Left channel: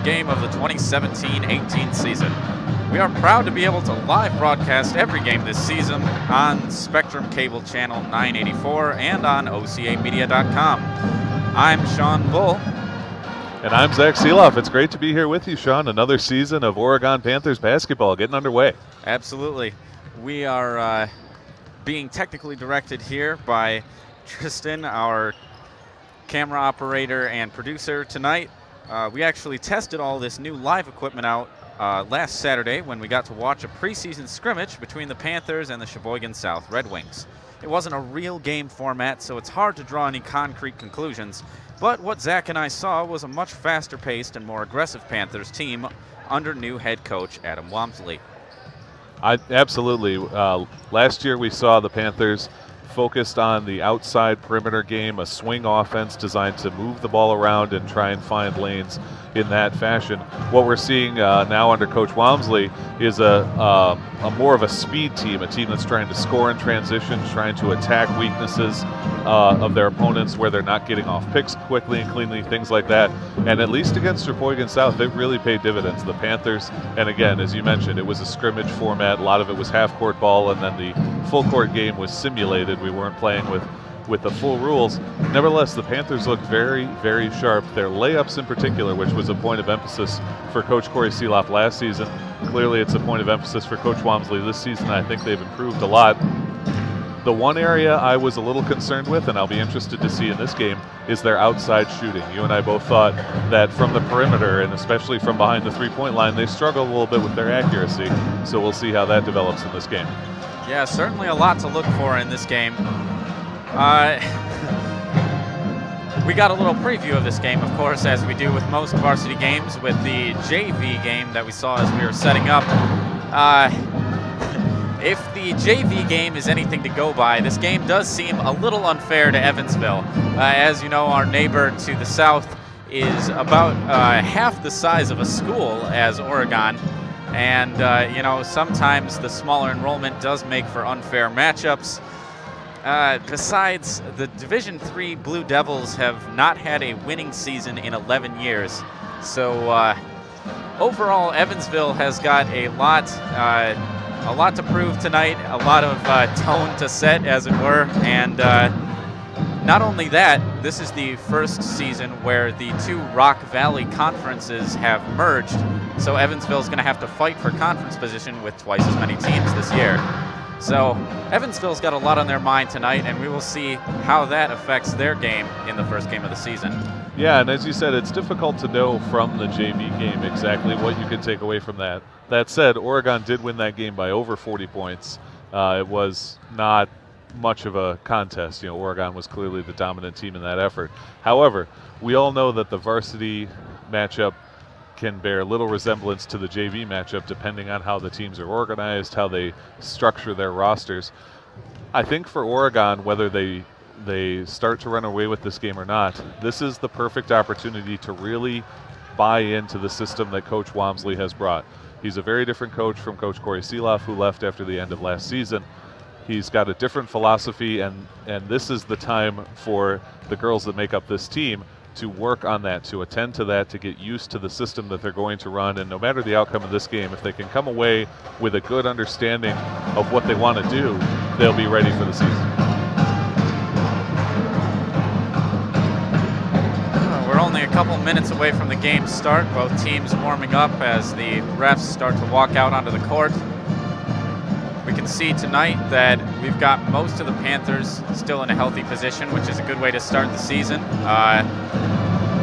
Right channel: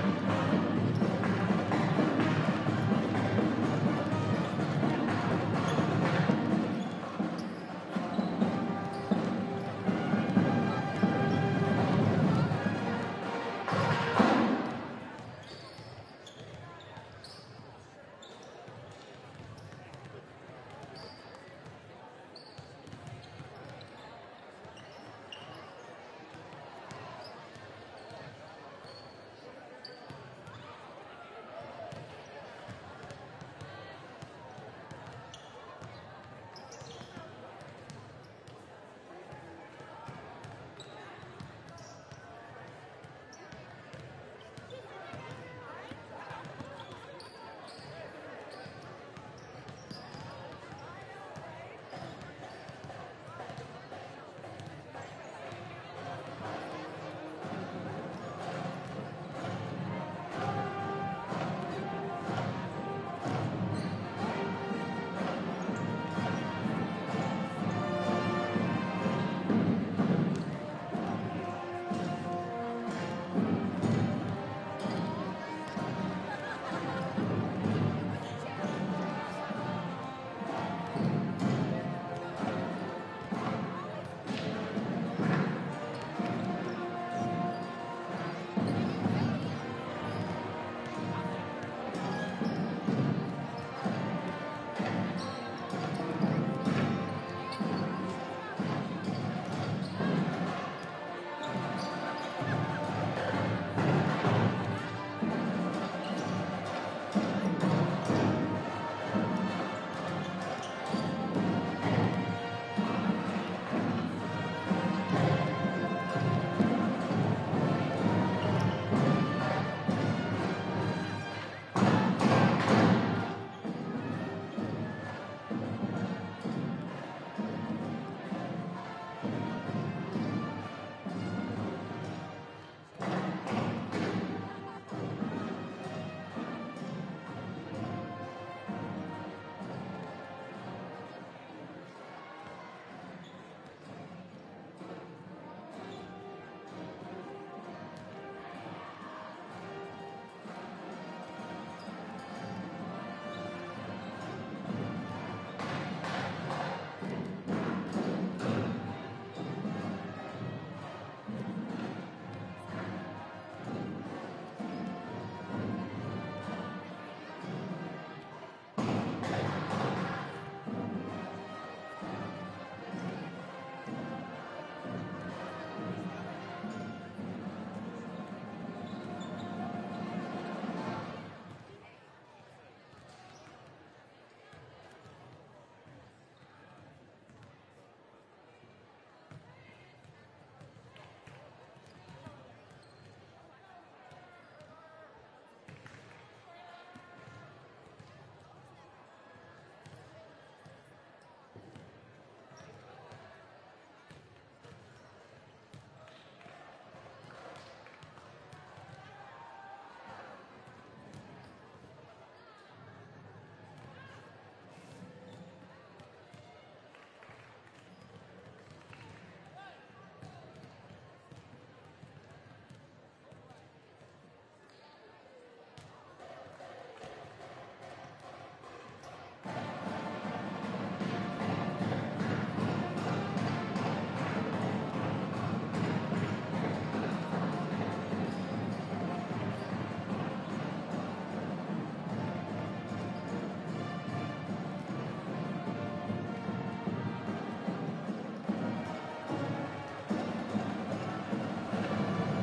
first game of the 2017-18 season. We are proud to be able to live broadcast every game this season on Spectrum Cable Channel 984 and on OCAmedia.com. I'm Sean Bull. And I'm Zach Seeloff. It's great to be here with you, Sean. Another season of Oregon Panthers basketball getting underway. Absolutely. We are being technically directed here by Tristan, our camera operator and producer tonight. We actually tested all this new live equipment out last Saturday when we got to watch a preseason scrimmage between the Panthers and the Sheboygan South Red Wings. It wasn't a real game format, so it's hard to draw any concrete conclusions, but what Zach and I saw was a much faster-paced and more aggressive Panthers team under new head coach Adam Wamsley. Absolutely. Last year we saw the Panthers focused on the outside perimeter game, a swing offense designed to move the ball around and try and find lanes in that fashion. What we're seeing now under Coach Wamsley is a more of a speed team, a team that's trying to score in transition, trying to attack weaknesses of their opponents where they're not getting off picks quickly and cleanly, things like that. And at least against Sheboygan South, it really paid dividends. The Panthers, and again, as you mentioned, it was a scrimmage format. A lot of it was half-court ball, and then the full-court game was simulated. We weren't playing with the full rules. Nevertheless, the Panthers looked very, very sharp. Their layups in particular, which was a point of emphasis for Coach Corey Seeloff last season. Clearly, it's a point of emphasis for Coach Wamsley this season. I think they've improved a lot. The one area I was a little concerned with, and I'll be interested to see in this game, is their outside shooting. You and I both thought that from the perimeter, and especially from behind the three-point line, they struggled a little bit with their accuracy. So we'll see how that develops in this game. Yeah, certainly a lot to look for in this game. We got a little preview of this game, of course, as we do with most varsity games, with the JV game that we saw as we were setting up. If the JV game is anything to go by, this game does seem a little unfair to Evansville. As you know, our neighbor to the south is about half the size of a school as Oregon. And, you know, sometimes the smaller enrollment does make for unfair matchups. Besides, the Division III Blue Devils have not had a winning season in 11 years. So overall, Evansville has got a lot to prove tonight, a lot of tone to set, as it were. And not only that, this is the first season where the two Rock Valley conferences have merged. So Evansville's going to have to fight for conference position with twice as many teams this year. So Evansville's got a lot on their mind tonight, and we will see how that affects their game in the first game of the season. Yeah, and as you said, it's difficult to know from the JV game exactly what you can take away from that. That said, Oregon did win that game by over 40 points. It was not much of a contest. You know, Oregon was clearly the dominant team in that effort. However, we all know that the varsity matchup can bear little resemblance to the JV matchup depending on how the teams are organized, how they structure their rosters. I think for Oregon, whether they start to run away with this game or not, this is the perfect opportunity to really buy into the system that Coach Wamsley has brought. He's a very different coach from Coach Corey Seeloff, who left after the end of last season. He's got a different philosophy, and this is the time for the girls that make up this team to work on that, to attend to that, to get used to the system that they're going to run. And no matter the outcome of this game, if they can come away with a good understanding of what they want to do, they'll be ready for the season. We're only a couple minutes away from the game start. Both teams warming up as the refs start to walk out onto the court. We can see tonight that we've got most of the Panthers still in a healthy position, which is a good way to start the season.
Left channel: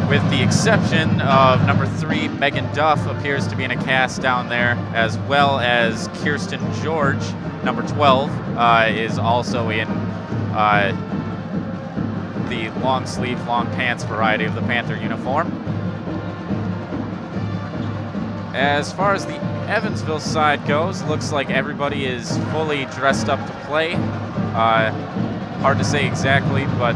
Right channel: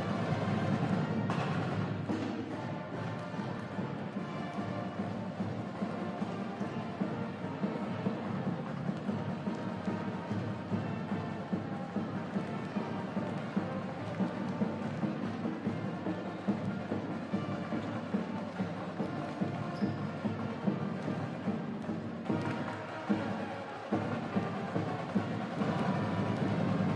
With the exception of number 3, Megan Duff, appears to be in a cast down there, as well as Kirsten George, number 12, is also in the long sleeve, long pants variety of the Panther uniform. As far as the Evansville side goes, looks like everybody is fully dressed up to play. Hard to say exactly, but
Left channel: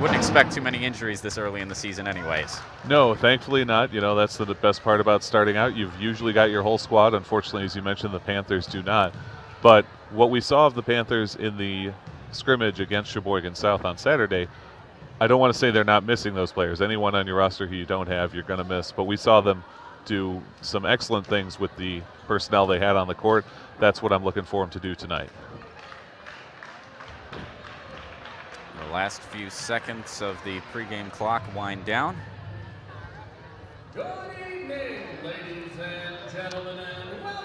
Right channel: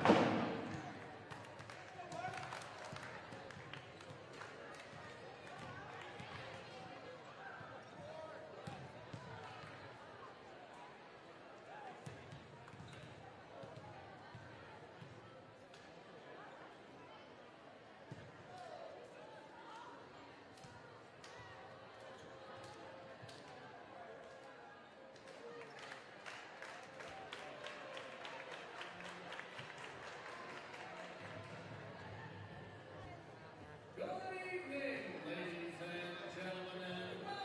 wouldn't expect too many injuries this early in the season anyways. No, thankfully not. You know, that's the best part about starting out. You've usually got your whole squad. Unfortunately, as you mentioned, the Panthers do not. But what we saw of the Panthers in the scrimmage against Sheboygan South on Saturday, I don't want to say they're not missing those players. Anyone on your roster who you don't have, you're going to miss. But we saw them do some excellent things with the personnel they had on the court. That's what I'm looking for them to do tonight. The last few seconds of the pregame clock wind down. Good evening, ladies and gentlemen, and welcome.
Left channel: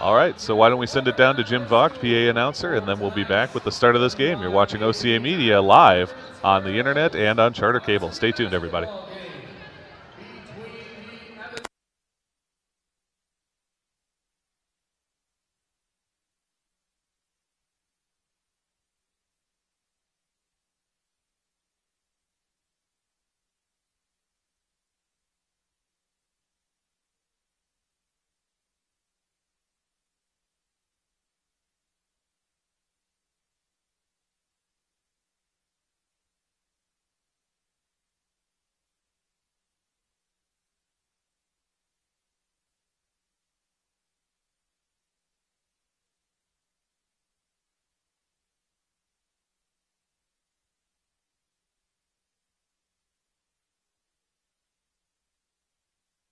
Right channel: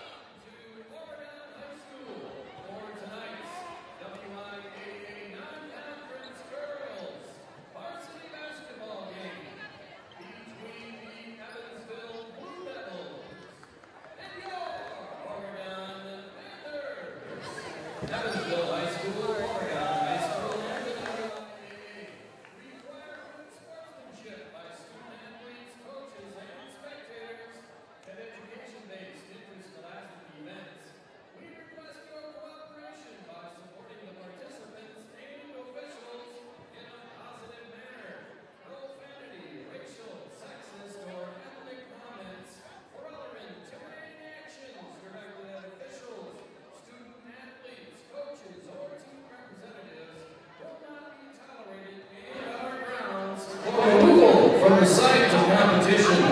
All right, so why don't we send it down to Jim Vogt, PA announcer, and then we'll be back with the start of this game. You're watching OCAmedia live on the internet and on Charter Cable. Stay tuned, everybody. Between the Evansville Blue Devils and your Oregon Panthers. Evansville High School, Oregon High School, and the WIAA require good sportsmanship by student athletes, coaches, and spectators at education-based interscholastic events. We request your cooperation by supporting the participants and officials in a positive manner. Profanity, racial, sexist, or ethnic comments or other intimidating actions directed at officials, student athletes, coaches, or team representatives will not be tolerated in our grounds for removal from the site of competition.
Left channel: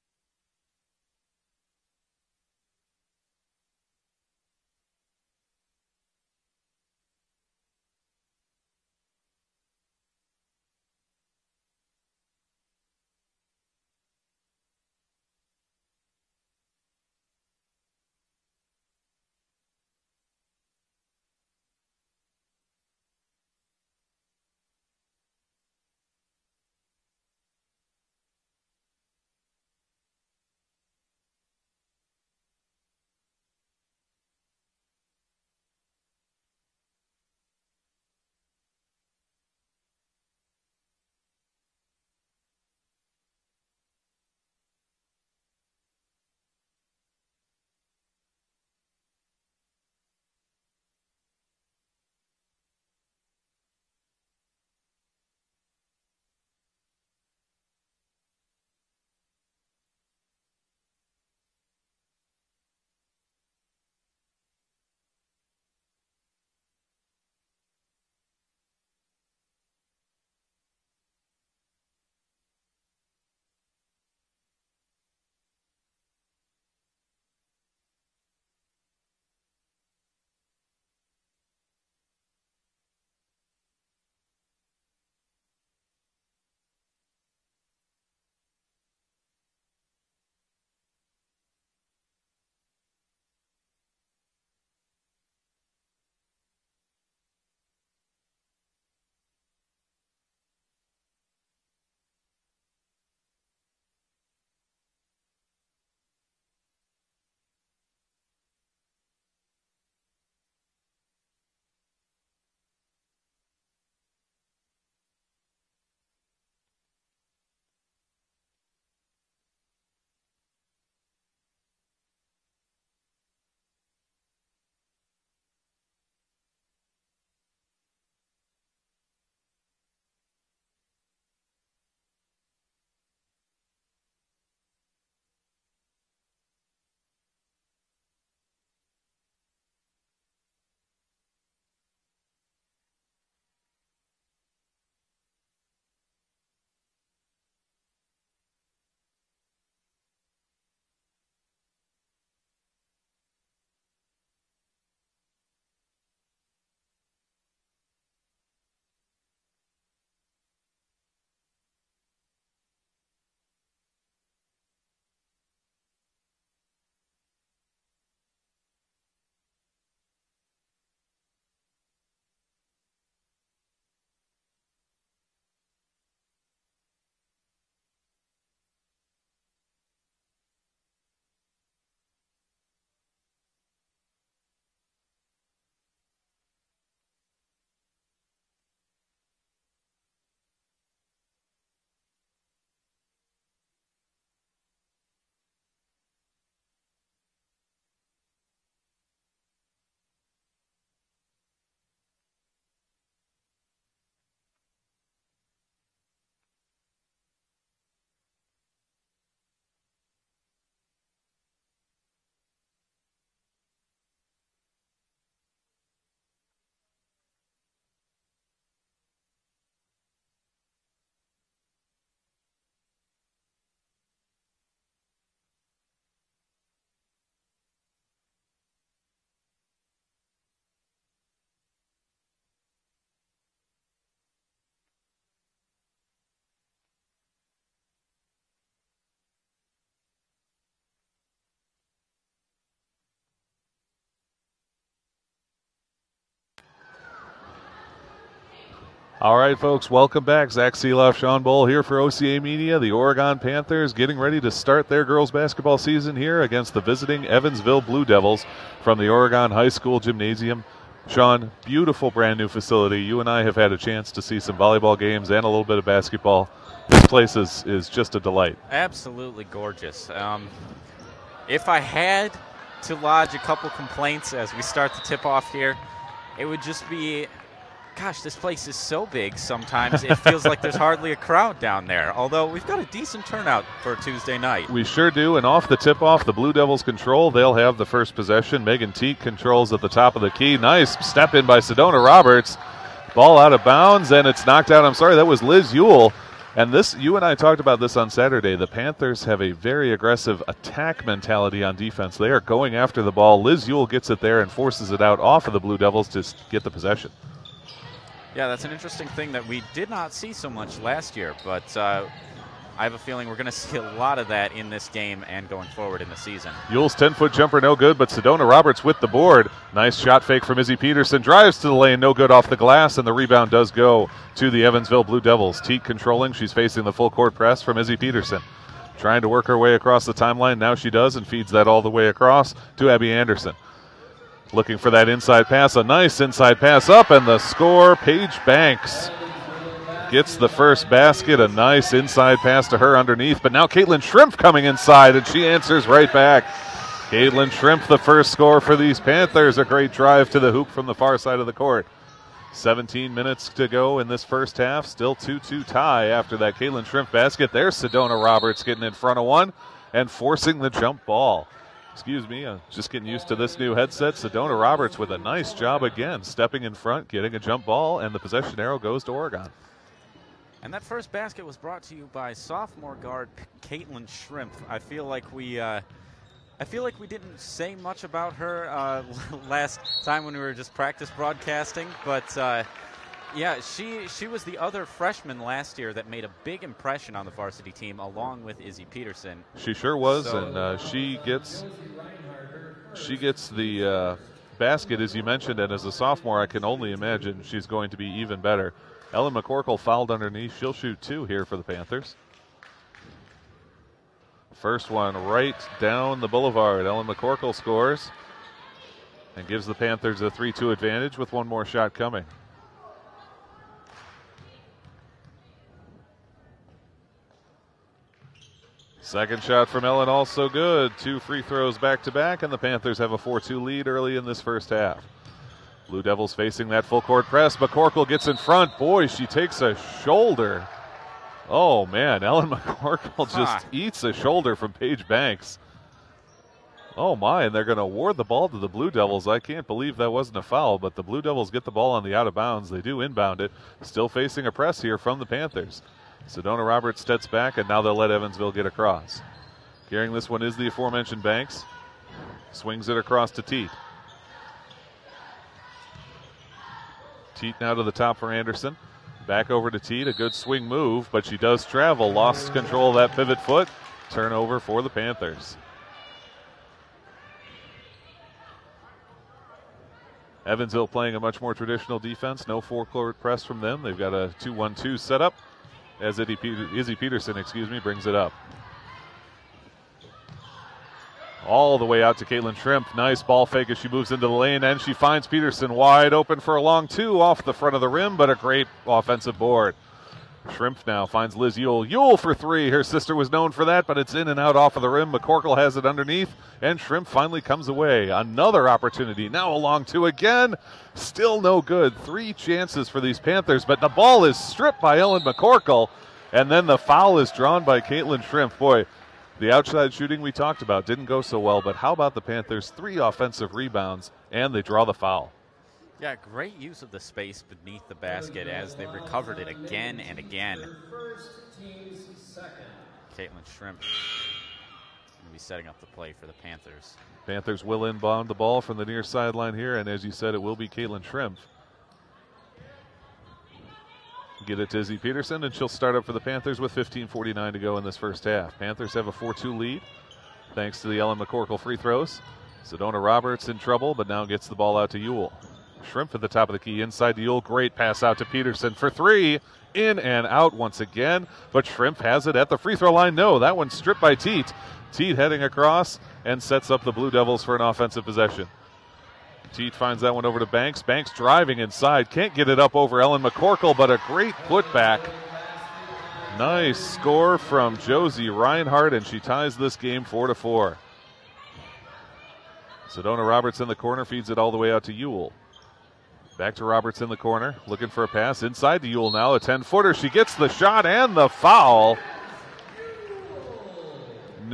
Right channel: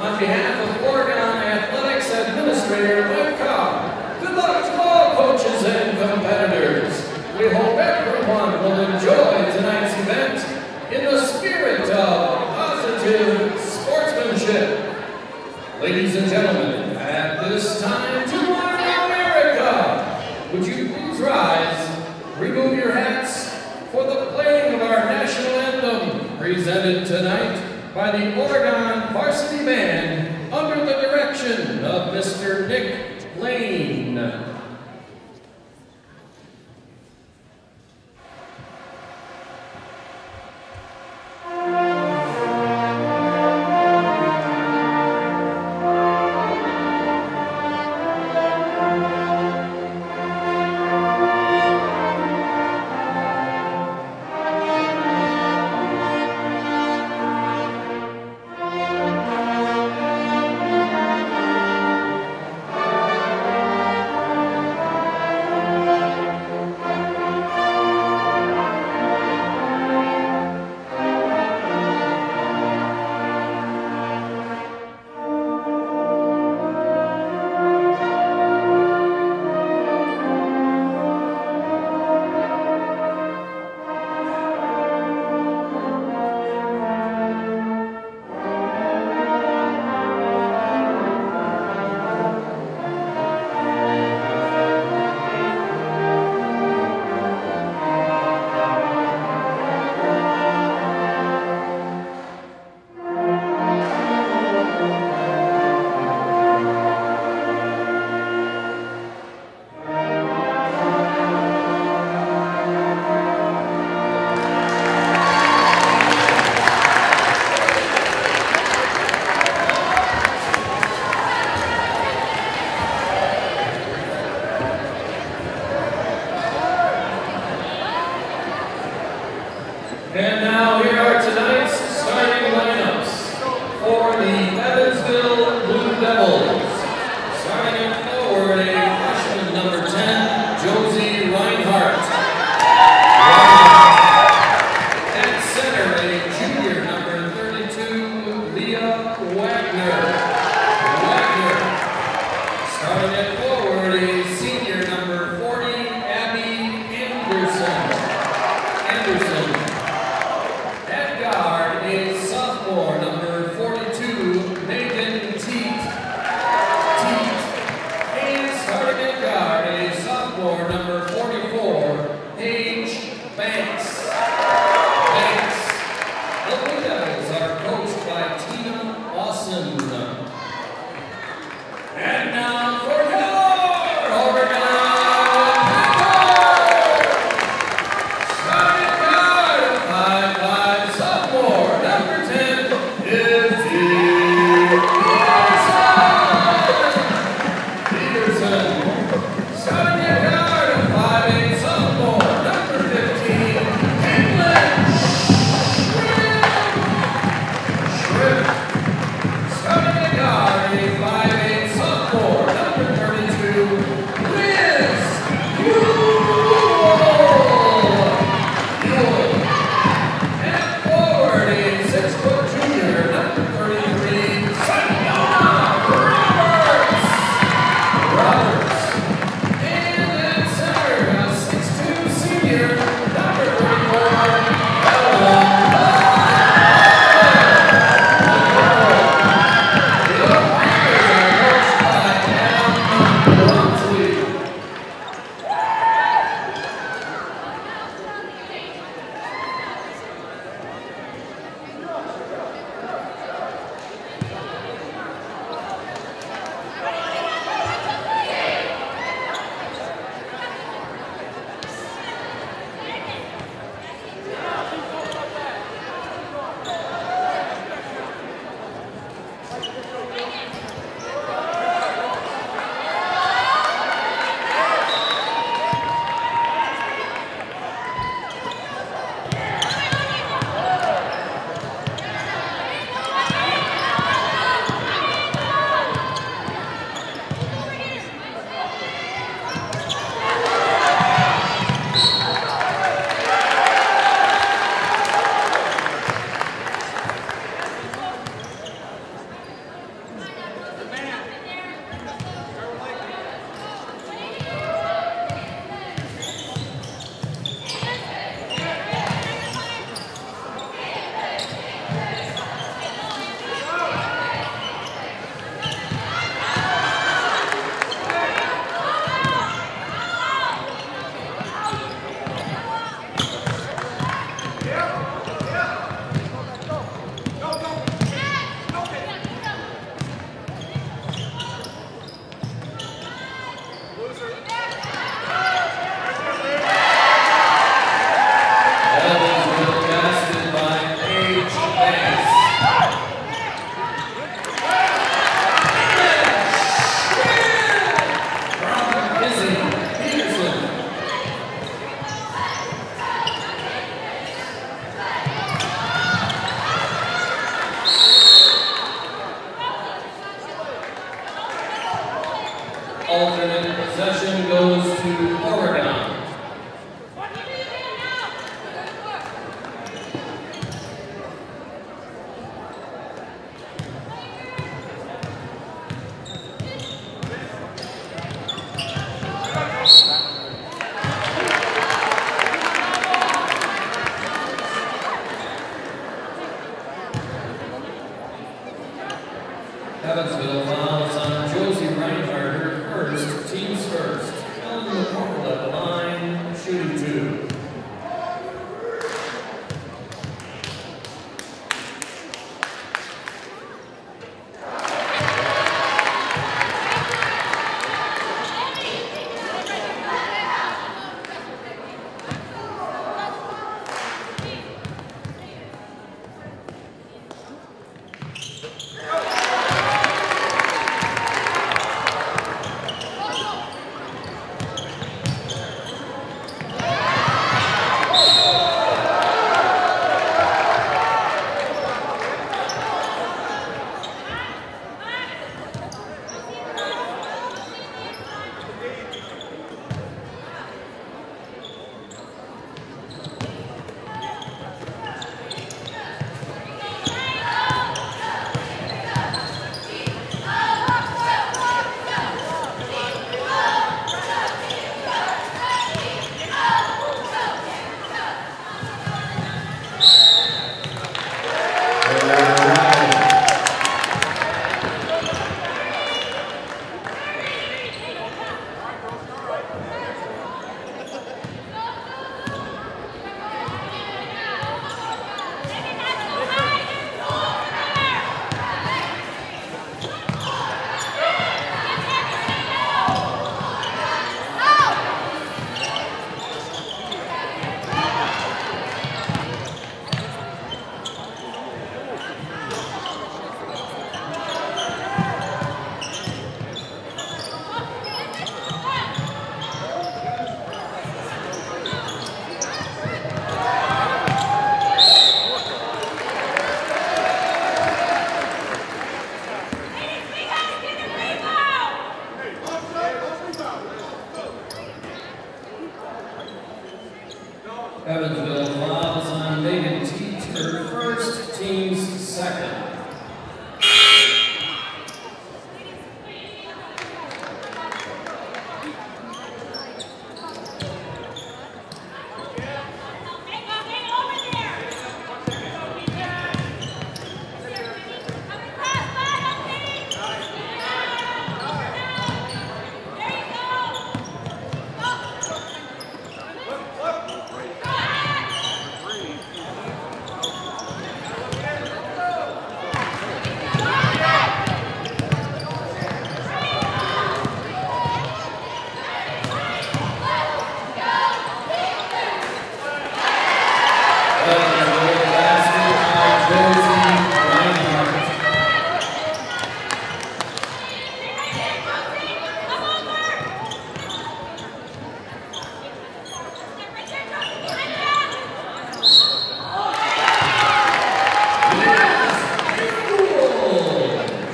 On behalf of Oregon Athletics Administrator Mike Cobb, good luck to all coaches and competitors. We hope everyone will enjoy tonight's event in the spirit of positive sportsmanship. Ladies and gentlemen, at this time, to America, would you please rise, remove your hats for the playing of our national anthem, presented tonight by the Oregon Varsity Band under the direction of Mr. Nick Lane. And now here are tonight's starting lineups for the Evansville Blue Devils. Starting at forward, a freshman number 10, Josie Reinhardt. At center, a junior number 32, Leah Wagner. Starting at forward, a senior number 40, Abby Anderson. At guard, a sophomore number 42, folks, welcome back. Zach Seeloff, Sean Bowl here for OCAmedia. The Oregon Panthers getting ready to start their girls basketball season here against the visiting Evansville Blue Devils from the Oregon High School Gymnasium. Sean, beautiful brand new facility. You and I have had a chance to see some volleyball games and a little bit of basketball. This place is just a delight. Absolutely gorgeous. If I had to lodge a couple complaints as we start the tip-off here, it would just be, gosh, this place is so big sometimes it feels like there's hardly a crowd down there, although we've got a decent turnout for Tuesday night. We sure do, and off the tip-off, the Blue Devils control. They'll have the first possession. Megan Teague controls at the top of the key. Nice step in by Sedona Roberts. Ball out of bounds, and it's knocked out. I'm sorry, that was Liz Ewell. And this, you and I talked about this on Saturday. The Panthers have a very aggressive attack mentality on defense. They are going after the ball. Liz Ewell gets it there and forces it out off of the Blue Devils to get the possession. Yeah, that's an interesting thing that we did not see so much last year, but I have a feeling we're going to see a lot of that in this game and going forward in the season. Ewell's 10-foot jumper, no good, but Sedona Roberts with the board. Nice shot fake from Izzy Peterson. Drives to the lane, no good off the glass, and the rebound does go to the Evansville Blue Devils. Teague controlling. She's facing the full court press from Izzy Peterson. Trying to work her way across the timeline. Now she does and feeds that all the way across to Abby Anderson. Looking for that inside pass. A nice inside pass up, and the score, Paige Banks gets the first basket. A nice inside pass to her underneath, but now Caitlin Shrimp coming inside, and she answers right back. Caitlin Shrimp, the first score for these Panthers. A great drive to the hoop from the far side of the court. 17 minutes to go in this first half. Still 2-2 tie after that Caitlin Shrimp basket. There's Sedona Roberts getting in front of one and forcing the jump ball. Excuse me, I'm just getting used to this new headset. Sedona Roberts with a nice job again, stepping in front, getting a jump ball, and the possession arrow goes to Oregon. That first basket was brought to you by sophomore guard Caitlin Shrimp. I feel like we didn't say much about her last time when we were just practicing broadcasting, but yeah, she was the other freshman last year that made a big impression on the varsity team along with Izzy Peterson. She sure was. She gets the basket, as you mentioned, and as a sophomore, I can only imagine she's going to be even better. Ellen McCorkle fouled underneath. She'll shoot two here for the Panthers. First one right down the boulevard. Ellen McCorkle scores. Gives the Panthers a 3-2 advantage with one more shot coming. Second shot from Ellen also good. 2 free throws back-to-back, and the Panthers have a 4-2 lead early in this first half. Blue Devils facing that full court press. McCorkle gets in front. Boy, she takes a shoulder. Oh, man, Ellen McCorkle just eats a shoulder from Paige Banks. Oh, my, and they're going to award the ball to the Blue Devils. I can't believe that wasn't a foul, but the Blue Devils get the ball on the out of bounds. They do inbound it. Still facing a press here from the Panthers. Sedona Roberts steps back, and now they'll let Evansville get across. Carrying this one is the aforementioned Banks. Swings it across to Teague. Teague now to the top for Anderson. Back over to Teague, a good swing move, but she does travel. Lost control of that pivot foot. Turnover for the Panthers. Evansville playing a much more traditional defense. No full court press from them. They've got a 2-1-2 setup as Izzy Peterson, brings it up. All the way out to Caitlin Shrimp. Nice ball fake as she moves into the lane, and she finds Peterson wide open for a long two off the front of the rim, but a great offensive board. Shrimp now finds Liz Ewell. Ewell for three. Her sister was known for that, but it's in and out off of the rim. McCorkle has it underneath, and Shrimp finally comes away. Another opportunity. Now a long two again. Still no good. 3 chances for these Panthers, but the ball is stripped by Ellen McCorkle, and then the foul is drawn by Caitlin Shrimp. Boy, the outside shooting we talked about didn't go so well, but how about the Panthers? 3 offensive rebounds, and they draw the foul. Yeah, great use of the space and beat the basket as they covered again. First team's second. Panthers will inbound the ball from the near sideline here, and as you said, it will be Caitlin Shrimp. Give it to Izzy Peterson, and she'll start up for the Panthers with 15:49 to go in this first half. Panthers have a 4-2 lead, thanks to the Ellen McCorkle free throws. Sedona Roberts in trouble, but now gets the ball out to Ewell. Shrimp at the top of the key inside the Yule. Great pass out to Peterson for three. In and out once again, but Shrimp has it at the free throw line. No, that one's stripped by Teat. Teat heading across and sets up the Blue Devils for an offensive possession. Teat finds that one over to Banks. Banks driving inside. Can't get it up over Ellen McCorkle, but a great putback. Nice score from Josie Reinhardt, and she ties this game 4-4. Sedona Roberts in the corner, feeds it all the way out to Ewell. Back to Roberts in the corner, looking for a pass inside the Ewell now, a 10-footer. She gets the shot and the foul.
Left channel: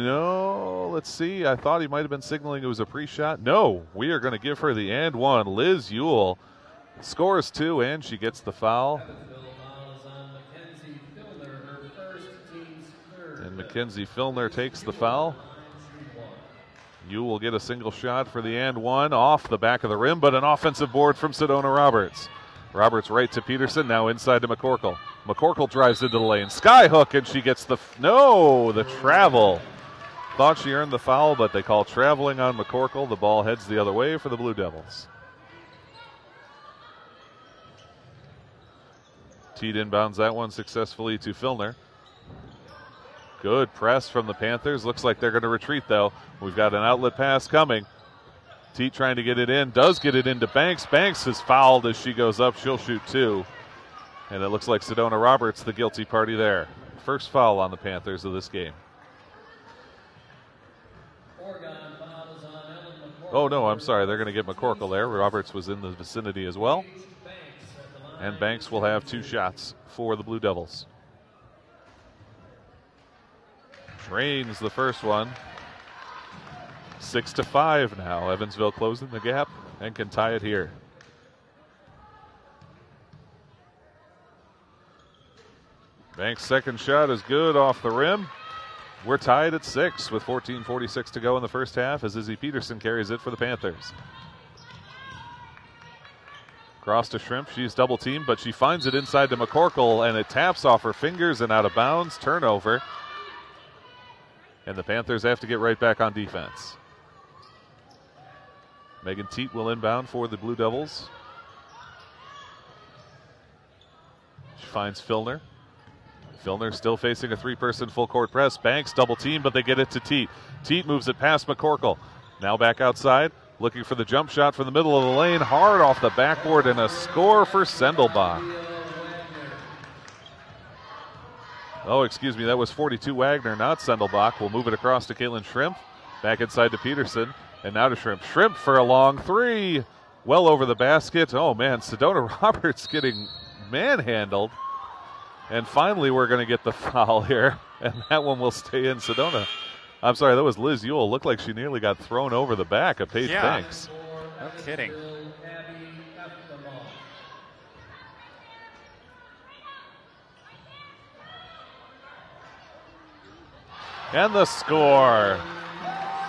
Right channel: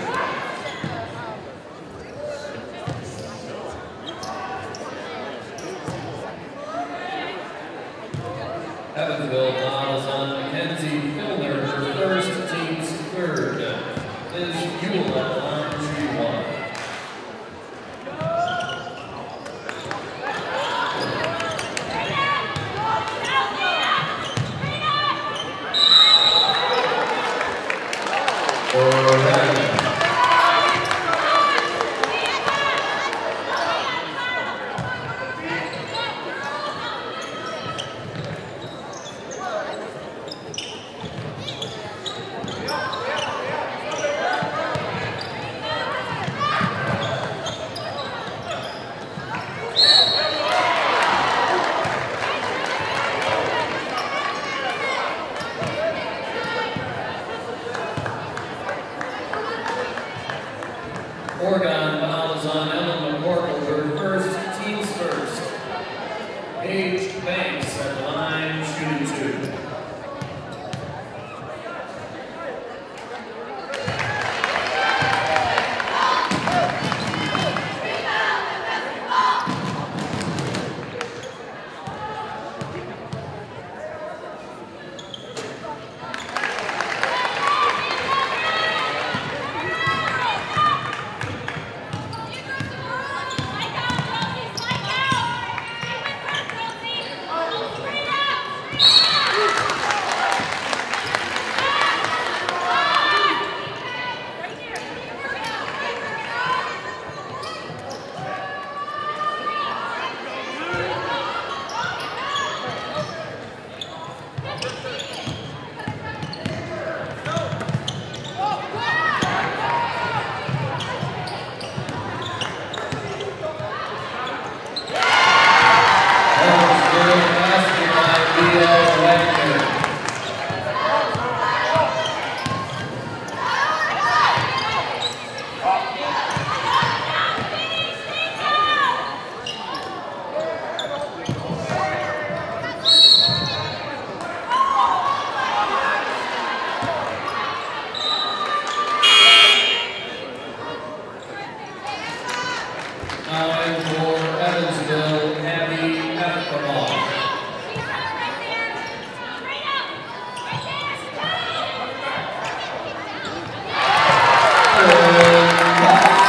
No, let's see, I thought he might have been signaling it was a free shot. No, we are going to give her the and one. Liz Ewell scores two, and she gets the foul. Evansville fouls on Mackenzie Filner, her first, team's third. Mackenzie Filner takes the foul. You will get a single shot for the and one off the back of the rim, but an offensive board from Sedona Roberts. Roberts right to Peterson, now inside to McCorkle. McCorkle drives into the lane. Skyhook, and she gets the, no, the travel. Thought she earned the foul, but they call traveling on McCorkle. The ball heads the other way for the Blue Devils. Teat inbounds that one successfully to Filner. Good press from the Panthers. Looks like they're going to retreat, though. We've got an outlet pass coming. Teat trying to get it in. Does get it into Banks. Banks is fouled as she goes up. She'll shoot two. And it looks like Sedona Roberts, the guilty party there. First foul on the Panthers of this game. Oregon fouls on Ellen McCorkle. Oh, no, I'm sorry. They're going to get McCorkle there. Roberts was in the vicinity as well. And Banks will have two shots for the Blue Devils. Range the first one. 6-5. Evansville closing the gap and can tie it here. Banks' second shot is good off the rim. We're tied at 6 with 14:46 to go in the first half as Izzy Peterson carries it for the Panthers. Cross to Shrimp, she's double teamed, but she finds it inside to McCorkle, and it taps off her fingers and out of bounds. Turnover. And the Panthers have to get right back on defense. Megan Teat will inbound for the Blue Devils. Finds Filner. Filner still facing a three-person full-court press. Banks double team, but they get it to Teat. Teat moves it past McCorkle. Now back outside, looking for the jump shot from the middle of the lane. Hard off the backboard, and a score for Sendelbach. Oh, excuse me, that was 42 Wagner, not Sendelbach. We'll move it across to Caitlin Shrimp. Back inside to Peterson, and now to Shrimp. Shrimp for a long three. Well over the basket. Oh man, Sedona Roberts getting manhandled. And finally we're going to get the foul here, and that one will stay in Sedona. I'm sorry, that was Liz Ewell. Looked like she nearly got thrown over the back of Paige Banks.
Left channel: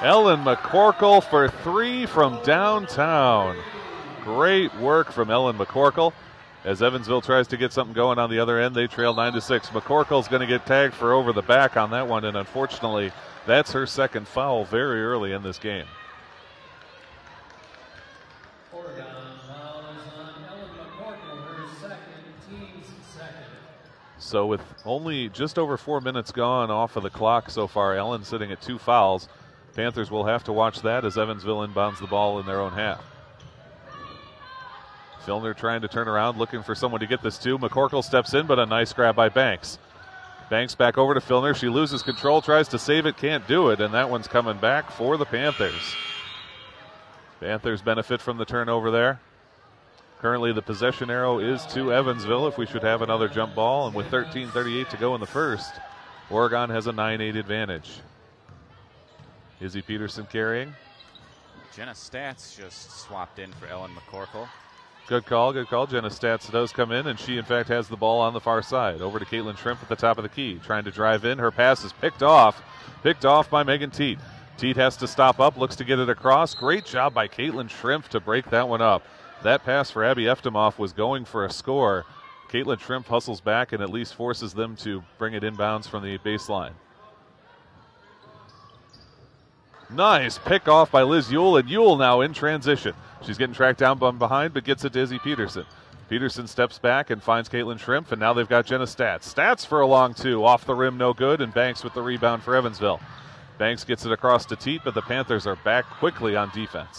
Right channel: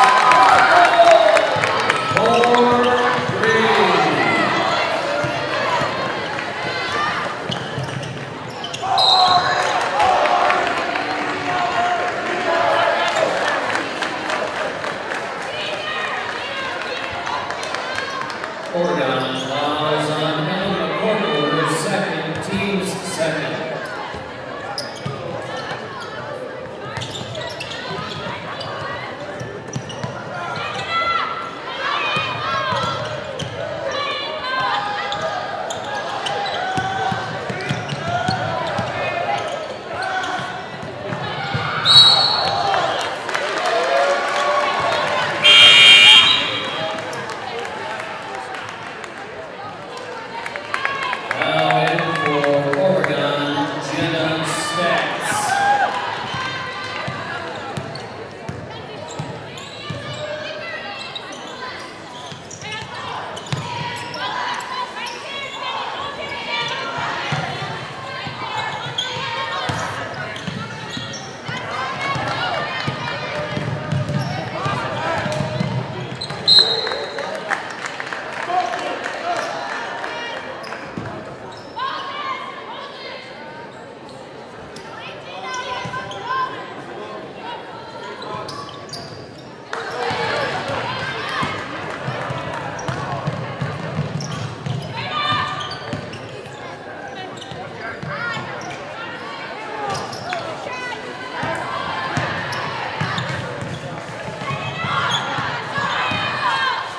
Ellen McCorkle for three from downtown. Great work from Ellen McCorkle. As Evansville tries to get something going on the other end, they trail 96. McCorkle's going to get tagged for over the back on that one, and unfortunately, that's her second foul very early in this game. Oregon fouls on Ellen McCorkle, her second, team's second. So with only just over 4 minutes gone off of the clock so far, Ellen sitting at 2 fouls. Panthers will have to watch that as Evansville inbounds the ball in their own half. Trying to turn around, looking for someone to get this to. McCorkle steps in, but a nice grab by Banks. Banks back over to Filner. She loses control, tries to save it, can't do it, and that one's coming back for the Panthers. Panthers benefit from the turnover there. Currently, the possession arrow is to Evansville. We should have another jump ball with 13:38 to go in the first. Oregon has a 9-8 advantage. Izzy Peterson carrying. Good call, good call. Jenna Stats does come in, and she, in fact, has the ball on the far side. Over to Caitlin Shrimp at the top of the key. Trying to drive in. Her pass is picked off by Megan Teat. Teat has to stop up, looks to get it across. Great job by Caitlin Shrimp to break that one up. That pass for Abby Eftemoff was going for a score. Caitlin Shrimp hustles back and at least forces them to bring it inbounds from the baseline. Nice pick off by Liz Ewell, and Ewell now in transition. She's She's getting tracked down from behind, but gets it to Izzy Peterson. Peterson steps back and finds Caitlin Shrimp, and now they've got Jenna Stats. Stats for a long two, off the rim, no good, and Banks with the rebound for Evansville. Banks gets it across to Teeth, but the Panthers are back quickly on defense.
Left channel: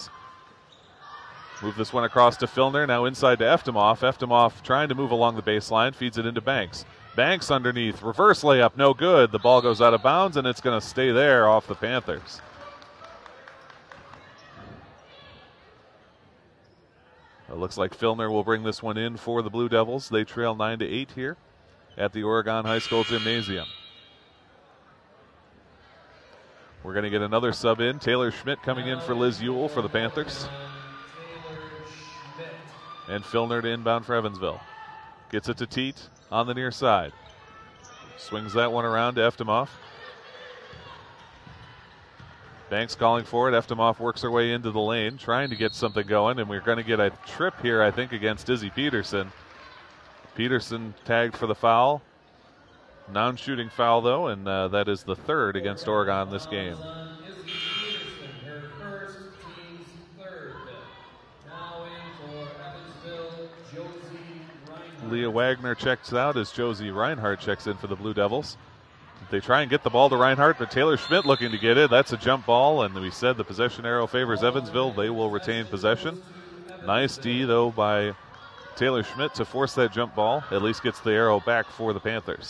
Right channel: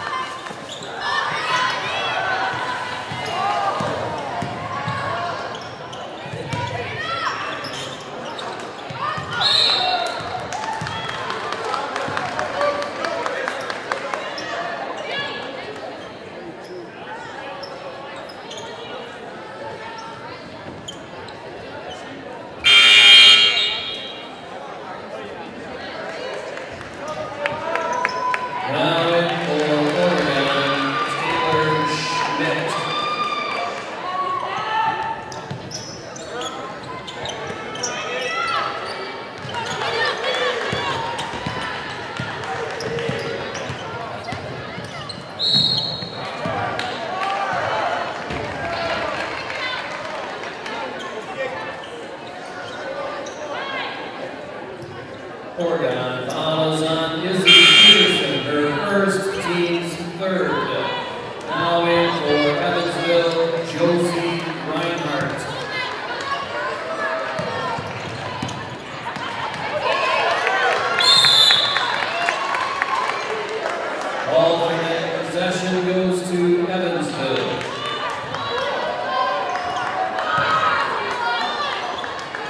Move this one across to Filner, now inside to Eftimov. Eftimov trying to move along the baseline, feeds it into Banks. Banks underneath, reverse layup, no good. The ball goes out of bounds, and it's going to stay there off the Panthers. Looks like Filner will bring this one in for the Blue Devils. They trail 9-8 here at the Oregon High School Gymnasium. We're going to get another sub in. Taylor Schmidt coming in for his goal for the Panthers. And Filner to inbound for Evansville. Gets it to Teet on the near side. Swings that one around to Eftimov. Banks calling for it. Eftimov works her way into the lane, trying to get something going, and we're going to get a trip here, I think, against Izzy Peterson. Peterson tagged for the foul. Non-shooting foul, though, and that is the third against Oregon this game. Izzy Peterson, her first, team's third. Now in for Evansville, Josie Reinhardt. Wagner checks out as Josie Reinhardt checks in for the Blue Devils. They try and get the ball to Reinhardt, but Taylor Schmidt looking to get it. That's a jump ball, and we said the possession arrow favors Evansville. They will retain possession. Nice D, though, by Taylor Schmidt to force that jump ball, or at least gets the arrow back for the Panthers.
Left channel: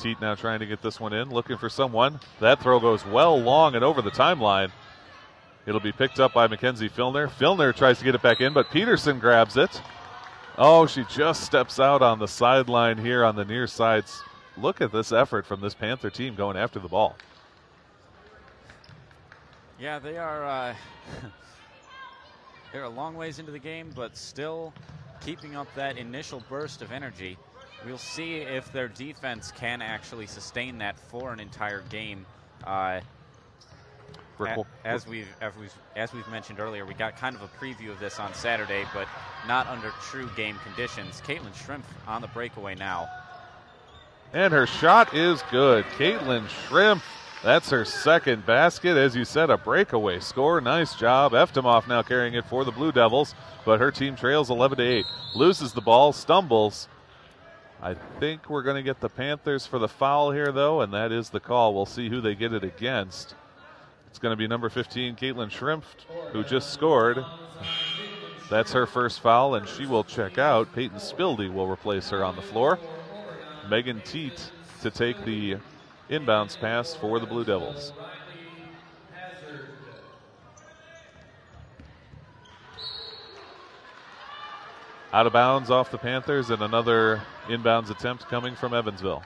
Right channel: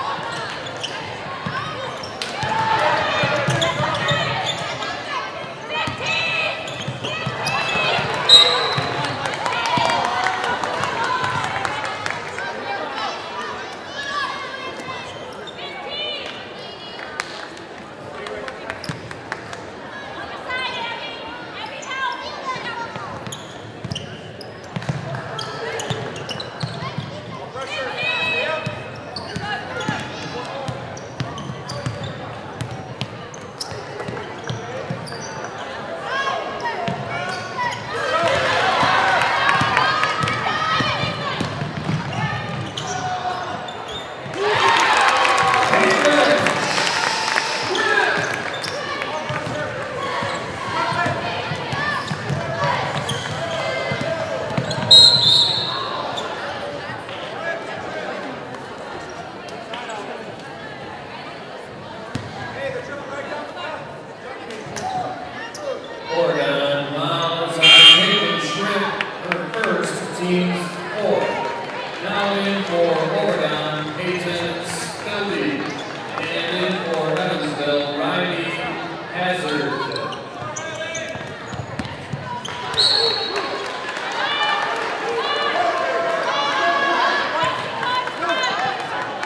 Teet now trying to get this one in, looking for someone. That throw goes well long and over the timeline. It'll be picked up by Mackenzie Filner. Filner tries to get it back in, but Peterson grabs it. Oh, she just steps out on the sideline here on the near side. Look at this effort from this Panther team going after the ball. Yeah, they're a long ways into the game, but still keeping that initial burst of energy. Assuming that their defense can actually sustain that for an entire game. As we mentioned earlier, we got kind of and her shot is good. Caitlin Shrimp, that's her second basket. As you said, a breakaway score. Nice job. Eftimov now carrying it for the Blue Devils, but her team trails 11-8. Loses the ball, stumbles. I think we're going to get the Panthers for the foul here, though, and that is the call. We'll see who they get it against. It's going to be number 15, Caitlin Shrimp, who just scored. That's her first foul, and she will check out. Peyton Spildy will replace her on the floor. Megan Teets to take the inbounds pass for the Blue Devils. Out of bounds off the Panthers, and another inbounds attempt coming from Evansville.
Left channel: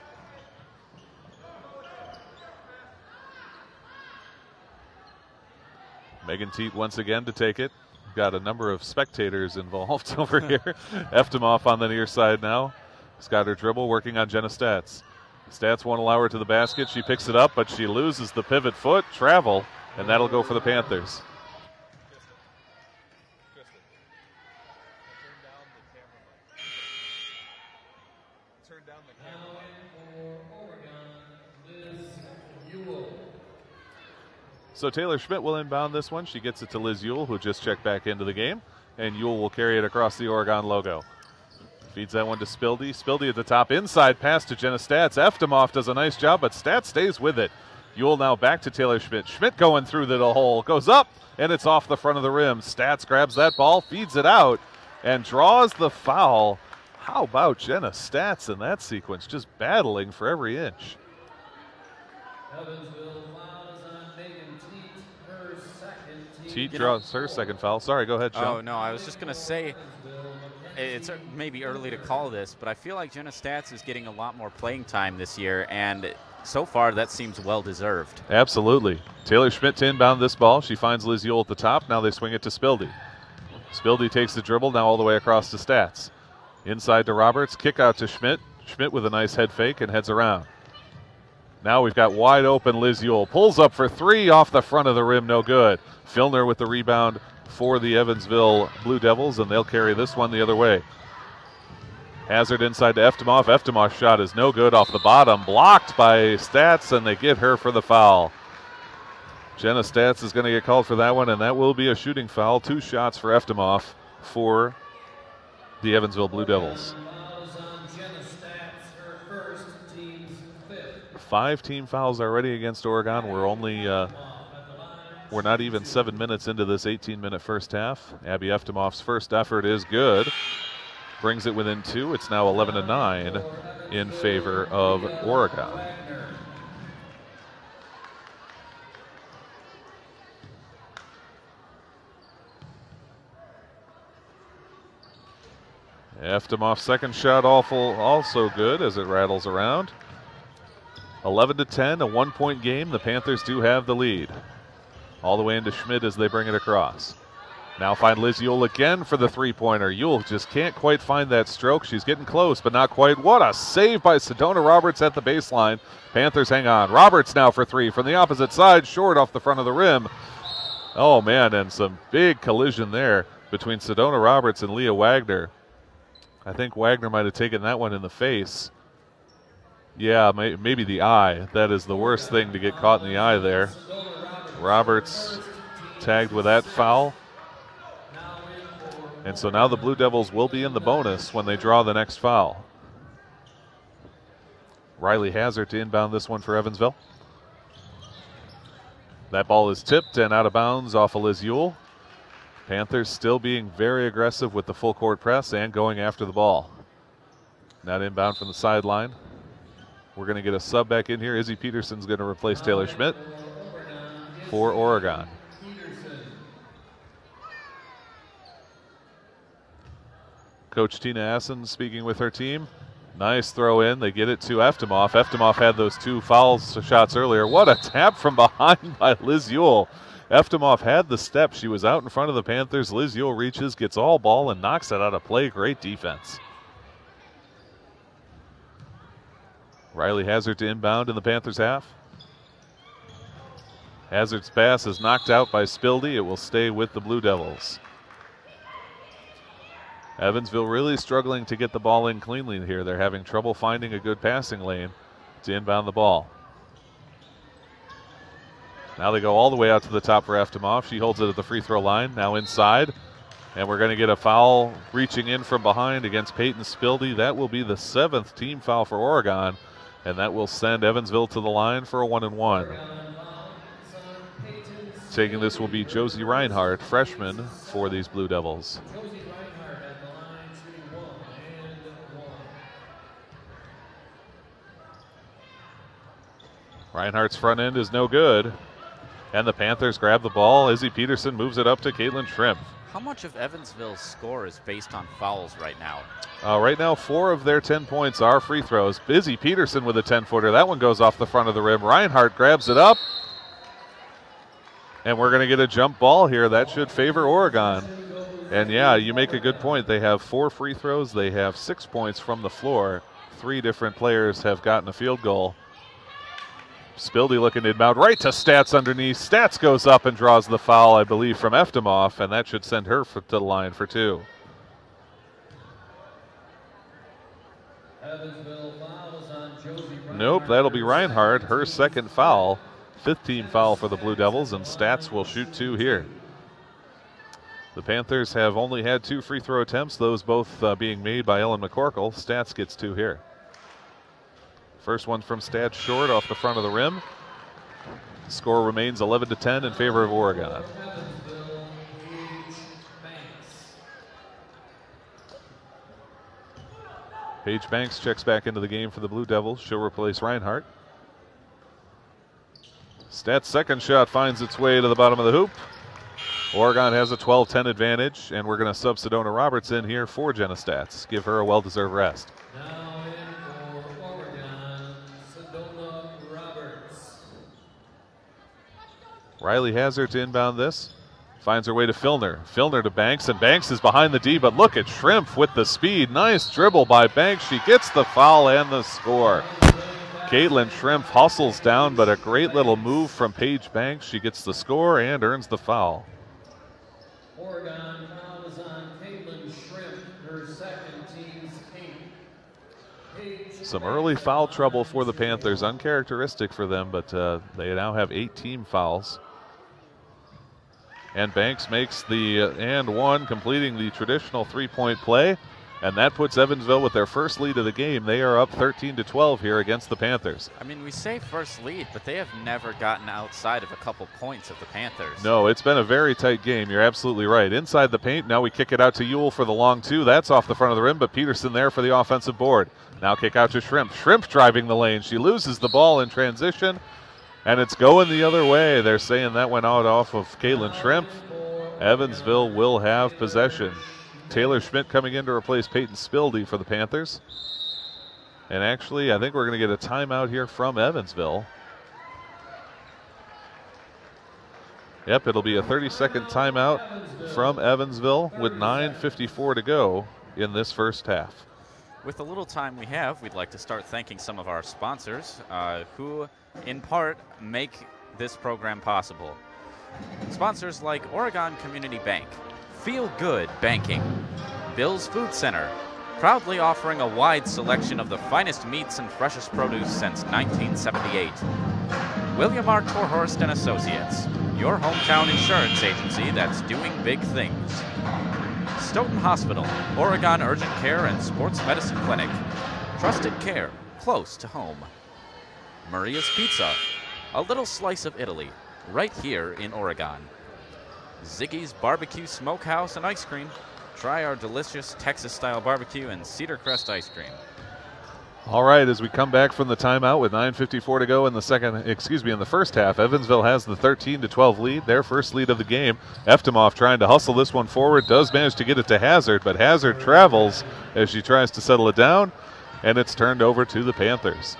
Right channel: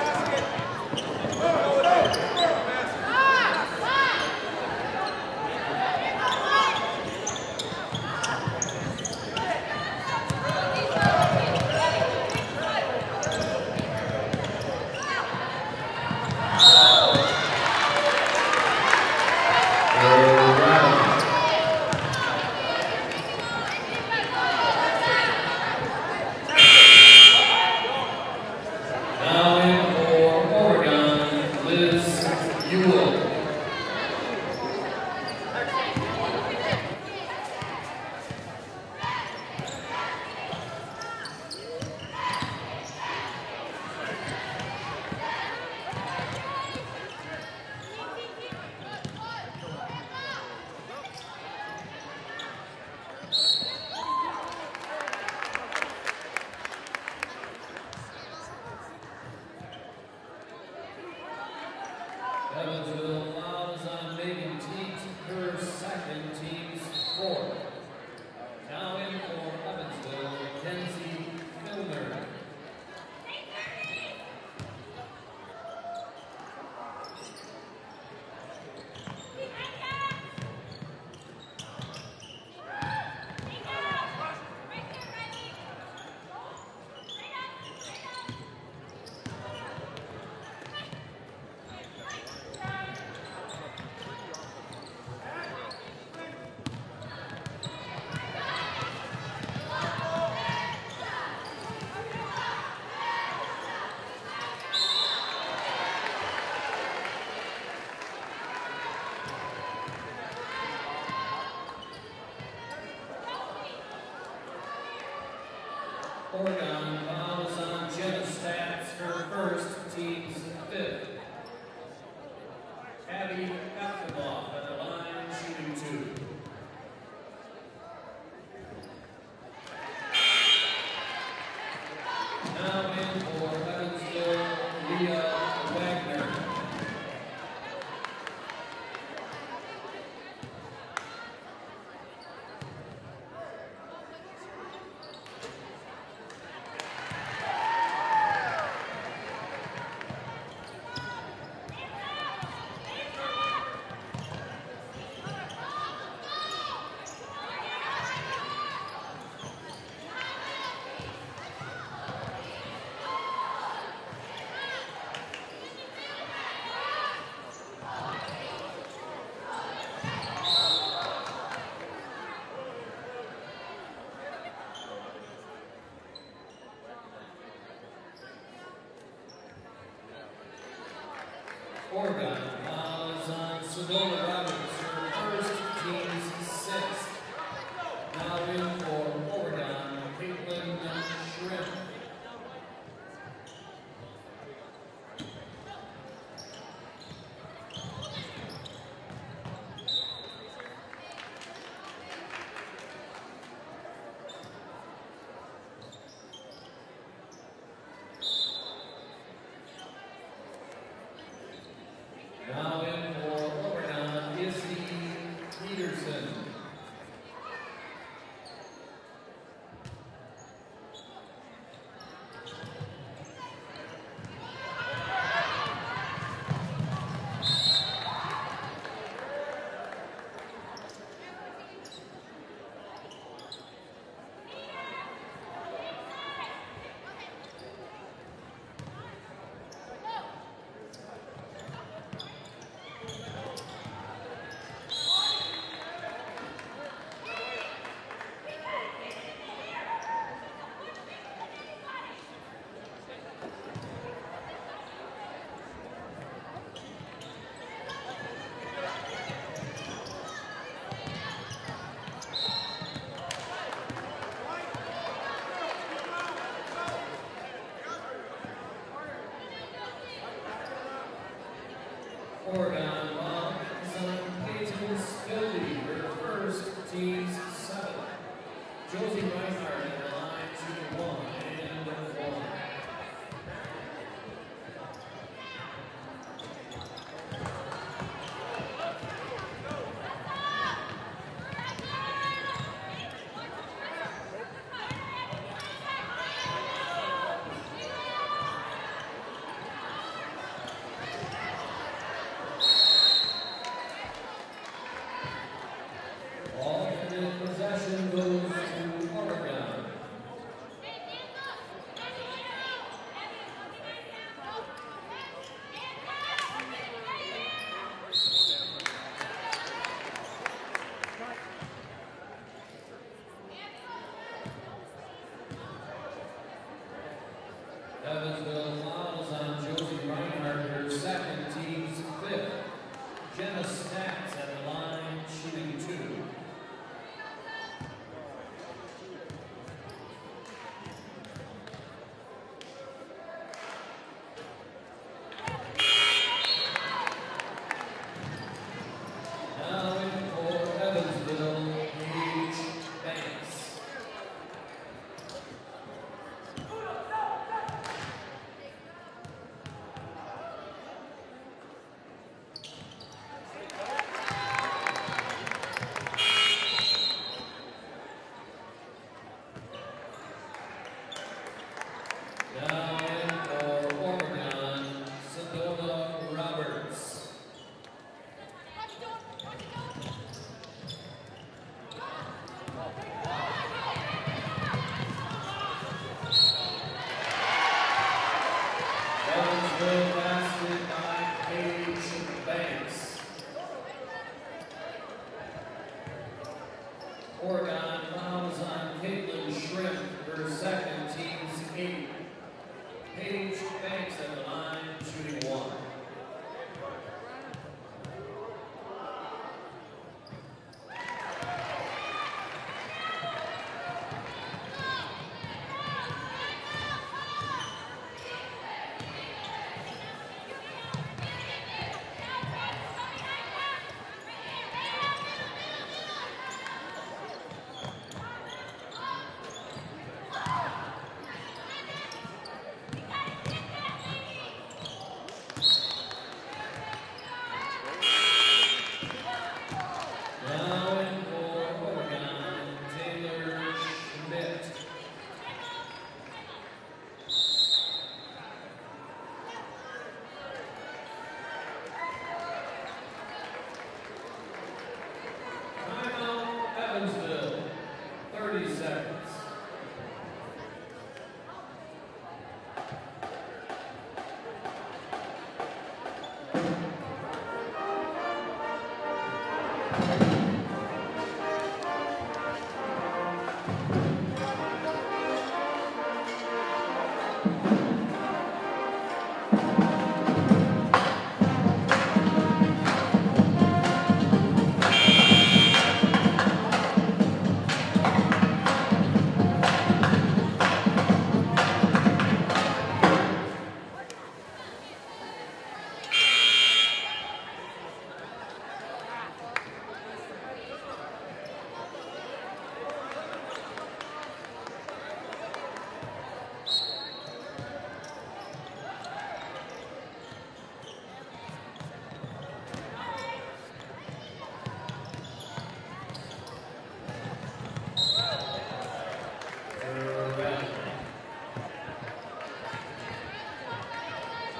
Megan Teet once again to take it. We've got a number of spectators involved over here. Eftimov on the near side now. She's got her dribble working on Jenna Stats. Stats won't allow her to the basket. She picks it up, but she loses the pivot foot travel. And that'll go to the Panthers. Now in for Oregon, Liz Ewell. So Taylor Schmidt will inbound this one. She gets it to Liz Ewell, who just checked back into the game. And Ewell will carry it across the Oregon logo. Feeds that one to Spildy. Spildy at the top, inside pass to Jenna Stats. Eftimov does a nice job, but Stats stays with it. Ewell now back to Taylor Schmidt. Schmidt going through the hole, goes up, and it's off the front of the rim. Stats grabs that ball, feeds it out, and draws the foul. How about Jenna Stats in that sequence, just battling for every inch. Teet draws her second foul. Sorry, go ahead, Sean. Oh, no, I was just going to say, it's maybe early to call this, but I feel like Jenna Stats is getting a lot more playing time this year, and so far that seems well-deserved. Absolutely. Taylor Schmidt to inbound this ball. She finds Liz Ewell at the top. Now they swing it to Spildy. Spildy takes the dribble, now all the way across to Stats. Inside to Roberts, kick out to Schmidt. Schmidt with a nice head fake and heads around. Now we've got wide open Liz Ewell. Pulls up for three off the front of the rim, no good. Filner with the rebound for the Evansville Blue Devils, and they'll carry this one the other way. Hazard inside to Eftimov. Eftimov's shot is no good off the bottom. Blocked by Stats, and they get her for the foul. Jenna Stats is going to get called for that one, and that will be a shooting foul. 2 shots for Eftimov for the Evansville Blue Devils. 5 team fouls already against Oregon. We're not even 7 minutes into this 18-minute first half. Abby Eftimov's first effort is good. Brings it within 2. It's now 11-9 in favor of Oregon. Eftimov's second shot also good as it rattles around. 11-10, a 1-point game. The Panthers do have the lead. All the way into Schmidt as they bring it across. Now find Liz Yule again for the 3-pointer. Yule just can't quite find that stroke. She's getting close, but not quite. What a save by Sedona Roberts at the baseline. Panthers hang on. Roberts now for 3 from the opposite side, short off the front of the rim. Oh man, and some big collision there between Sedona Roberts and Leah Wagner. I think Wagner might have taken that one in the face. Yeah, maybe the eye. That is the worst thing to get caught in the eye there. Roberts tagged with that foul. And so now the Blue Devils will be in the bonus when they draw the next foul. Riley Hazard to inbound this one for Evansville. That ball is tipped and out of bounds off of Liz Yule. Panthers still being very aggressive with the full court press and going after the ball. Now inbound from the sideline. We're going to get a sub back in here. Izzy Peterson's going to replace Taylor Schmidt for Oregon. Coach Tina Assen speaking with her team. Nice throw in. They get it to Eftimov. Eftimov had those 2 foul shots earlier. What a tap from behind by Liz Yule. Eftimov had the step. She was out in front of the Panthers. Liz Yule reaches, gets all ball, and knocks it out of play. Great defense. Riley Hazard to inbound in the Panthers half. Hazard's pass is knocked out by Spildy. It will stay with the Blue Devils. Evansville really struggling to get the ball in cleanly here. They're having trouble finding a good passing lane to inbound the ball. Now they go all the way out to the top for Eftimov. She holds it at the free throw line, now inside. And we're going to get a foul reaching in from behind against Peyton Spildy. That will be the 7th team foul for Oregon. And that will send Evansville to the line for a 1-and-1. Taking this will be Josie Reinhardt, freshman for these Blue Devils. Reinhardt's front end is no good. And the Panthers grab the ball. Izzy Peterson moves it up to Caitlin Shrimp. How much of Evansville's score is based on fouls right now? Right now, 4 of their 10 points are free throws. Izzy Peterson with a 10-footer. That one goes off the front of the rim. Reinhardt grabs it up. And we're going to get a jump ball here. That should favor Oregon. And yeah, you make a good point. They have 4 free throws. They have 6 points from the floor. 3 different players have gotten a field goal. Spildy looking inbound right to Stats underneath. Stats goes up and draws the foul, I believe, from Eftimov, and that should send her to the line for 2. Nope, that'll be Reinhardt, her second foul. 5th team foul for the Blue Devils, and Stats will shoot 2 here. The Panthers have only had 2 free throw attempts, those both being made by Ellen McCorkle. Stats gets 2 here. First one from Stats short off the front of the rim. The score remains 11-10 in favor of Oregon. Paige Banks checks back into the game for the Blue Devils. She'll replace Reinhardt. Stats' second shot finds its way to the bottom of the hoop. Oregon has a 12-10 advantage, and we're going to sub Sedona Roberts in here for Jenna Stats. Give her a well-deserved rest. Riley Hazard to inbound this. Finds her way to Filner. Filner to Banks, and Banks is behind the D, but look at Shrimp with the speed. Nice dribble by Banks. She gets the foul and the score. Caitlin Shrimp hustles down, but a great little move from Paige Banks. She gets the score and earns the foul. Oregon fouls on Caitlin Shrimp, her second, team's 8. Some early foul trouble for the Panthers, uncharacteristic for them, but they now have 8 team fouls. And Banks makes the and one, completing the traditional three-point play. And that puts Evansville with their first lead of the game. They are up 13-12 here against the Panthers. I mean, we say first lead, but they have never gotten outside of a couple points of the Panthers. No, it's been a very tight game. You're absolutely right. Inside the paint, now we kick it out to Ewell for the long two. That's off the front of the rim, but Peterson there for the offensive board. Now kick out to Shrimp. Shrimp driving the lane. She loses the ball in transition, and it's going the other way. They're saying that went out off of Caitlin Shrimp. Evansville will have possession. Taylor Schmidt coming in to replace Peyton Spildy for the Panthers. And actually, I think we're going to get a timeout here from Evansville. Yep, it'll be a 30-second timeout from Evansville with 9:54 to go in this first half. With the little time we have, we'd like to start thanking some of our sponsors who, in part, make this program possible. Sponsors like Oregon Community Bank, Feel Good Banking, Bill's Food Center, proudly offering a wide selection of the finest meats and freshest produce since 1978. William R. Torhorst and Associates, your hometown insurance agency that's doing big things. Stoughton Hospital, Oregon Urgent Care and Sports Medicine Clinic. Trusted care, close to home. Maria's Pizza, a little slice of Italy, right here in Oregon. Ziggy's Barbecue Smokehouse and Ice Cream. Try our delicious Texas-style barbecue and Cedar Crest ice cream. All right, as we come back from the timeout with 9:54 to go in the in the first half, Evansville has the 13-12 lead, their first lead of the game. Eftimov trying to hustle this one forward, does manage to get it to Hazard, but Hazard travels as she tries to settle it down, and it's turned over to the Panthers.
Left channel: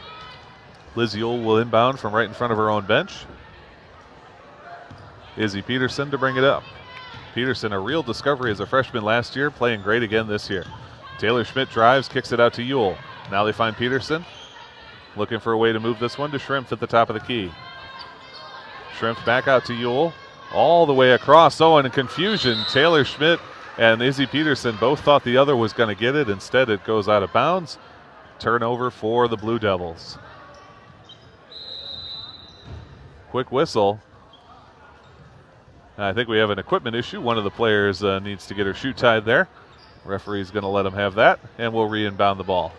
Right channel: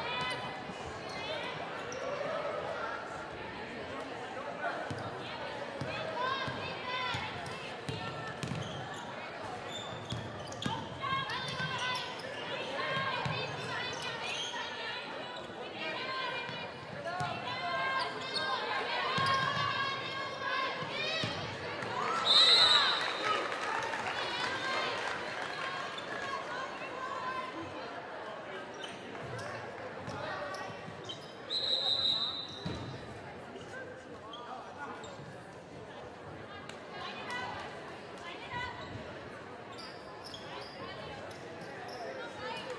Liz Ewell will inbound from right in front of her own bench. Izzy Peterson to bring it up. Peterson, a real discovery as a freshman last year, playing great again this year. Taylor Schmidt drives, kicks it out to Ewell. Now they find Peterson, looking for a way to move this one to Shrimp at the top of the key. Shrimp back out to Ewell, all the way across. Oh, and in confusion, Taylor Schmidt and Izzy Peterson both thought the other was going to get it. Instead, it goes out of bounds. Turnover for the Blue Devils. Quick whistle. I think we have an equipment issue. One of the players needs to get her shoe tied there. Referee's going to let him have that, and we'll re-inbound the ball.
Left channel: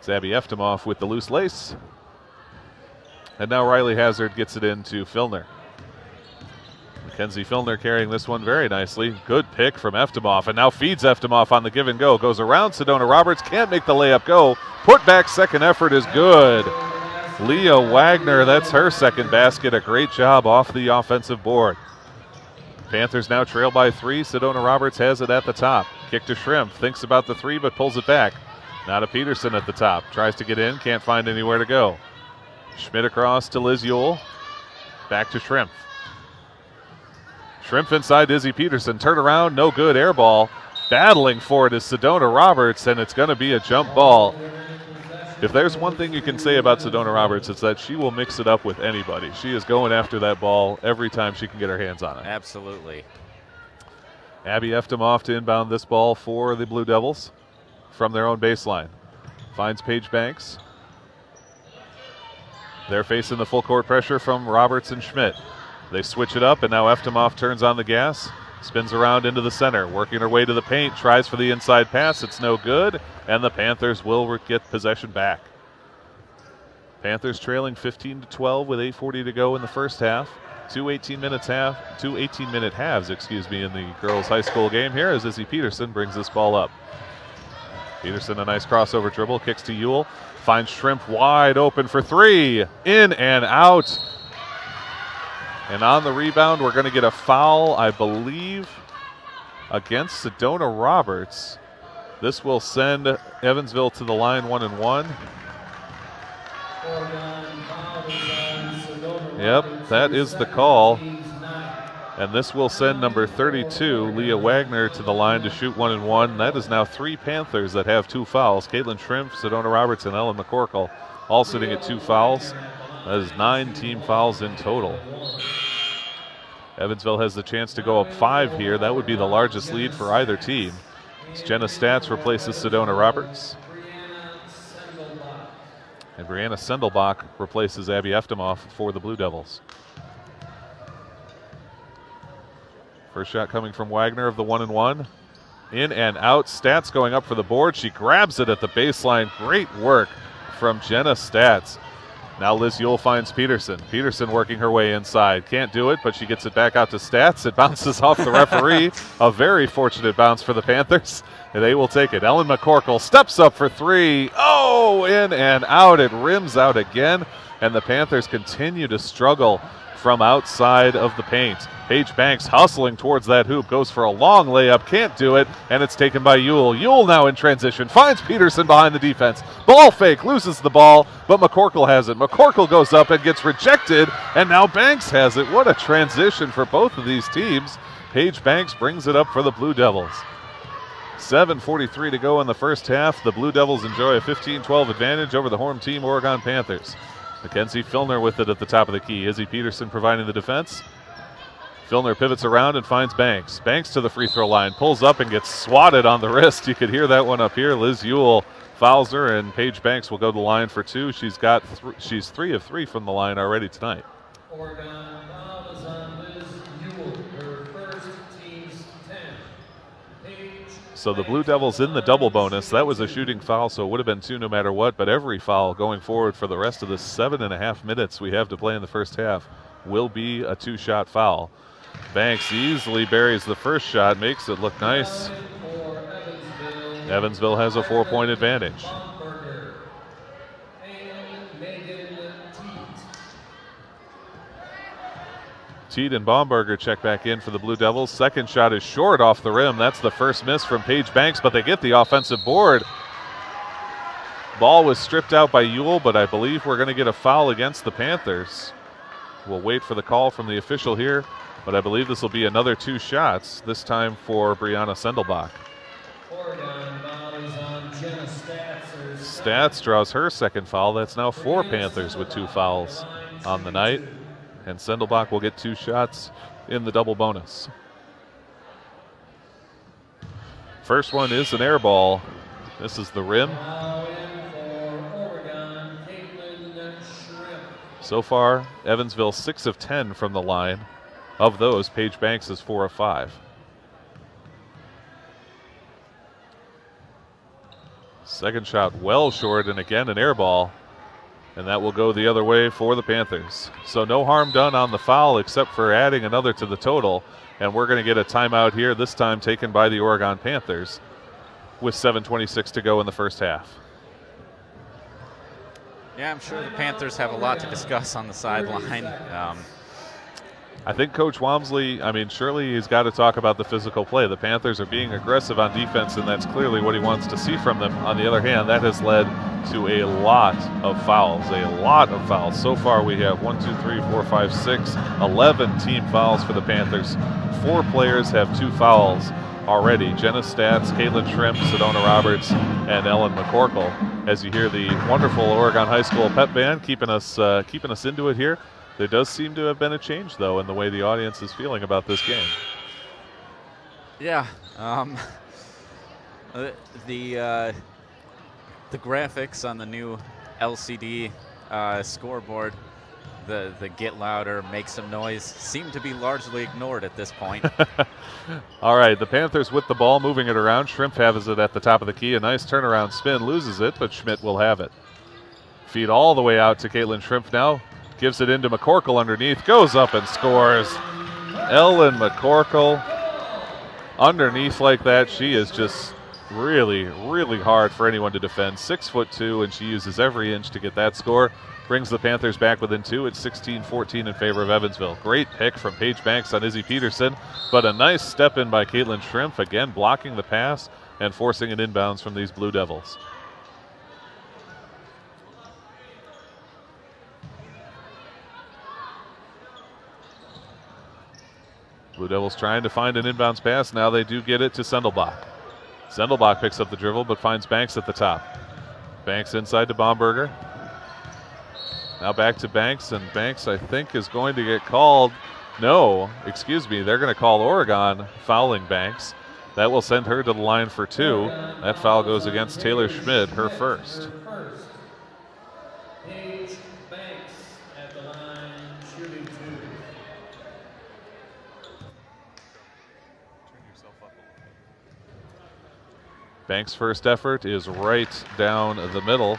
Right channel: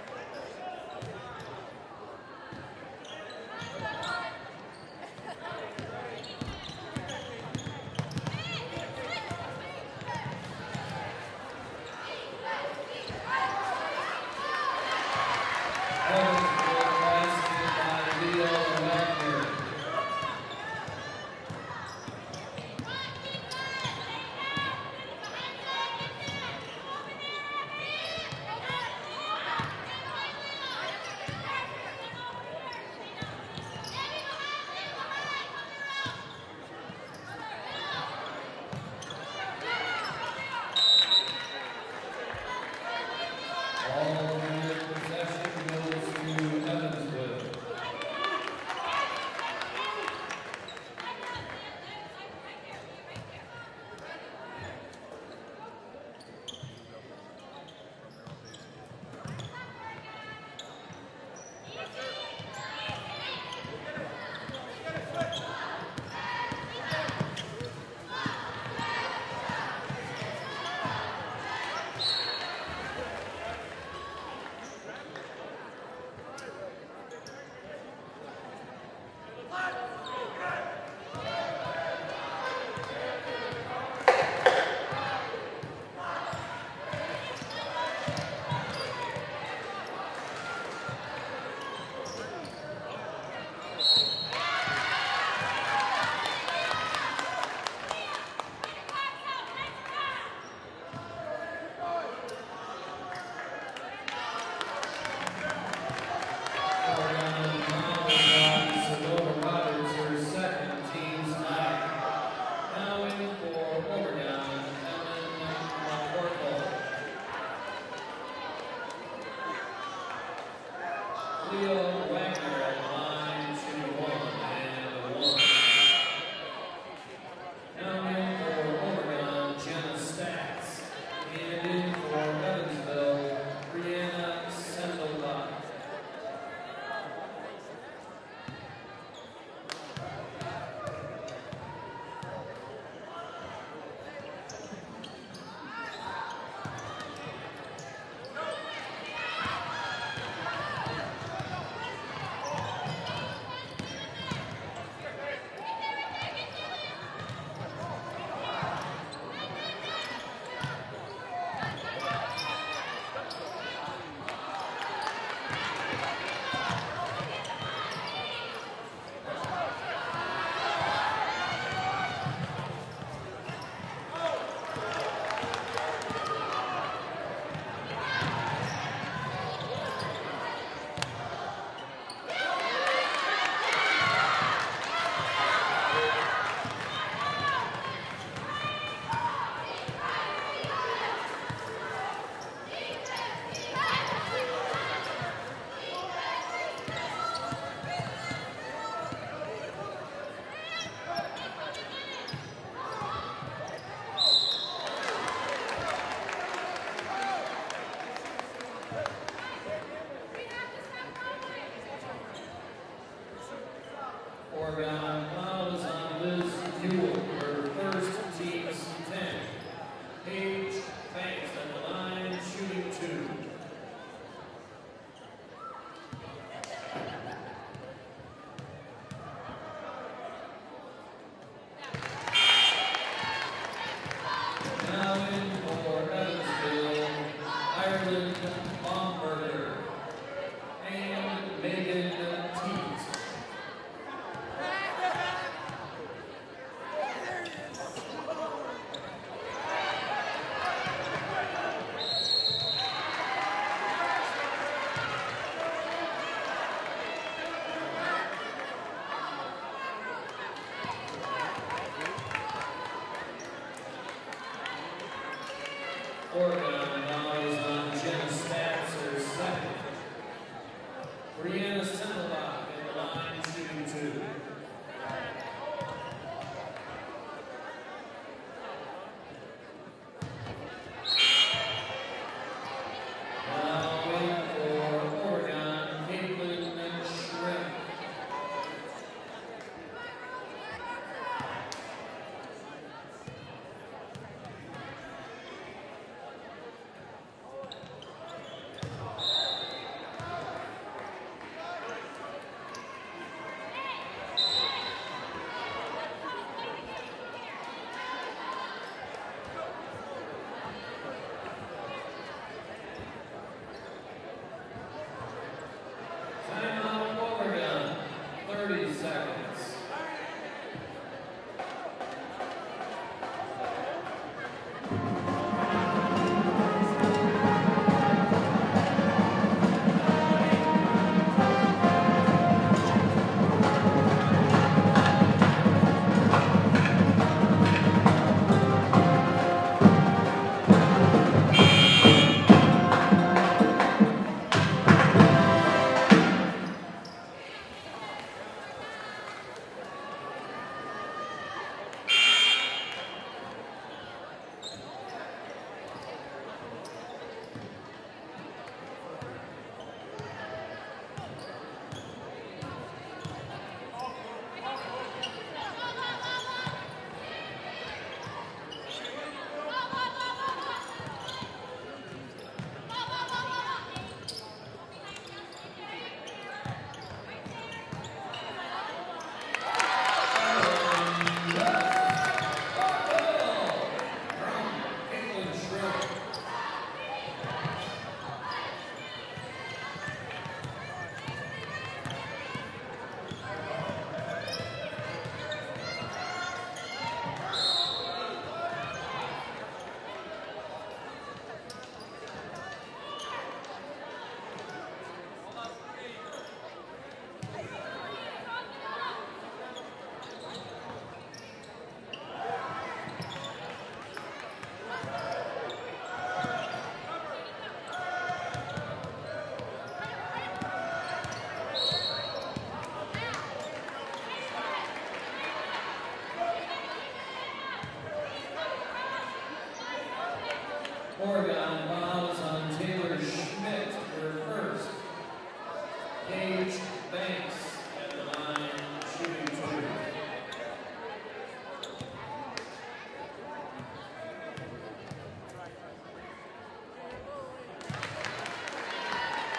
It's Abby Eftimov with the loose lace. And now Riley Hazard gets it into Filner. Kenzie Filner carrying this one very nicely. Good pick from Eftimov, and now feeds Eftimov on the give and go. Goes around Sedona Roberts, can't make the layup go. Put back second effort is good. Leah Wagner, that's her second basket. A great job off the offensive board. Panthers now trail by 3. Sedona Roberts has it at the top. Kick to Shrimp. Thinks about the 3, but pulls it back. Now to Peterson at the top. Tries to get in. Can't find anywhere to go. Schmidt across to Liz Ewell. Back to Shrimp. Shrimp inside Izzy Peterson. Turn around. No good. Air ball. Battling for it is Sedona Roberts, and it's going to be a jump ball. If there's one thing you can say about Sedona Roberts, it's that she will mix it up with anybody. She is going after that ball every time she can get her hands on it. Absolutely. Abby Eftimov to inbound this ball for the Blue Devils from their own baseline. Finds Paige Banks. They're facing the full court pressure from Roberts and Schmidt. They switch it up, and now Eftimov turns on the gas. Spins around into the center, working her way to the paint, tries for the inside pass. It's no good, and the Panthers will get possession back. Panthers trailing 15-12 with 8:40 to go in the first half. Two 18-minute halves, in the girls' high school game here as Izzy Peterson brings this ball up. Peterson, a nice crossover dribble, kicks to Ewell, finds Shrimp wide open for 3, in and out. And on the rebound, we're going to get a foul, I believe, against Sedona Roberts. This will send Evansville to the line 1-1. Yep, that is the call. And this will send number 32, Leah Wagner, to the line to shoot 1-1. That is now 3 Panthers that have 2 fouls. Caitlin Shrimp, Sedona Roberts, and Ellen McCorkle all sitting at 2 fouls. That is 9 team fouls in total. Evansville has the chance to go up 5 here. That would be the largest lead for either team. It's Jenna Statz replaces Sedona Roberts. And Brianna Sendelbach replaces Abby Eftimov for the Blue Devils. First shot coming from Wagner of the 1-and-1. In and out. Stats going up for the board. She grabs it at the baseline. Great work from Jenna Stats. Now Liz Yule finds Peterson. Peterson working her way inside. Can't do it, but she gets it back out to Stats. It bounces off the referee. A very fortunate bounce for the Panthers. And they will take it. Ellen McCorkle steps up for three. Oh, in and out. It rims out again. And the Panthers continue to struggle from outside of the paint. Paige Banks hustling towards that hoop, goes for a long layup, can't do it, and it's taken by Yule. Yule now in transition, finds Peterson behind the defense. Ball fake, loses the ball, but McCorkle has it. McCorkle goes up and gets rejected, and now Banks has it. What a transition for both of these teams. Paige Banks brings it up for the Blue Devils. 7:43 to go in the first half. The Blue Devils enjoy a 15-12 advantage over the home team Oregon Panthers. Mackenzie Filner with it at the top of the key. Izzy Peterson providing the defense. Filner pivots around and finds Banks. Banks to the free throw line, pulls up and gets swatted on the wrist. You could hear that one up here. Liz Yule fouls her, and Paige Banks will go to the line for two. She's 3 of 3 from the line already tonight. Oregon fouls on Liz Yule, her first, team's 10. So the Blue Devils in the double bonus. That was a shooting foul, so it would have been 2 no matter what, but every foul going forward for the rest of the 7.5 minutes we have to play in the first half will be a 2-shot foul. Banks easily buries the first shot, makes it look nice. Evansville has a 4-point advantage. Teed and Baumberger check back in for the Blue Devils. Second shot is short off the rim. That's the first miss from Paige Banks, but they get the offensive board. Ball was stripped out by Yule, but I believe we're going to get a foul against the Panthers. We'll wait for the call from the official here, but I believe this will be another 2 shots, this time for Brianna Sendelbach. Stats draws her second foul. That's now 4 Panthers with 2 fouls on the night. And Sendelbach will get 2 shots in the double bonus. First one is an air ball. This is the rim. So far, Evansville 6 of 10 from the line. Of those, Paige Banks is 4 of 5. Second shot well short, and again an air ball. And that will go the other way for the Panthers. So no harm done on the foul except for adding another to the total. And we're going to get a timeout here, this time taken by the Oregon Panthers with 7:26 to go in the first half. Yeah, I'm sure the Panthers have a lot to discuss on the sideline. I think Coach Walmsley, surely he's got to talk about the physical play. The Panthers are being aggressive on defense, and that's clearly what he wants to see from them. On the other hand, that has led to a lot of fouls, So far we have 1, 2, 3, 4, 5, 6, 11 team fouls for the Panthers. 4 players have 2 fouls already. Jenna Stats, Caitlin Shrimp, Sedona Roberts, and Ellen McCorkle. As you hear the wonderful Oregon High School pep band keeping us into it here. There does seem to have been a change, though, in the way the audience is feeling about this game. Yeah, the graphics on the new LCD scoreboard, the get louder, make some noise, seem to be largely ignored at this point. All right, the Panthers with the ball, moving it around. Shrimp has it at the top of the key. A nice turnaround spin, loses it, but Schmidt will have it. Feed all the way out to Caitlin Shrimp now. Gives it into McCorkle underneath, goes up and scores. Ellen McCorkle underneath like that. She is just really, really hard for anyone to defend. 6'2", and she uses every inch to get that score. Brings the Panthers back within 2. It's 16-14 in favor of Evansville. Great pick from Paige Banks on Izzy Peterson, but a nice step in by Caitlin Shrimp, again blocking the pass and forcing an inbounds from these Blue Devils. Blue Devils trying to find an inbounds pass. Now they do get it to Sendelbach. Sendelbach picks up the dribble but finds Banks at the top. Banks inside to Baumberger. Now back to Banks, and Banks, I think, is going to get called. No, excuse me, they're going to call Oregon fouling Banks. That will send her to the line for 2. That foul goes against Taylor Schmidt, her first. Banks' first effort is right down the middle.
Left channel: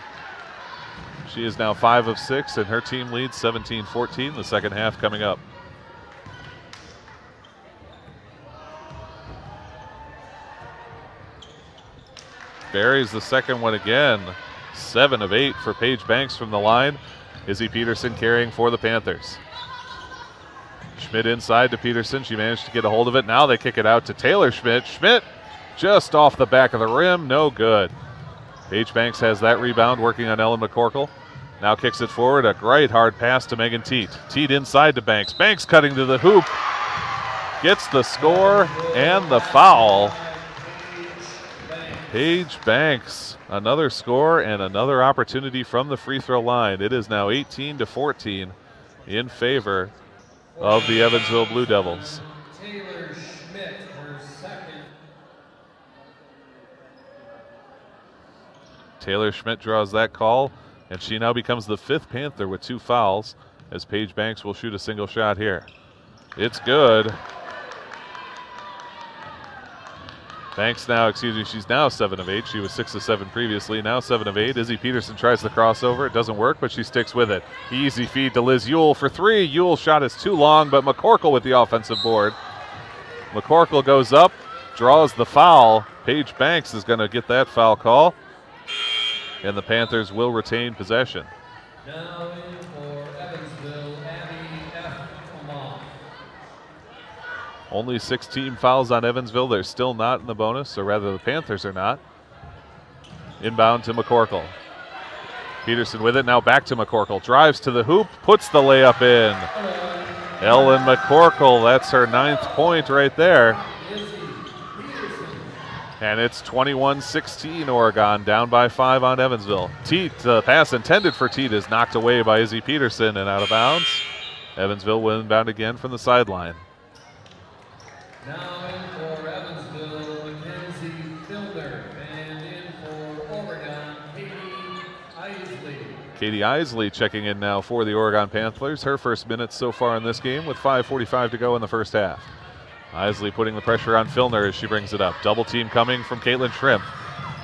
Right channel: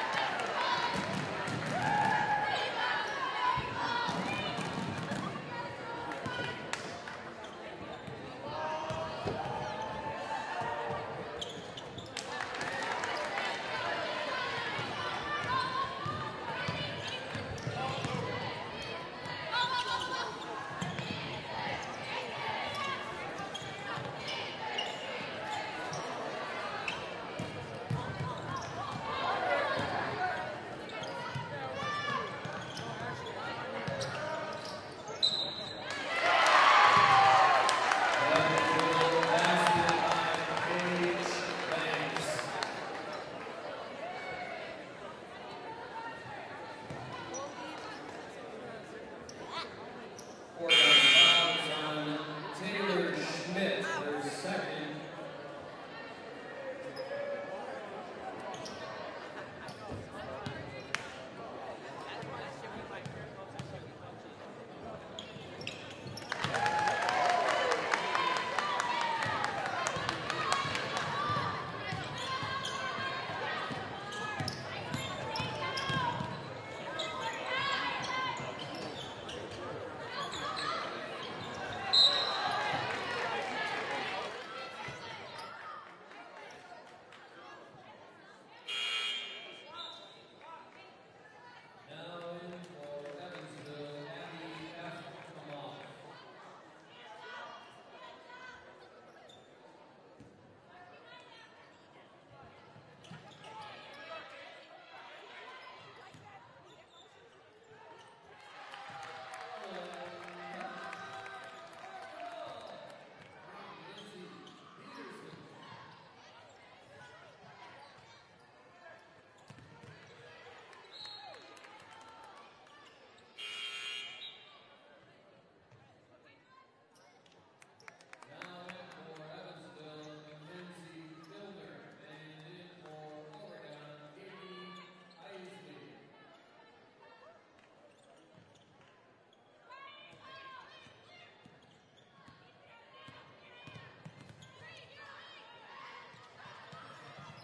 She is now 5 of 6, and her team leads 17-14. The second half coming up. Buries the second one again. 7 of 8 for Paige Banks from the line. Izzy Peterson carrying for the Panthers. Schmidt inside to Peterson. She managed to get a hold of it. Now they kick it out to Taylor Schmidt. Schmidt just off the back of the rim. No good. Paige Banks has that rebound, working on Ellen McCorkle. Now kicks it forward. A great hard pass to Megan Teat. Teat inside to Banks. Banks cutting to the hoop. Gets the score and the foul. Paige Banks, another score and another opportunity from the free throw line. It is now 18-14 in favor of the Evansville Blue Devils. Taylor Schmidt draws that call, and she now becomes the 5th Panther with 2 fouls, as Paige Banks will shoot a single shot here. It's good. Banks now, she's now 7 of 8. She was 6 of 7 previously, now 7 of 8. Izzy Peterson tries the crossover. It doesn't work, but she sticks with it. Easy feed to Liz Ewell for 3. Ewell's shot is too long, but McCorkle with the offensive board. McCorkle goes up, draws the foul. Paige Banks is going to get that foul call, and the Panthers will retain possession. Now in for Evansville, Abby F. Kamal. Only 6 team fouls on Evansville. They're still not in the bonus, or rather the Panthers are not. Inbound to McCorkle. Peterson with it, now back to McCorkle. Drives to the hoop, puts the layup in. Ellen McCorkle, that's her 9th point right there. And it's 21-16 Oregon, down by 5 on Evansville. Teat, the pass intended for Teat is knocked away by Izzy Peterson and out of bounds. Evansville will inbound again from the sideline. Now in for Evansville, Mackenzie Filner, and in for Oregon, Katie Isley. Katie Isley checking in now for the Oregon Panthers. Her first minutes so far in this game with 5:45 to go in the first half. Isley putting the pressure on Filner as she brings it up. Double team coming from Caitlin Shrimp.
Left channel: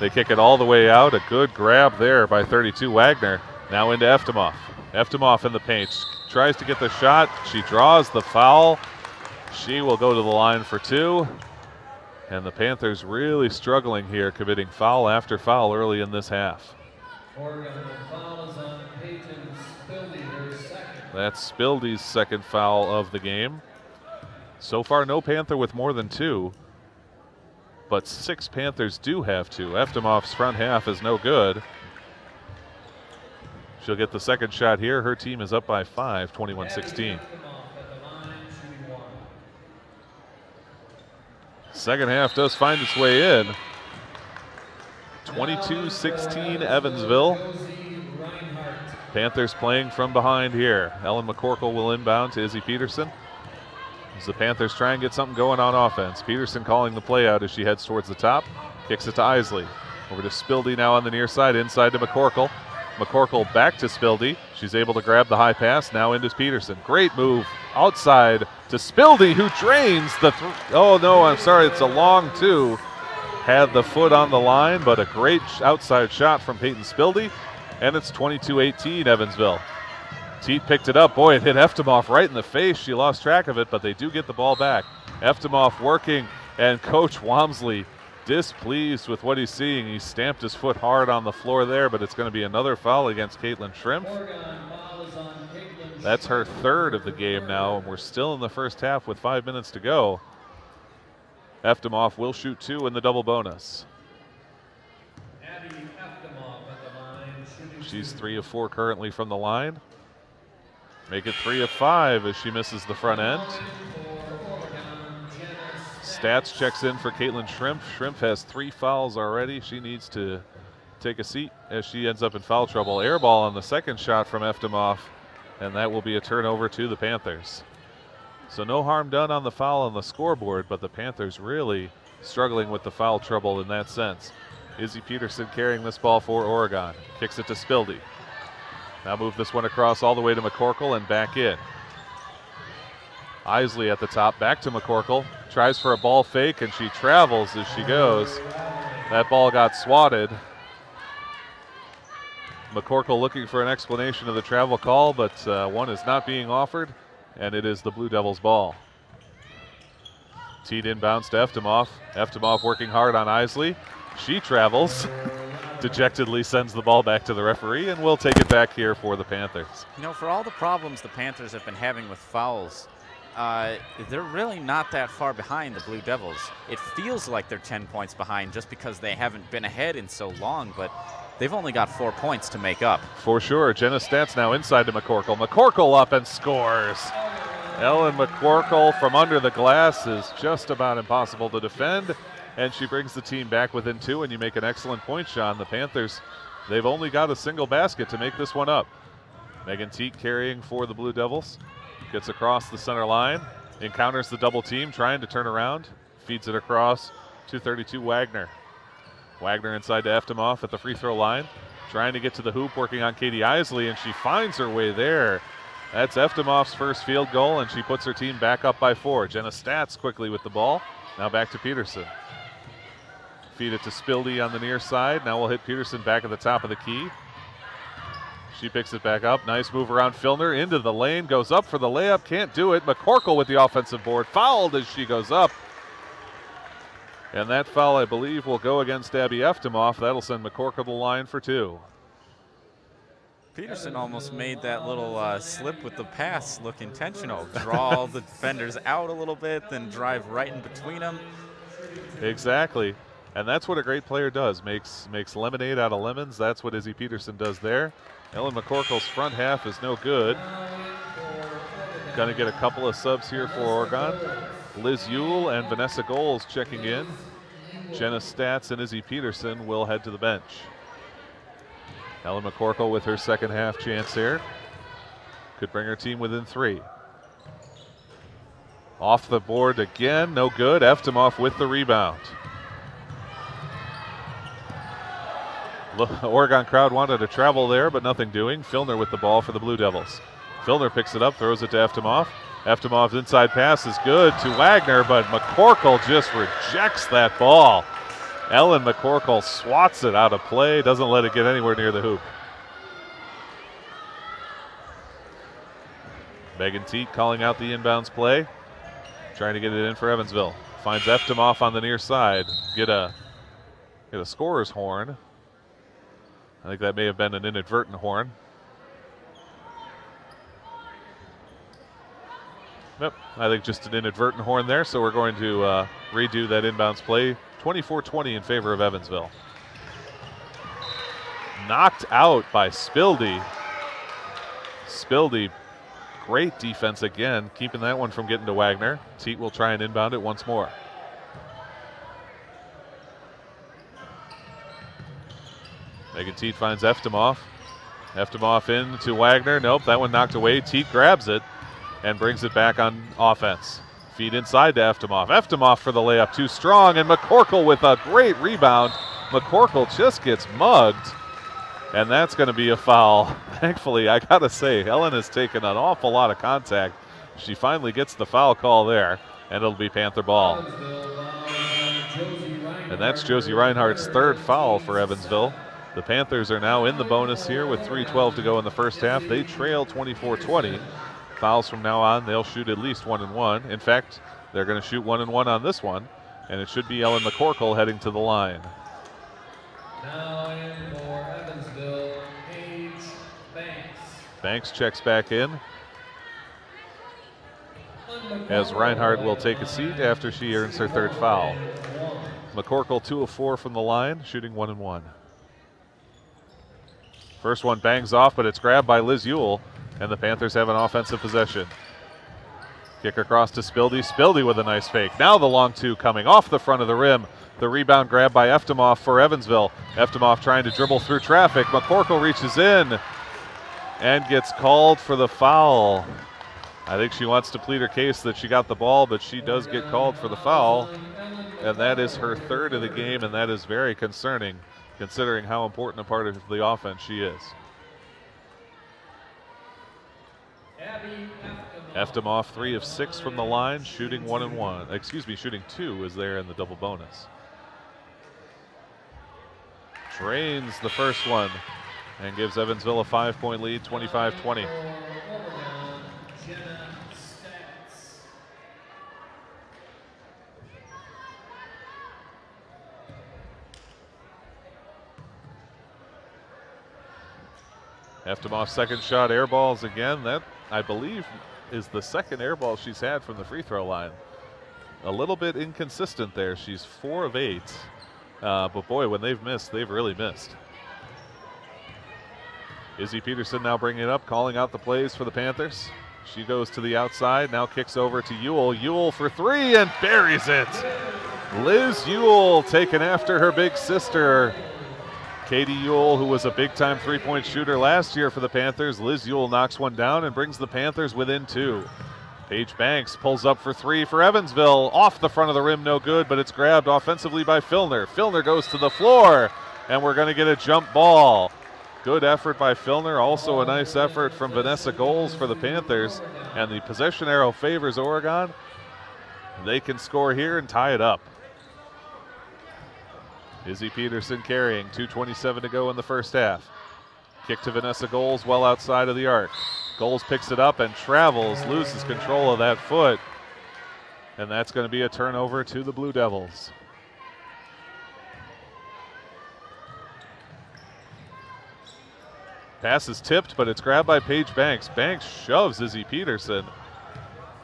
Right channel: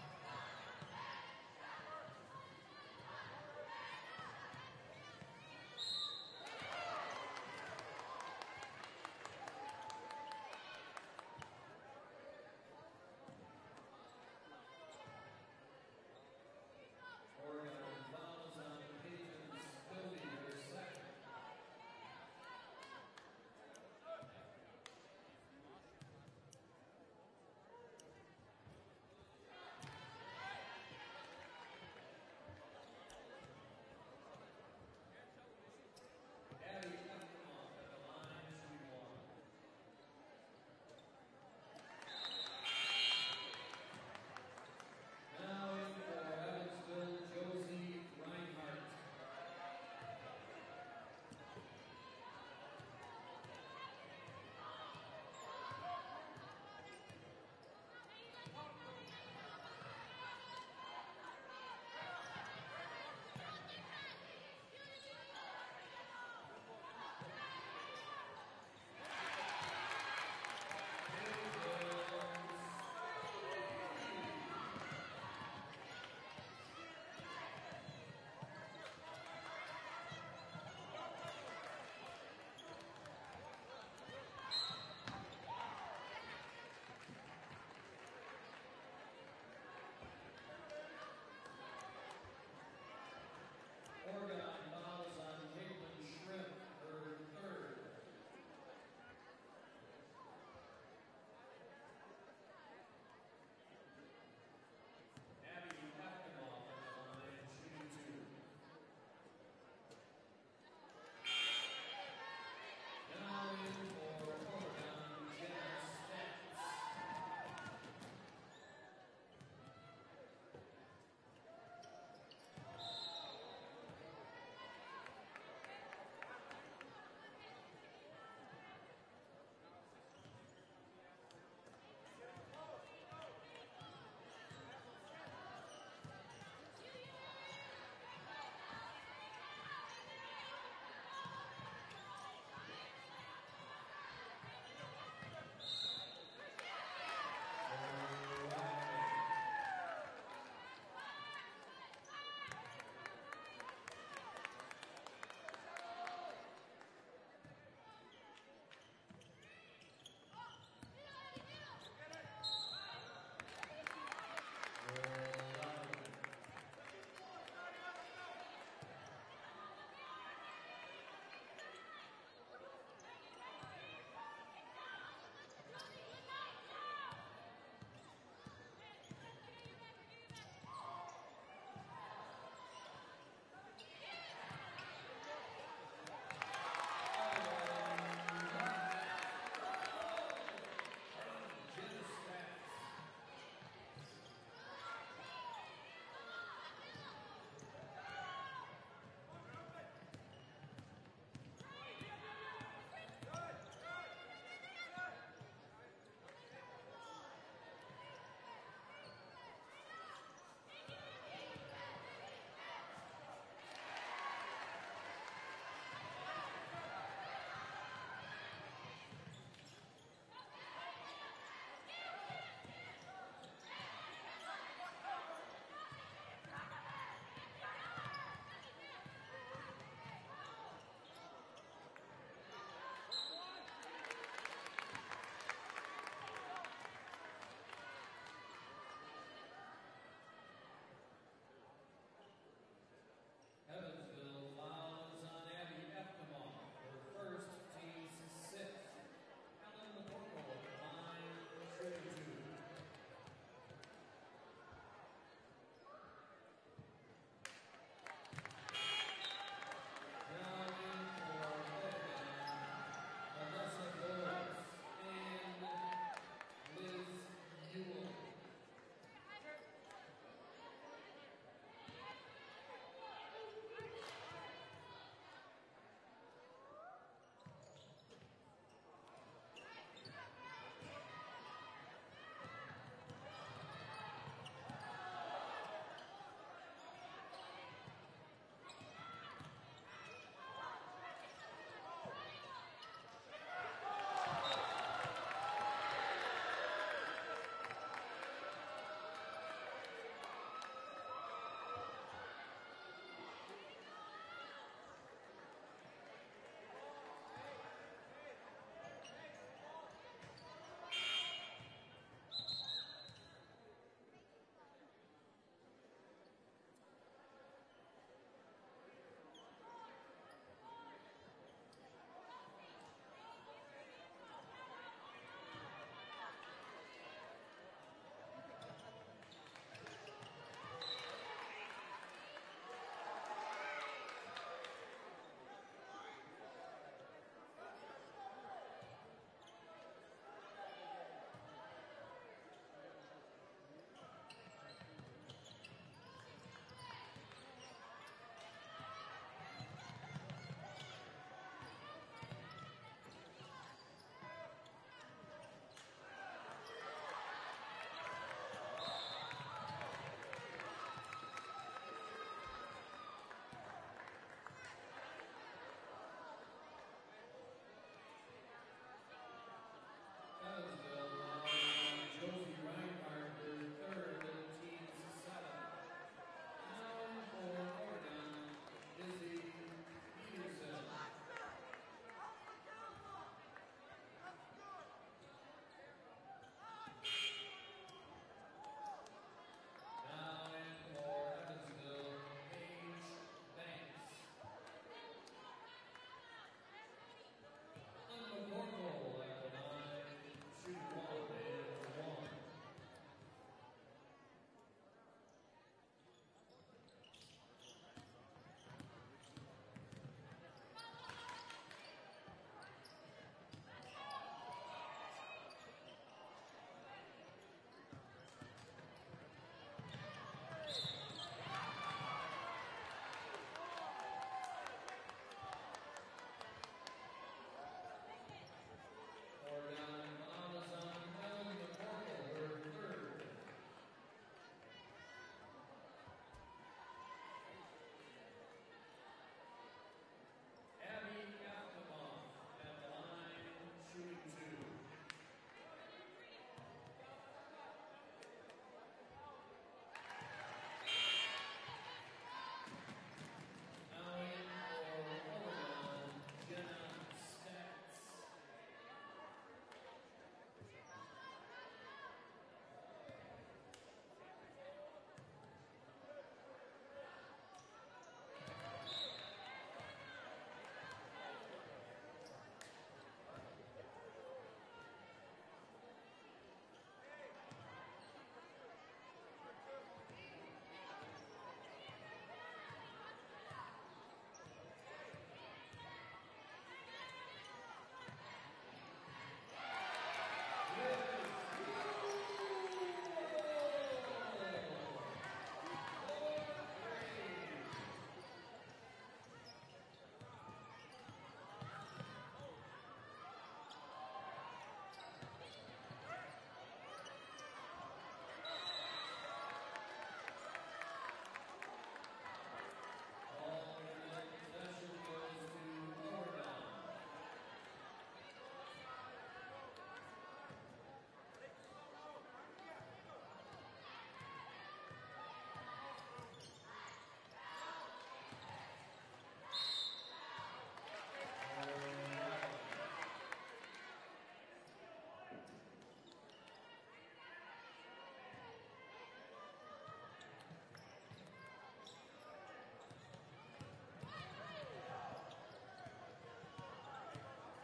They kick it all the way out. A good grab there by 32 Wagner. Now into Eftemoff. Eftemoff in the paint. Tries to get the shot. She draws the foul. She will go to the line for 2. And the Panthers really struggling here, committing foul after foul early in this half. Oregon foul is on Peyton Spildy, her 2nd. That's Spildy's 2nd foul of the game. So far, no Panther with more than 2, but 6 Panthers do have 2. Eftemoff's front half is no good. She'll get the 2nd shot here. Her team is up by 5, 21-16. Second half does find its way in. 22-16 Evansville. Panthers playing from behind here. Ellen McCorkle will inbound to Izzy Peterson as the Panthers try and get something going on offense. Peterson calling the play out as she heads towards the top. Kicks it to Isley. Over to Spildy now on the near side, inside to McCorkle. McCorkle back to Spildy. She's able to grab the high pass, now into Peterson. Great move outside to Spildy, who drains the oh no, I'm sorry, it's a long 2. Had the foot on the line, but a great outside shot from Peyton Spildy, and it's 22-18 Evansville. Teat picked it up. Boy, it hit Eftemoff right in the face. She lost track of it, but they do get the ball back. Eftemoff working, and Coach Walmsley displeased with what he's seeing. He stamped his foot hard on the floor there, but it's going to be another foul against Caitlin Shrimp. That's her 3rd of the game now, and we're still in the first half with 5 minutes to go. Eftemoff will shoot 2 in the double bonus. She's 3 of 4 currently from the line. Make it 3 of 5 as she misses the front end. Stats checks in for Caitlin Shrimp. Shrimp has 3 fouls already. She needs to take a seat as she ends up in foul trouble. Air ball on the 2nd shot from Eftemoff, and that will be a turnover to the Panthers. So no harm done on the foul on the scoreboard, but the Panthers really struggling with the foul trouble in that sense. Izzy Peterson carrying this ball for Oregon. Kicks it to Spildy. Now move this one across all the way to McCorkle and back in. Isley at the top, back to McCorkle. Tries for a ball fake, and she travels as she goes. That ball got swatted. McCorkle looking for an explanation of the travel call, but one is not being offered, and it is the Blue Devils' ball. Teed inbounds to Eftimov. Eftimov working hard on Isley. She travels. Dejectedly sends the ball back to the referee, and we'll take it back here for the Panthers. You know, for all the problems the Panthers have been having with fouls, they're really not that far behind the Blue Devils. It feels like they're 10 points behind just because they haven't been ahead in so long, but they've only got 4 points to make up. For sure. Jenna Stats now inside to McCorkle. McCorkle up and scores. Ellen McCorkle from under the glass is just about impossible to defend, and she brings the team back within 2, and you make an excellent point, Sean. The Panthers, they've only got a single basket to make this one up. Megan Teat carrying for the Blue Devils. Gets across the center line, encounters the double team, trying to turn around, feeds it across to 32 Wagner. Wagner inside to Eftimov at the free throw line, trying to get to the hoop, working on Katie Isley, and she finds her way there. That's Eftimov's first field goal, and she puts her team back up by 4. Jenna Stats quickly with the ball. Now back to Peterson. Feed it to Spildy on the near side. Now we'll hit Peterson back at the top of the key. She picks it back up. Nice move around Filner into the lane. Goes up for the layup. Can't do it. McCorkle with the offensive board. Fouled as she goes up. And that foul, I believe, will go against Abby Eftimov. That'll send McCorkle to the line for 2. Peterson almost made that little slip with the pass look intentional. Draw the defenders out a little bit, then drive right in between them. Exactly. And that's what a great player does. Makes lemonade out of lemons. That's what Izzy Peterson does there. Ellen McCorkle's front half is no good. Going to get a couple of subs here for Oregon. Liz Yule and Vanessa Goals checking in. Jenna Stats and Izzy Peterson will head to the bench. Ellen McCorkle with her second half chance here. Could bring her team within 3. Off the board again, no good. Eftimov with the rebound. Oregon crowd wanted to travel there, but nothing doing. Filner with the ball for the Blue Devils. Filner picks it up, throws it to Eftimov. Eftimov's inside pass is good to Wagner, but McCorkle just rejects that ball. Ellen McCorkle swats it out of play, doesn't let it get anywhere near the hoop. Megan Teat calling out the inbounds play, trying to get it in for Evansville. Finds Eftimov on the near side. Get a scorer's horn. I think that may have been an inadvertent horn. Yep, I think just an inadvertent horn there, so we're going to redo that inbounds play. 24-20 in favor of Evansville. Knocked out by Spildy. Spildy, great defense again, keeping that one from getting to Wagner. Teat will try and inbound it once more. Megan Teat finds Eftimov. Eftimov in to Wagner. Nope, that one knocked away. Teat grabs it and brings it back on offense. Feed inside to Eftimov. Eftimov for the layup, too strong, and McCorkle with a great rebound. McCorkle just gets mugged, and that's going to be a foul. Thankfully, I got to say, Helen has taken an awful lot of contact. She finally gets the foul call there, and it'll be Panther ball. And that's Josie Reinhardt's third foul for Evansville. The Panthers are now in the bonus here with 3:12 to go in the first half. They trail 24-20. Fouls from now on, they'll shoot at least 1 and 1. In fact, they're going to shoot 1 and 1 on this one, and it should be Ellen McCorkle heading to the line. Now in for Evansville, Paige Banks. Banks checks back in, as Reinhardt will take a seat after she earns her third foul. McCorkle 2 of 4 from the line, shooting 1 and 1. First one bangs off, but it's grabbed by Liz Yule, and the Panthers have an offensive possession. Kick across to Spildy. Spildy with a nice fake. Now the long 2 coming off the front of the rim. The rebound grab by Eftimov for Evansville. Eftimov trying to dribble through traffic. McCorkle reaches in and gets called for the foul. I think she wants to plead her case that she got the ball, but she does get called for the foul. And that is her third of the game, and that is very concerning, considering how important a part of the offense she is. Eftimov 3 of 6 from the line, shooting 1 and 1. Excuse me, shooting 2 is there in the double bonus. Drains the first one and gives Evansville a 5-point lead, 25-20. Eftemoff's second shot air balls again. That, I believe, is the second air ball she's had from the free throw line. A little bit inconsistent there. She's 4 of 8. But boy, when they've missed, they've really missed. Izzy Peterson now bringing it up, calling out the plays for the Panthers. She goes to the outside, now kicks over to Ewell. Ewell for 3 and buries it. Liz Ewell taken after her big sister. Katie Ewell, who was a big-time three-point shooter last year for the Panthers. Liz Ewell knocks one down and brings the Panthers within 2. Paige Banks pulls up for 3 for Evansville. Off the front of the rim, no good, but it's grabbed offensively by Filner. Filner goes to the floor, and we're going to get a jump ball. Good effort by Filner. Also a nice effort from Vanessa Goals for the Panthers. And the possession arrow favors Oregon. They can score here and tie it up. Izzy Peterson carrying, 2:27 to go in the first half. Kick to Vanessa Goals well outside of the arc. Goals picks it up and travels, loses control of that foot. And that's going to be a turnover to the Blue Devils. Pass is tipped, but it's grabbed by Paige Banks. Banks shoves Izzy Peterson.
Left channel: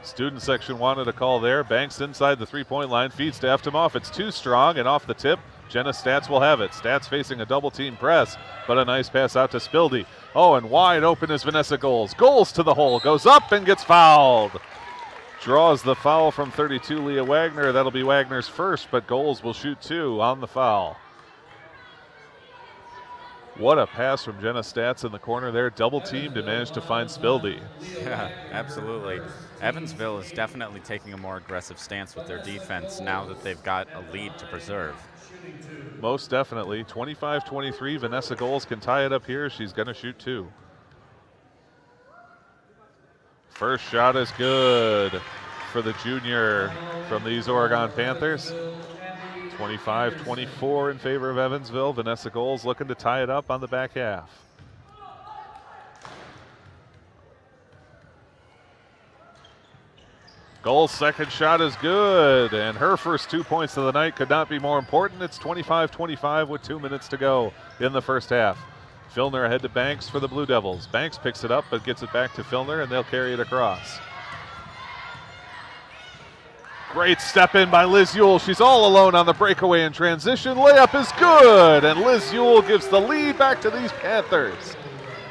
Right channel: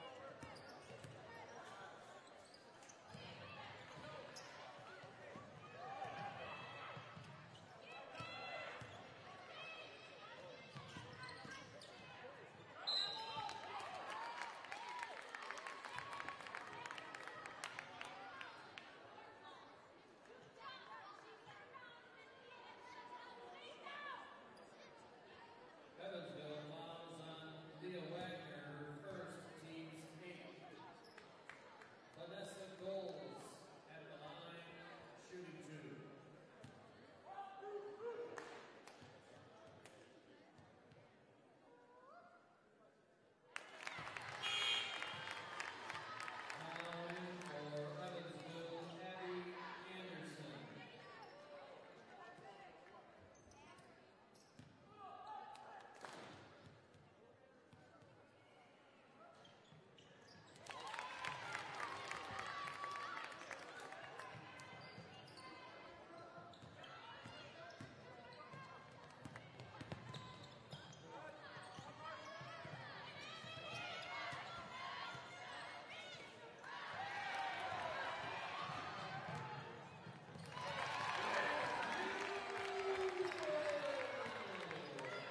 Student section wanted a call there. Banks inside the three-point line, feeds to Eftemoff. It's too strong, and off the tip, Jenna Stats will have it. Stats facing a double-team press, but a nice pass out to Spildy. Oh, and wide open is Vanessa Goals. Goals to the hole, goes up and gets fouled. Draws the foul from 32, Leah Wagner. That'll be Wagner's first, but Goals will shoot 2 on the foul. What a pass from Jenna Stats in the corner there. Double teamed and managed to find Spildy. Yeah, absolutely. Evansville is definitely taking a more aggressive stance with their defense now that they've got a lead to preserve. Most definitely. 25-23. Vanessa Goals can tie it up here. She's going to shoot 2. First shot is good for the junior from these Oregon Panthers. 25-24 in favor of Evansville. Vanessa Goals looking to tie it up on the back half. Goals' second shot is good, and her first 2 points of the night could not be more important. It's 25-25 with 2 minutes to go in the first half. Filner ahead to Banks for the Blue Devils. Banks picks it up but gets it back to Filner, and they'll carry it across. Great step in by Liz Ewell. She's all alone on the breakaway in transition. Layup is good, and Liz Ewell gives the lead back to these Panthers.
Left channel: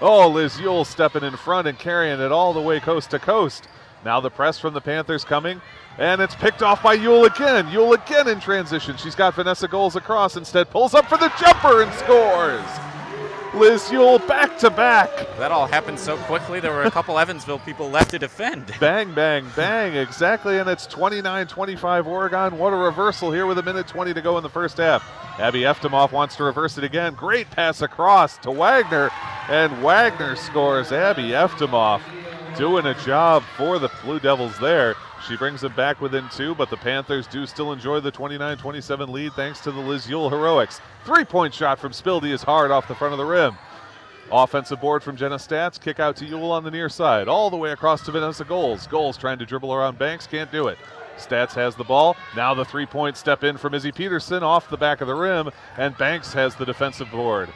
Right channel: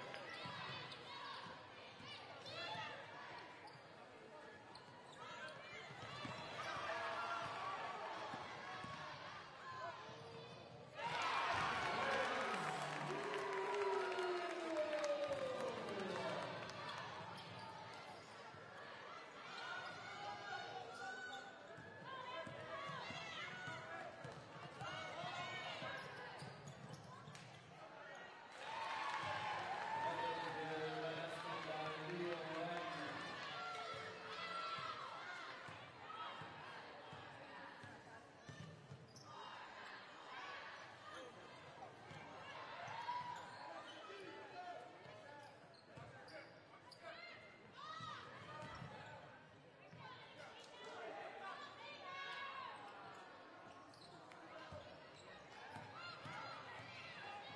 Oh, Liz Ewell stepping in front and carrying it all the way coast to coast. Now the press from the Panthers coming, and it's picked off by Ewell again. Ewell again in transition. She's got Vanessa Goals across, instead pulls up for the jumper and scores. Liz Ewell back to back. That all happened so quickly, there were a couple Evansville people left to defend. Bang, bang, bang, exactly, and it's 29-25 Oregon. What a reversal here with 1:20 to go in the first half. Abby Eftemoff wants to reverse it again. Great pass across to Wagner, and Wagner scores. Abby Eftemoff doing a job for the Blue Devils there. She brings them back within 2, but the Panthers do still enjoy the 29-27 lead thanks to the Liz Ewell heroics. Three-point shot from Spildy is hard off the front of the rim. Offensive board from Jenna Stats. Kick out to Ewell on the near side. All the way across to Vanessa Goals. Goals trying to dribble around Banks. Can't do it. Stats has the ball. Now the three-point step in from Izzy Peterson off the back of the rim, and Banks has the defensive board.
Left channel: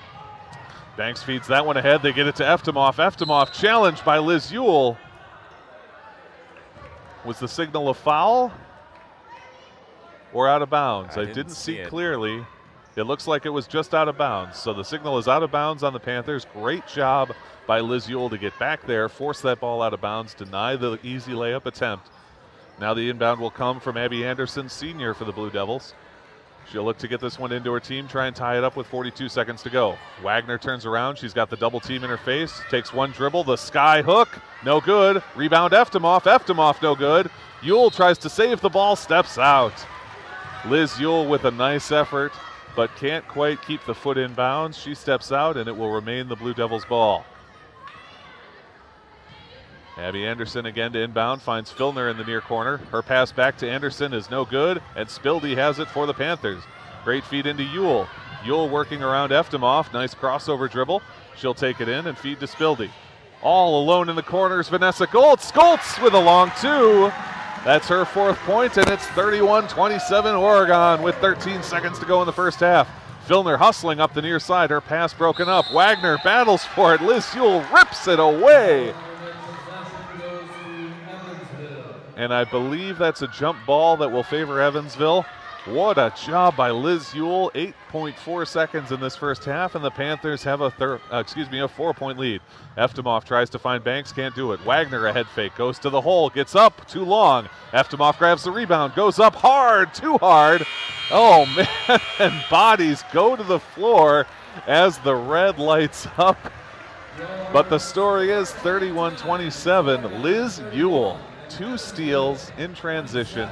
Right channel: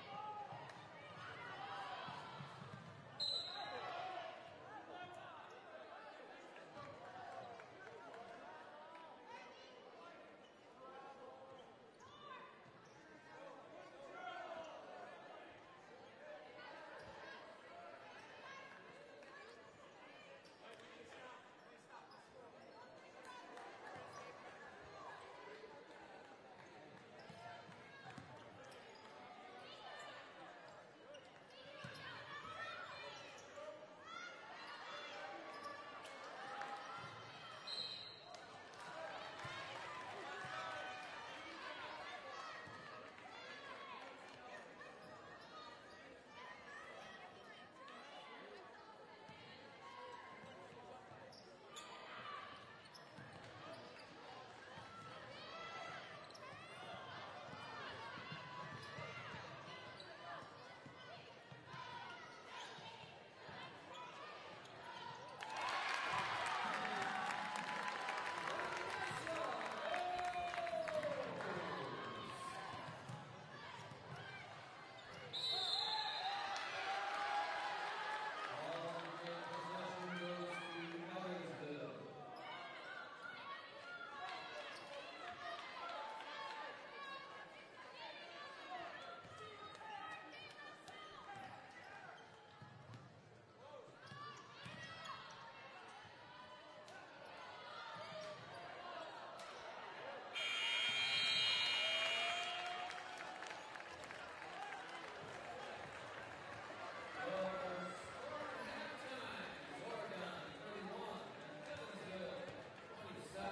Banks feeds that one ahead. They get it to Eftemoff. Eftemoff challenged by Liz Ewell. Was the signal a foul or out of bounds? I didn't see clearly. It looks like it was just out of bounds. So the signal is out of bounds on the Panthers. Great job by Liz Ewell to get back there, force that ball out of bounds, deny the easy layup attempt. Now the inbound will come from Abby Anderson, senior for the Blue Devils. She'll look to get this one into her team, try and tie it up with 42 seconds to go. Wagner turns around. She's got the double team in her face. Takes one dribble. The sky hook. No good. Rebound Eftemoff. Eftemoff no good. Ewell tries to save the ball. Steps out. Liz Ewell with a nice effort, but can't quite keep the foot in bounds. She steps out, and it will remain the Blue Devils' ball. Abby Anderson again to inbound, finds Filner in the near corner. Her pass back to Anderson is no good, and Spildy has it for the Panthers. Great feed into Ewell. Yule working around Eftimov. Nice crossover dribble. She'll take it in and feed to Spildy. All alone in the corners, Vanessa Goltz. Goltz with a long two. That's her 4th point, and it's 31-27 Oregon with 13 seconds to go in the first half. Filner hustling up the near side. Her pass broken up. Wagner battles for it. Liz Yule rips it away. And I believe that's a jump ball that will favor Evansville. What a job by Liz Yule. 8.4 seconds in this first half, and the Panthers have a 4-point lead. Eftimov tries to find Banks, can't do it. Wagner a head fake, goes to the hole, gets up, too long. Eftimov grabs the rebound, goes up hard, too hard. Oh man, and bodies go to the floor as the red lights up. But the story is 31-27. Liz Yule, 2 steals in transition,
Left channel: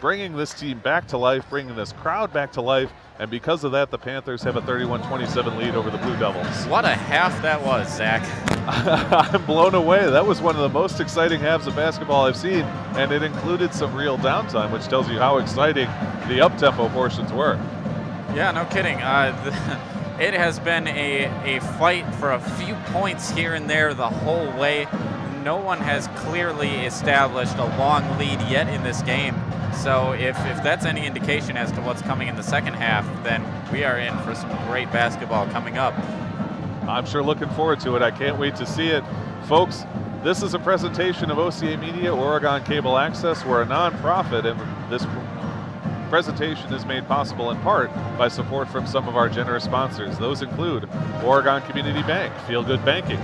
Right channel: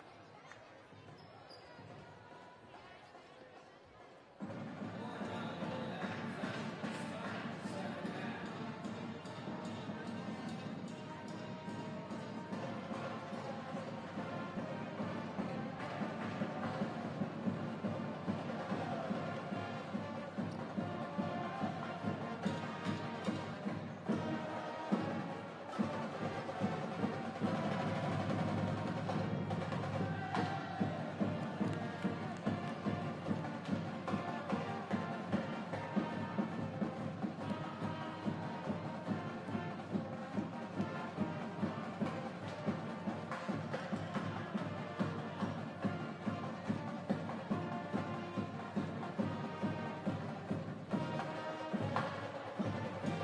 bringing this team back to life, bringing this crowd back to life, and because of that, the Panthers have a 31-27 lead over the Blue Devils. What a half that was, Zach. I'm blown away. That was one of the most exciting halves of basketball I've seen, and it included some real downtime, which tells you how exciting the up-tempo portions were. Yeah, no kidding. It has been a fight for a few points here and there the whole way. No one has clearly established a long lead yet in this game. So if that's any indication as to what's coming in the second half, then we are in for some great basketball coming up. I'm sure looking forward to it. I can't wait to see it. Folks, this is a presentation of OCAmedia, Oregon Cable Access. We're a nonprofit, and this presentation is made possible in part by support from some of our generous sponsors. Those include Oregon Community Bank, Feel Good Banking,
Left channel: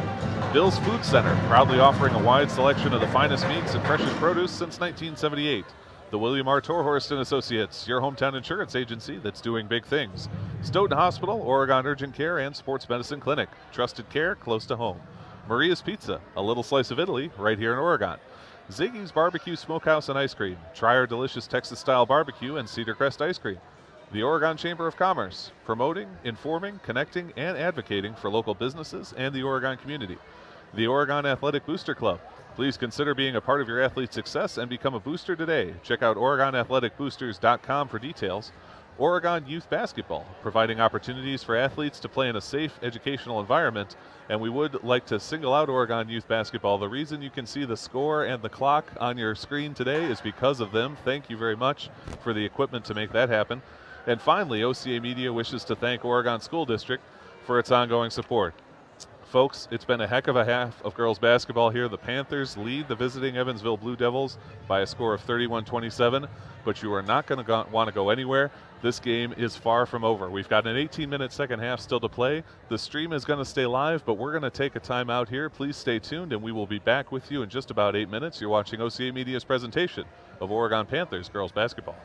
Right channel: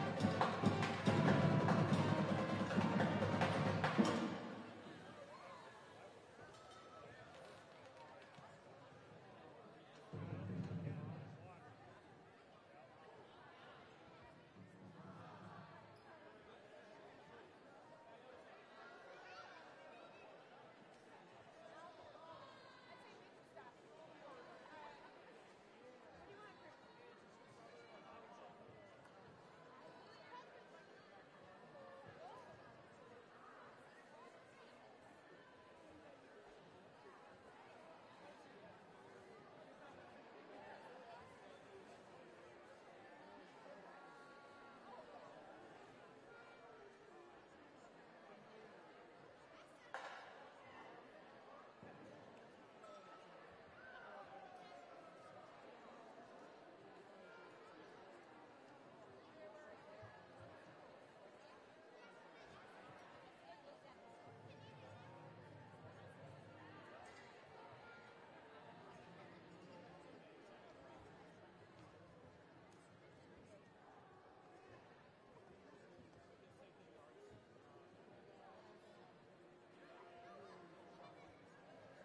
Bill's Food Center, proudly offering a wide selection of the finest meats and freshest produce since 1978. The William R. Torhorst & Associates, your hometown insurance agency that's doing big things. Stoughton Hospital, Oregon Urgent Care, and Sports Medicine Clinic. Trusted care close to home. Maria's Pizza, a little slice of Italy right here in Oregon. Ziggy's Barbecue Smokehouse and Ice Cream. Try our delicious Texas-style barbecue and Cedar Crest ice cream. The Oregon Chamber of Commerce, promoting, informing, connecting, and advocating for local businesses and the Oregon community. The Oregon Athletic Booster Club. Please consider being a part of your athlete's success and become a booster today. Check out OregonAthleticBoosters.com for details. Oregon Youth Basketball, providing opportunities for athletes to play in a safe educational environment. And we would like to single out Oregon Youth Basketball. The reason you can see the score and the clock on your screen today is because of them. Thank you very much for the equipment to make that happen. And finally, OCAmedia wishes to thank Oregon School District for its ongoing support. Folks, it's been a heck of a half of girls basketball here. The Panthers lead the visiting Evansville Blue Devils by a score of 31-27, but you are not going to want to go anywhere. This game is far from over. We've got an 18-minute second half still to play. The stream is going to stay live, but we're going to take a timeout here. Please stay tuned, and we will be back with you in just about 8 minutes. You're watching OCAmedia's presentation of Oregon Panthers girls basketball.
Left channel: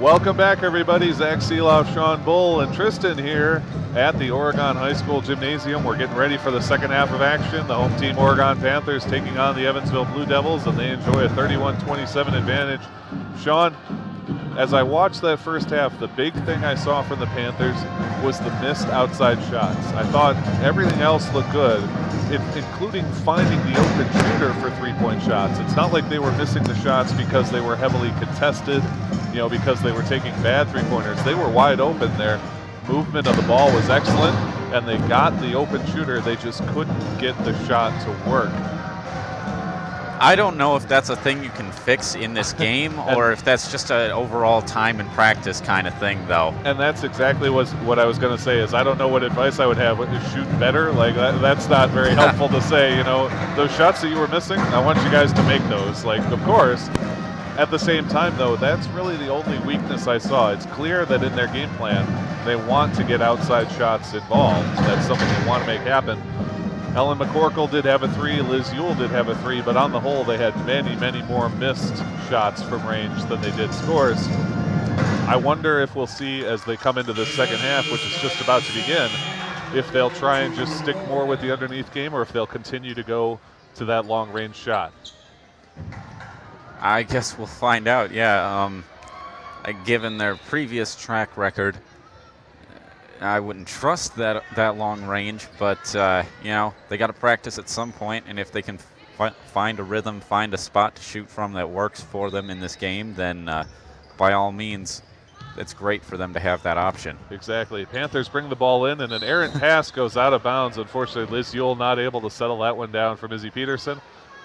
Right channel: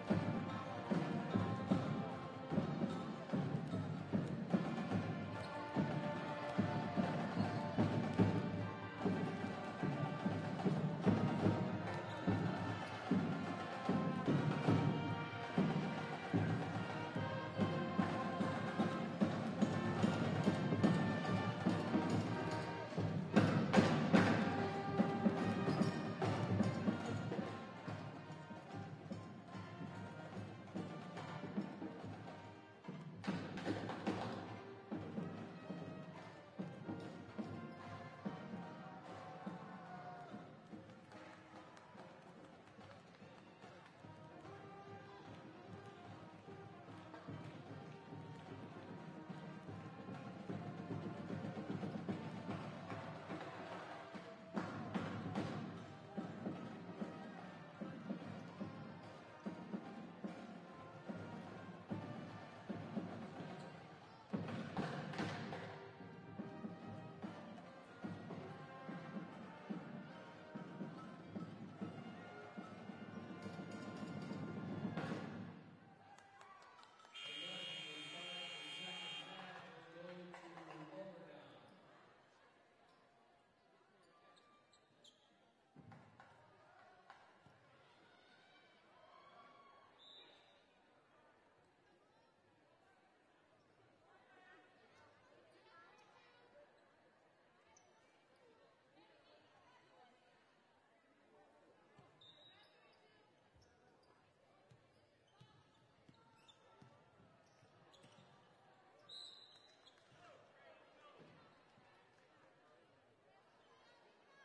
Welcome back, everybody. Zach Seeloff, Sean Bull, and Tristan here at the Oregon High School Gymnasium. We're getting ready for the second half of action. The home team, Oregon Panthers, taking on the Evansville Blue Devils, and they enjoy a 31-27 advantage. Sean, as I watched that first half, the big thing I saw from the Panthers was the missed outside shots. I thought everything else looked good, including finding the open shooter for three-point shots. It's not like they were missing the shots because they were heavily contested, you know, because they were taking bad three-pointers. They were wide open there. Movement of the ball was excellent, and they got the open shooter. They just couldn't get the shot to work. I don't know if that's a thing you can fix in this game or if that's just an overall time and practice kind of thing, though. And that's exactly what I was going to say is I don't know what advice I would have. Shoot better? Like, that's not very helpful to say, you know. Those shots that you were missing, I want you guys to make those. Like, of course, at the same time, though, that's really the only weakness I saw. It's clear that in their game plan, they want to get outside shots involved. That's something they want to make happen. Ellen McCorkle did have a three, Liz Ewell did have a three, but on the whole, they had many, many more missed shots from range than they did scores. I wonder if we'll see as they come into the second half, which is just about to begin, if they'll try and just stick more with the underneath game or if they'll continue to go to that long range shot. I guess we'll find out, yeah. Given their previous track record, I wouldn't trust that long range, but you know, they got to practice at some point, and if they can find a rhythm, find a spot to shoot from that works for them in this game, then by all means, it's great for them to have that option. Exactly. Panthers bring the ball in, and an errant pass goes out of bounds. Unfortunately, Liz Ewell not able to settle that one down from Izzy Peterson,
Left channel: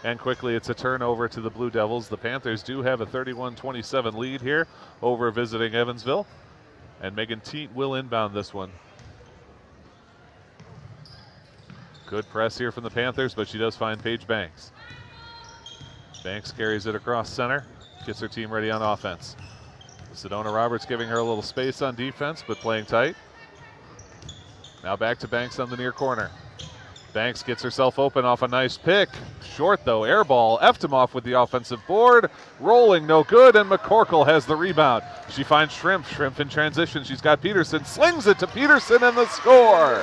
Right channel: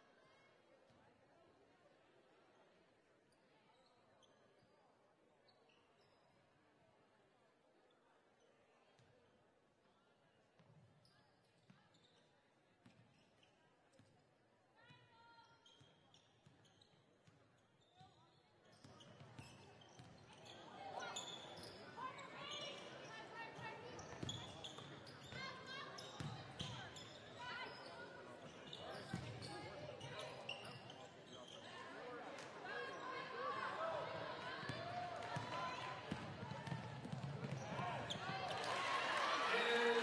and quickly it's a turnover to the Blue Devils. The Panthers do have a 31-27 lead here over visiting Evansville. And Megan Teat will inbound this one. Good press here from the Panthers, but she does find Paige Banks. Banks carries it across center, gets her team ready on offense. Sedona Roberts giving her a little space on defense, but playing tight. Now back to Banks on the near corner. Banks gets herself open off a nice pick. Short though, air ball. Eftimov with the offensive board. Rolling, no good, and McCorkle has the rebound. She finds Shrimp. Shrimp in transition. She's got Peterson. Slings it to Peterson and the score.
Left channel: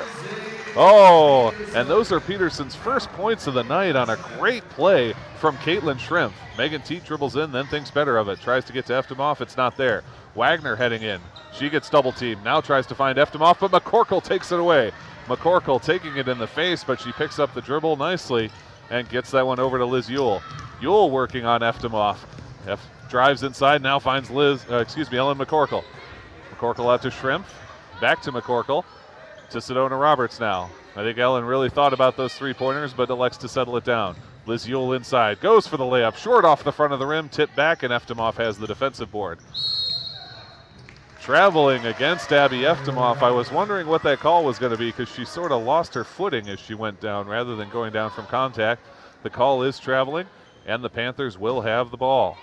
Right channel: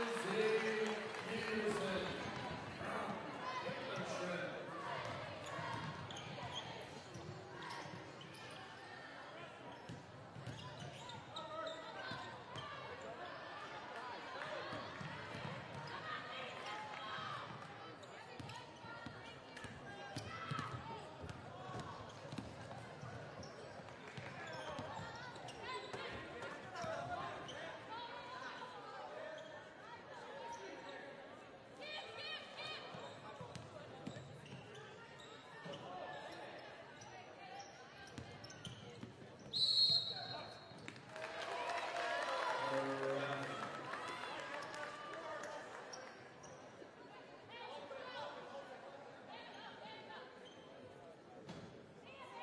Oh, and those are Peterson's first points of the night on a great play from Caitlin Shrimp. Megan Teat dribbles in, then thinks better of it. Tries to get to Eftimov. It's not there. Wagner heading in. She gets double teamed. Now tries to find Eftimov, but McCorkle takes it away. McCorkle taking it in the face, but she picks up the dribble nicely and gets that one over to Liz Ewell. Ewell working on Eftimov. Drives inside, now finds Ellen McCorkle. McCorkle out to Shrimp, back to McCorkle, to Sedona Roberts now. I think Ellen really thought about those three-pointers, but elects to settle it down. Liz Ewell inside, goes for the layup, short off the front of the rim, tipped back, and Eftimov has the defensive board. Traveling against Abby Eftimov. I was wondering what that call was going to be because she sort of lost her footing as she went down rather than going down from contact. The call is traveling, and the Panthers will have the ball.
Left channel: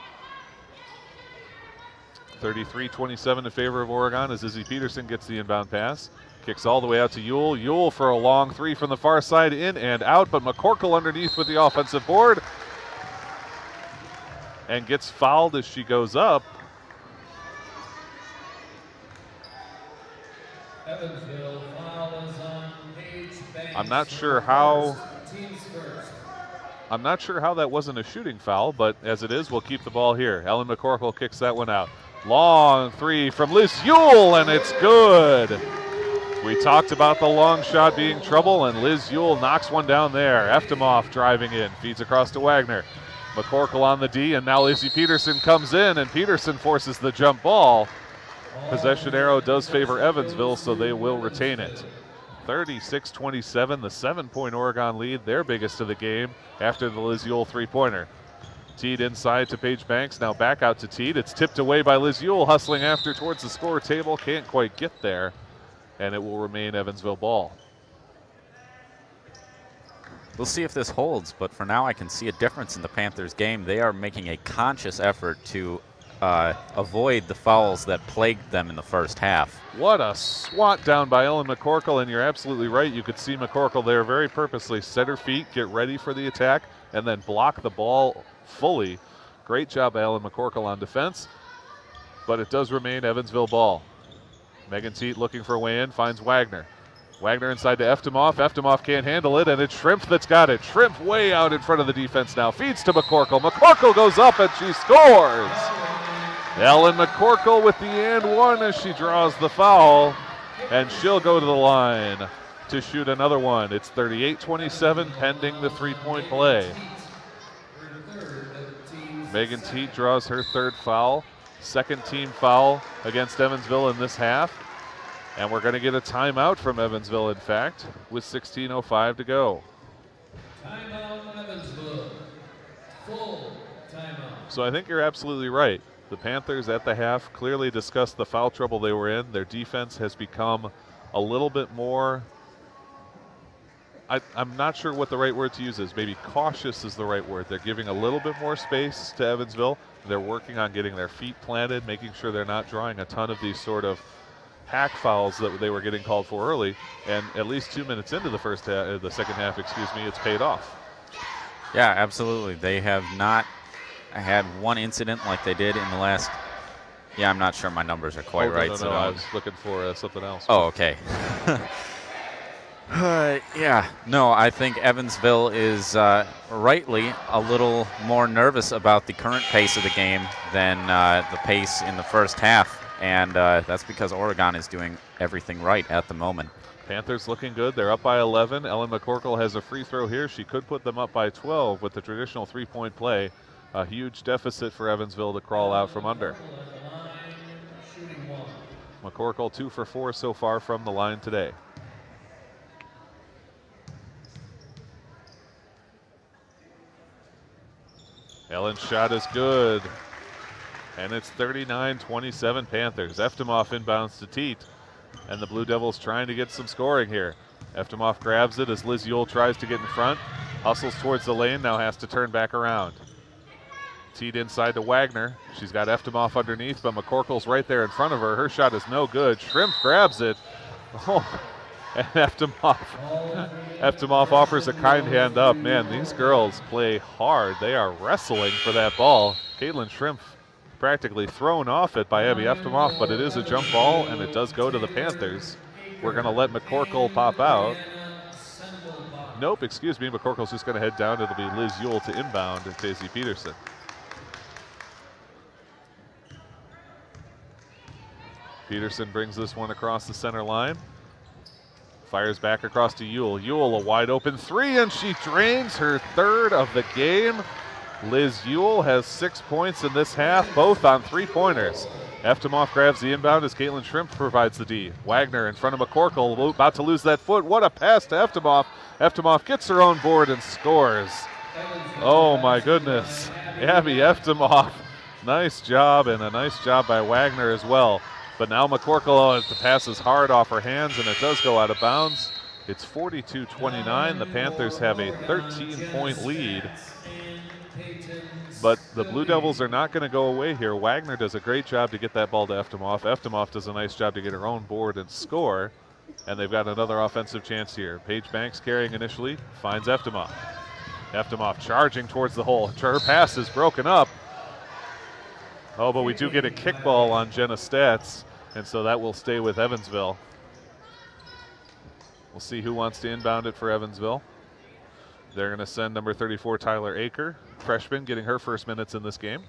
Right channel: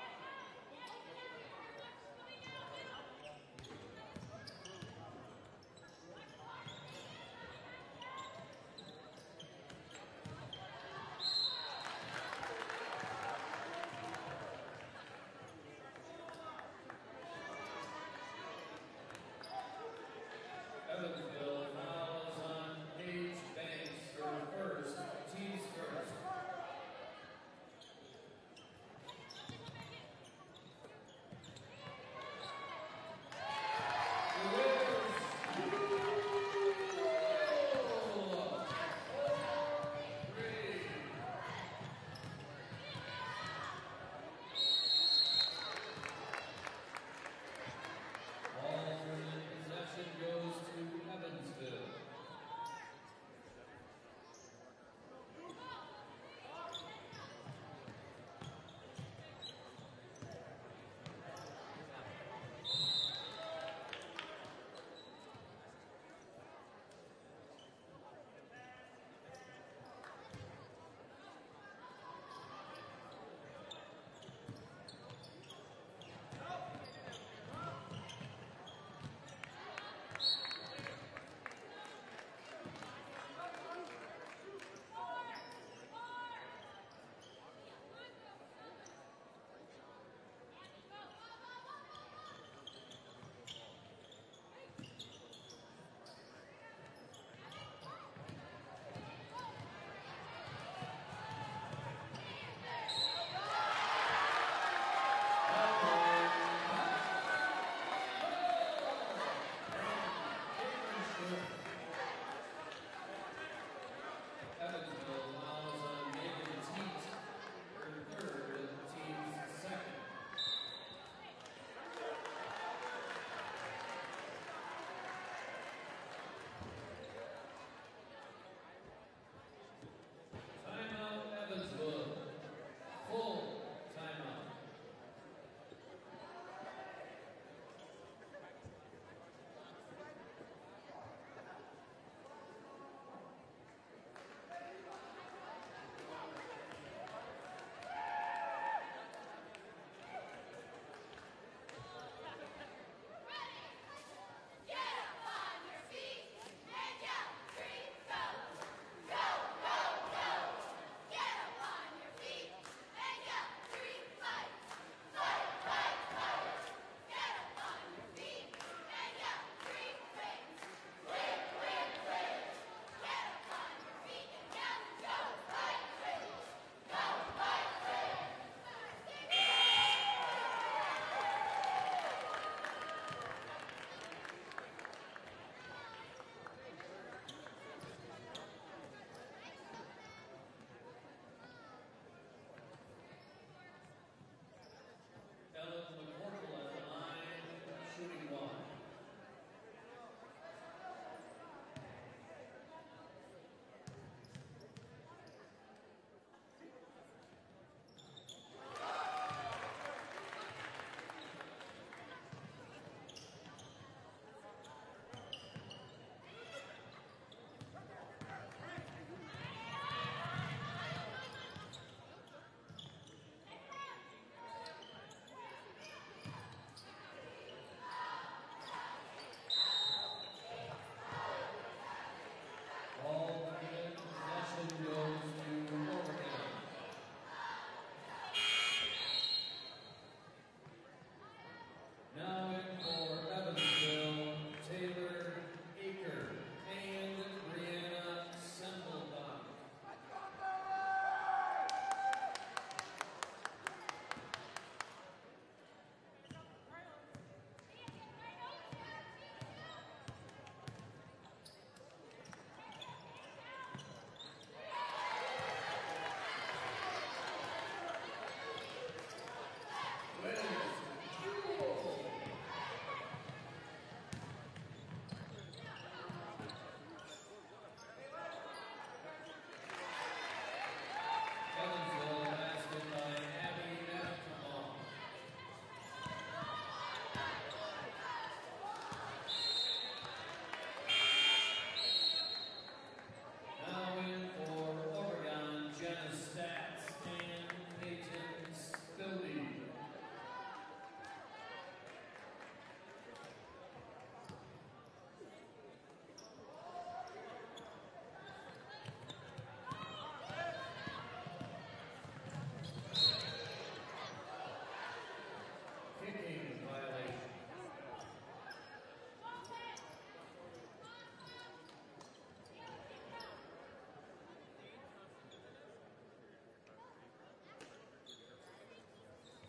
33-27 in favor of Oregon as Izzy Peterson gets the inbound pass. Kicks all the way out to Ewell. Ewell for a long three from the far side, in and out, but McCorkle underneath with the offensive board. And gets fouled as she goes up. Evansville foul is on Paige Banks. I'm not sure how that wasn't a shooting foul, but as it is, we'll keep the ball here. Ellen McCorkle kicks that one out. Long three from Liz Ewell, and it's good. We talked about the long shot being trouble, and Liz Ewell knocks one down there. Eftimov driving in, feeds across to Wagner. McCorkle on the D, and now Izzy Peterson comes in, and Peterson forces the jump ball. Possession arrow does favor Evansville, so they will retain it. 36-27, the 7-point Oregon lead, their biggest of the game after the Liz Ewell three-pointer. Teed inside to Paige Banks, now back out to Teed. It's tipped away by Liz Ewell, hustling after towards the score table, can't quite get there, and it will remain Evansville ball. We'll see if this holds, but for now I can see a difference in the Panthers game. They are making a conscious effort to avoid the fouls that plagued them in the first half. What a swat down by Ellen McCorkle, and you're absolutely right. You could see McCorkle there very purposely set her feet, get ready for the attack, and then block the ball fully. Great job by Ellen McCorkle on defense. but it does remain Evansville ball. Megan Teat looking for a way in, finds Wagner. Wagner inside to Eftimov. Eftimov can't handle it, and it's Shrimp that's got it. Shrimp way out in front of the defense now. Feeds to McCorkle. McCorkle goes up, and she scores. Ellen McCorkle with the and one as she draws the foul, and she'll go to the line to shoot another one. It's 38-27 pending the three-point play. Megan Teat draws her third foul. Second team foul against Evansville in this half. And we're going to get a timeout from Evansville, in fact, with 16:05 to go. Timeout, Evansville. Full timeout. So I think you're absolutely right. The Panthers at the half clearly discussed the foul trouble they were in. Their defense has become a little bit more, I'm not sure what the right word to use is. Maybe cautious is the right word. They're giving a little bit more space to Evansville. They're working on getting their feet planted, making sure they're not drawing a ton of these sort of hack fouls that they were getting called for early. And at least 2 minutes into the second half, it's paid off. Yeah, absolutely. They have not had one incident like they did in the last. Yeah, I'm not sure my numbers are quite right. No, I was looking for something else. Oh, okay. Yeah, no, I think Evansville is rightly a little more nervous about the current pace of the game than the pace in the first half, and that's because Oregon is doing everything right at the moment. Panthers looking good. They're up by 11. Ellen McCorkle has a free throw here. She could put them up by 12 with the traditional three-point play. A huge deficit for Evansville to crawl out from under. McCorkle 2 for 4 so far from the line today. Ellen's shot is good. And it's 39-27 Panthers. Eftimov inbounds to Teat. And the Blue Devils trying to get some scoring here. Eftimov grabs it as Liz Yule tries to get in front. Hustles towards the lane, now has to turn back around. Teat inside to Wagner. She's got Eftimov underneath, but McCorkle's right there in front of her. Her shot is no good. Shrimp grabs it. Oh, and Eftimov offers a kind hand up. Man, these girls play hard. They are wrestling for that ball. Caitlin Shrimp practically thrown off it by Abby Eftimov, but it is a jump ball, and it does go to the Panthers. We're going to let McCorkle pop out. Nope, excuse me. McCorkle's just going to head down. It'll be Liz Yule to inbound and Daisy Peterson. Peterson brings this one across the center line. Fires back across to Yule. Yule, a wide open three, and she drains her third of the game. Liz Yule has 6 points in this half, both on three-pointers. Eftimov grabs the inbound as Caitlin Shrimp provides the D. Wagner in front of McCorkle, about to lose that foot. What a pass to Eftimov. Eftimov gets her own board and scores. Oh my goodness. Abby Eftimov, nice job, and a nice job by Wagner as well. But now McCorkle, the pass is hard off her hands, and it does go out of bounds. It's 42-29. The Panthers have a 13-point lead. But the Blue Devils are not going to go away here. Wagner does a great job to get that ball to Eftimov. Eftimov does a nice job to get her own board and score. And they've got another offensive chance here. Paige Banks carrying initially, finds Eftimov. Eftimov charging towards the hole. Her pass is broken up. Oh, but we do get a kickball on Jenna Stats, and so that will stay with Evansville. We'll see who wants to inbound it for Evansville. They're going to send number 34, Tyler Aker, freshman, getting her first minutes in this game.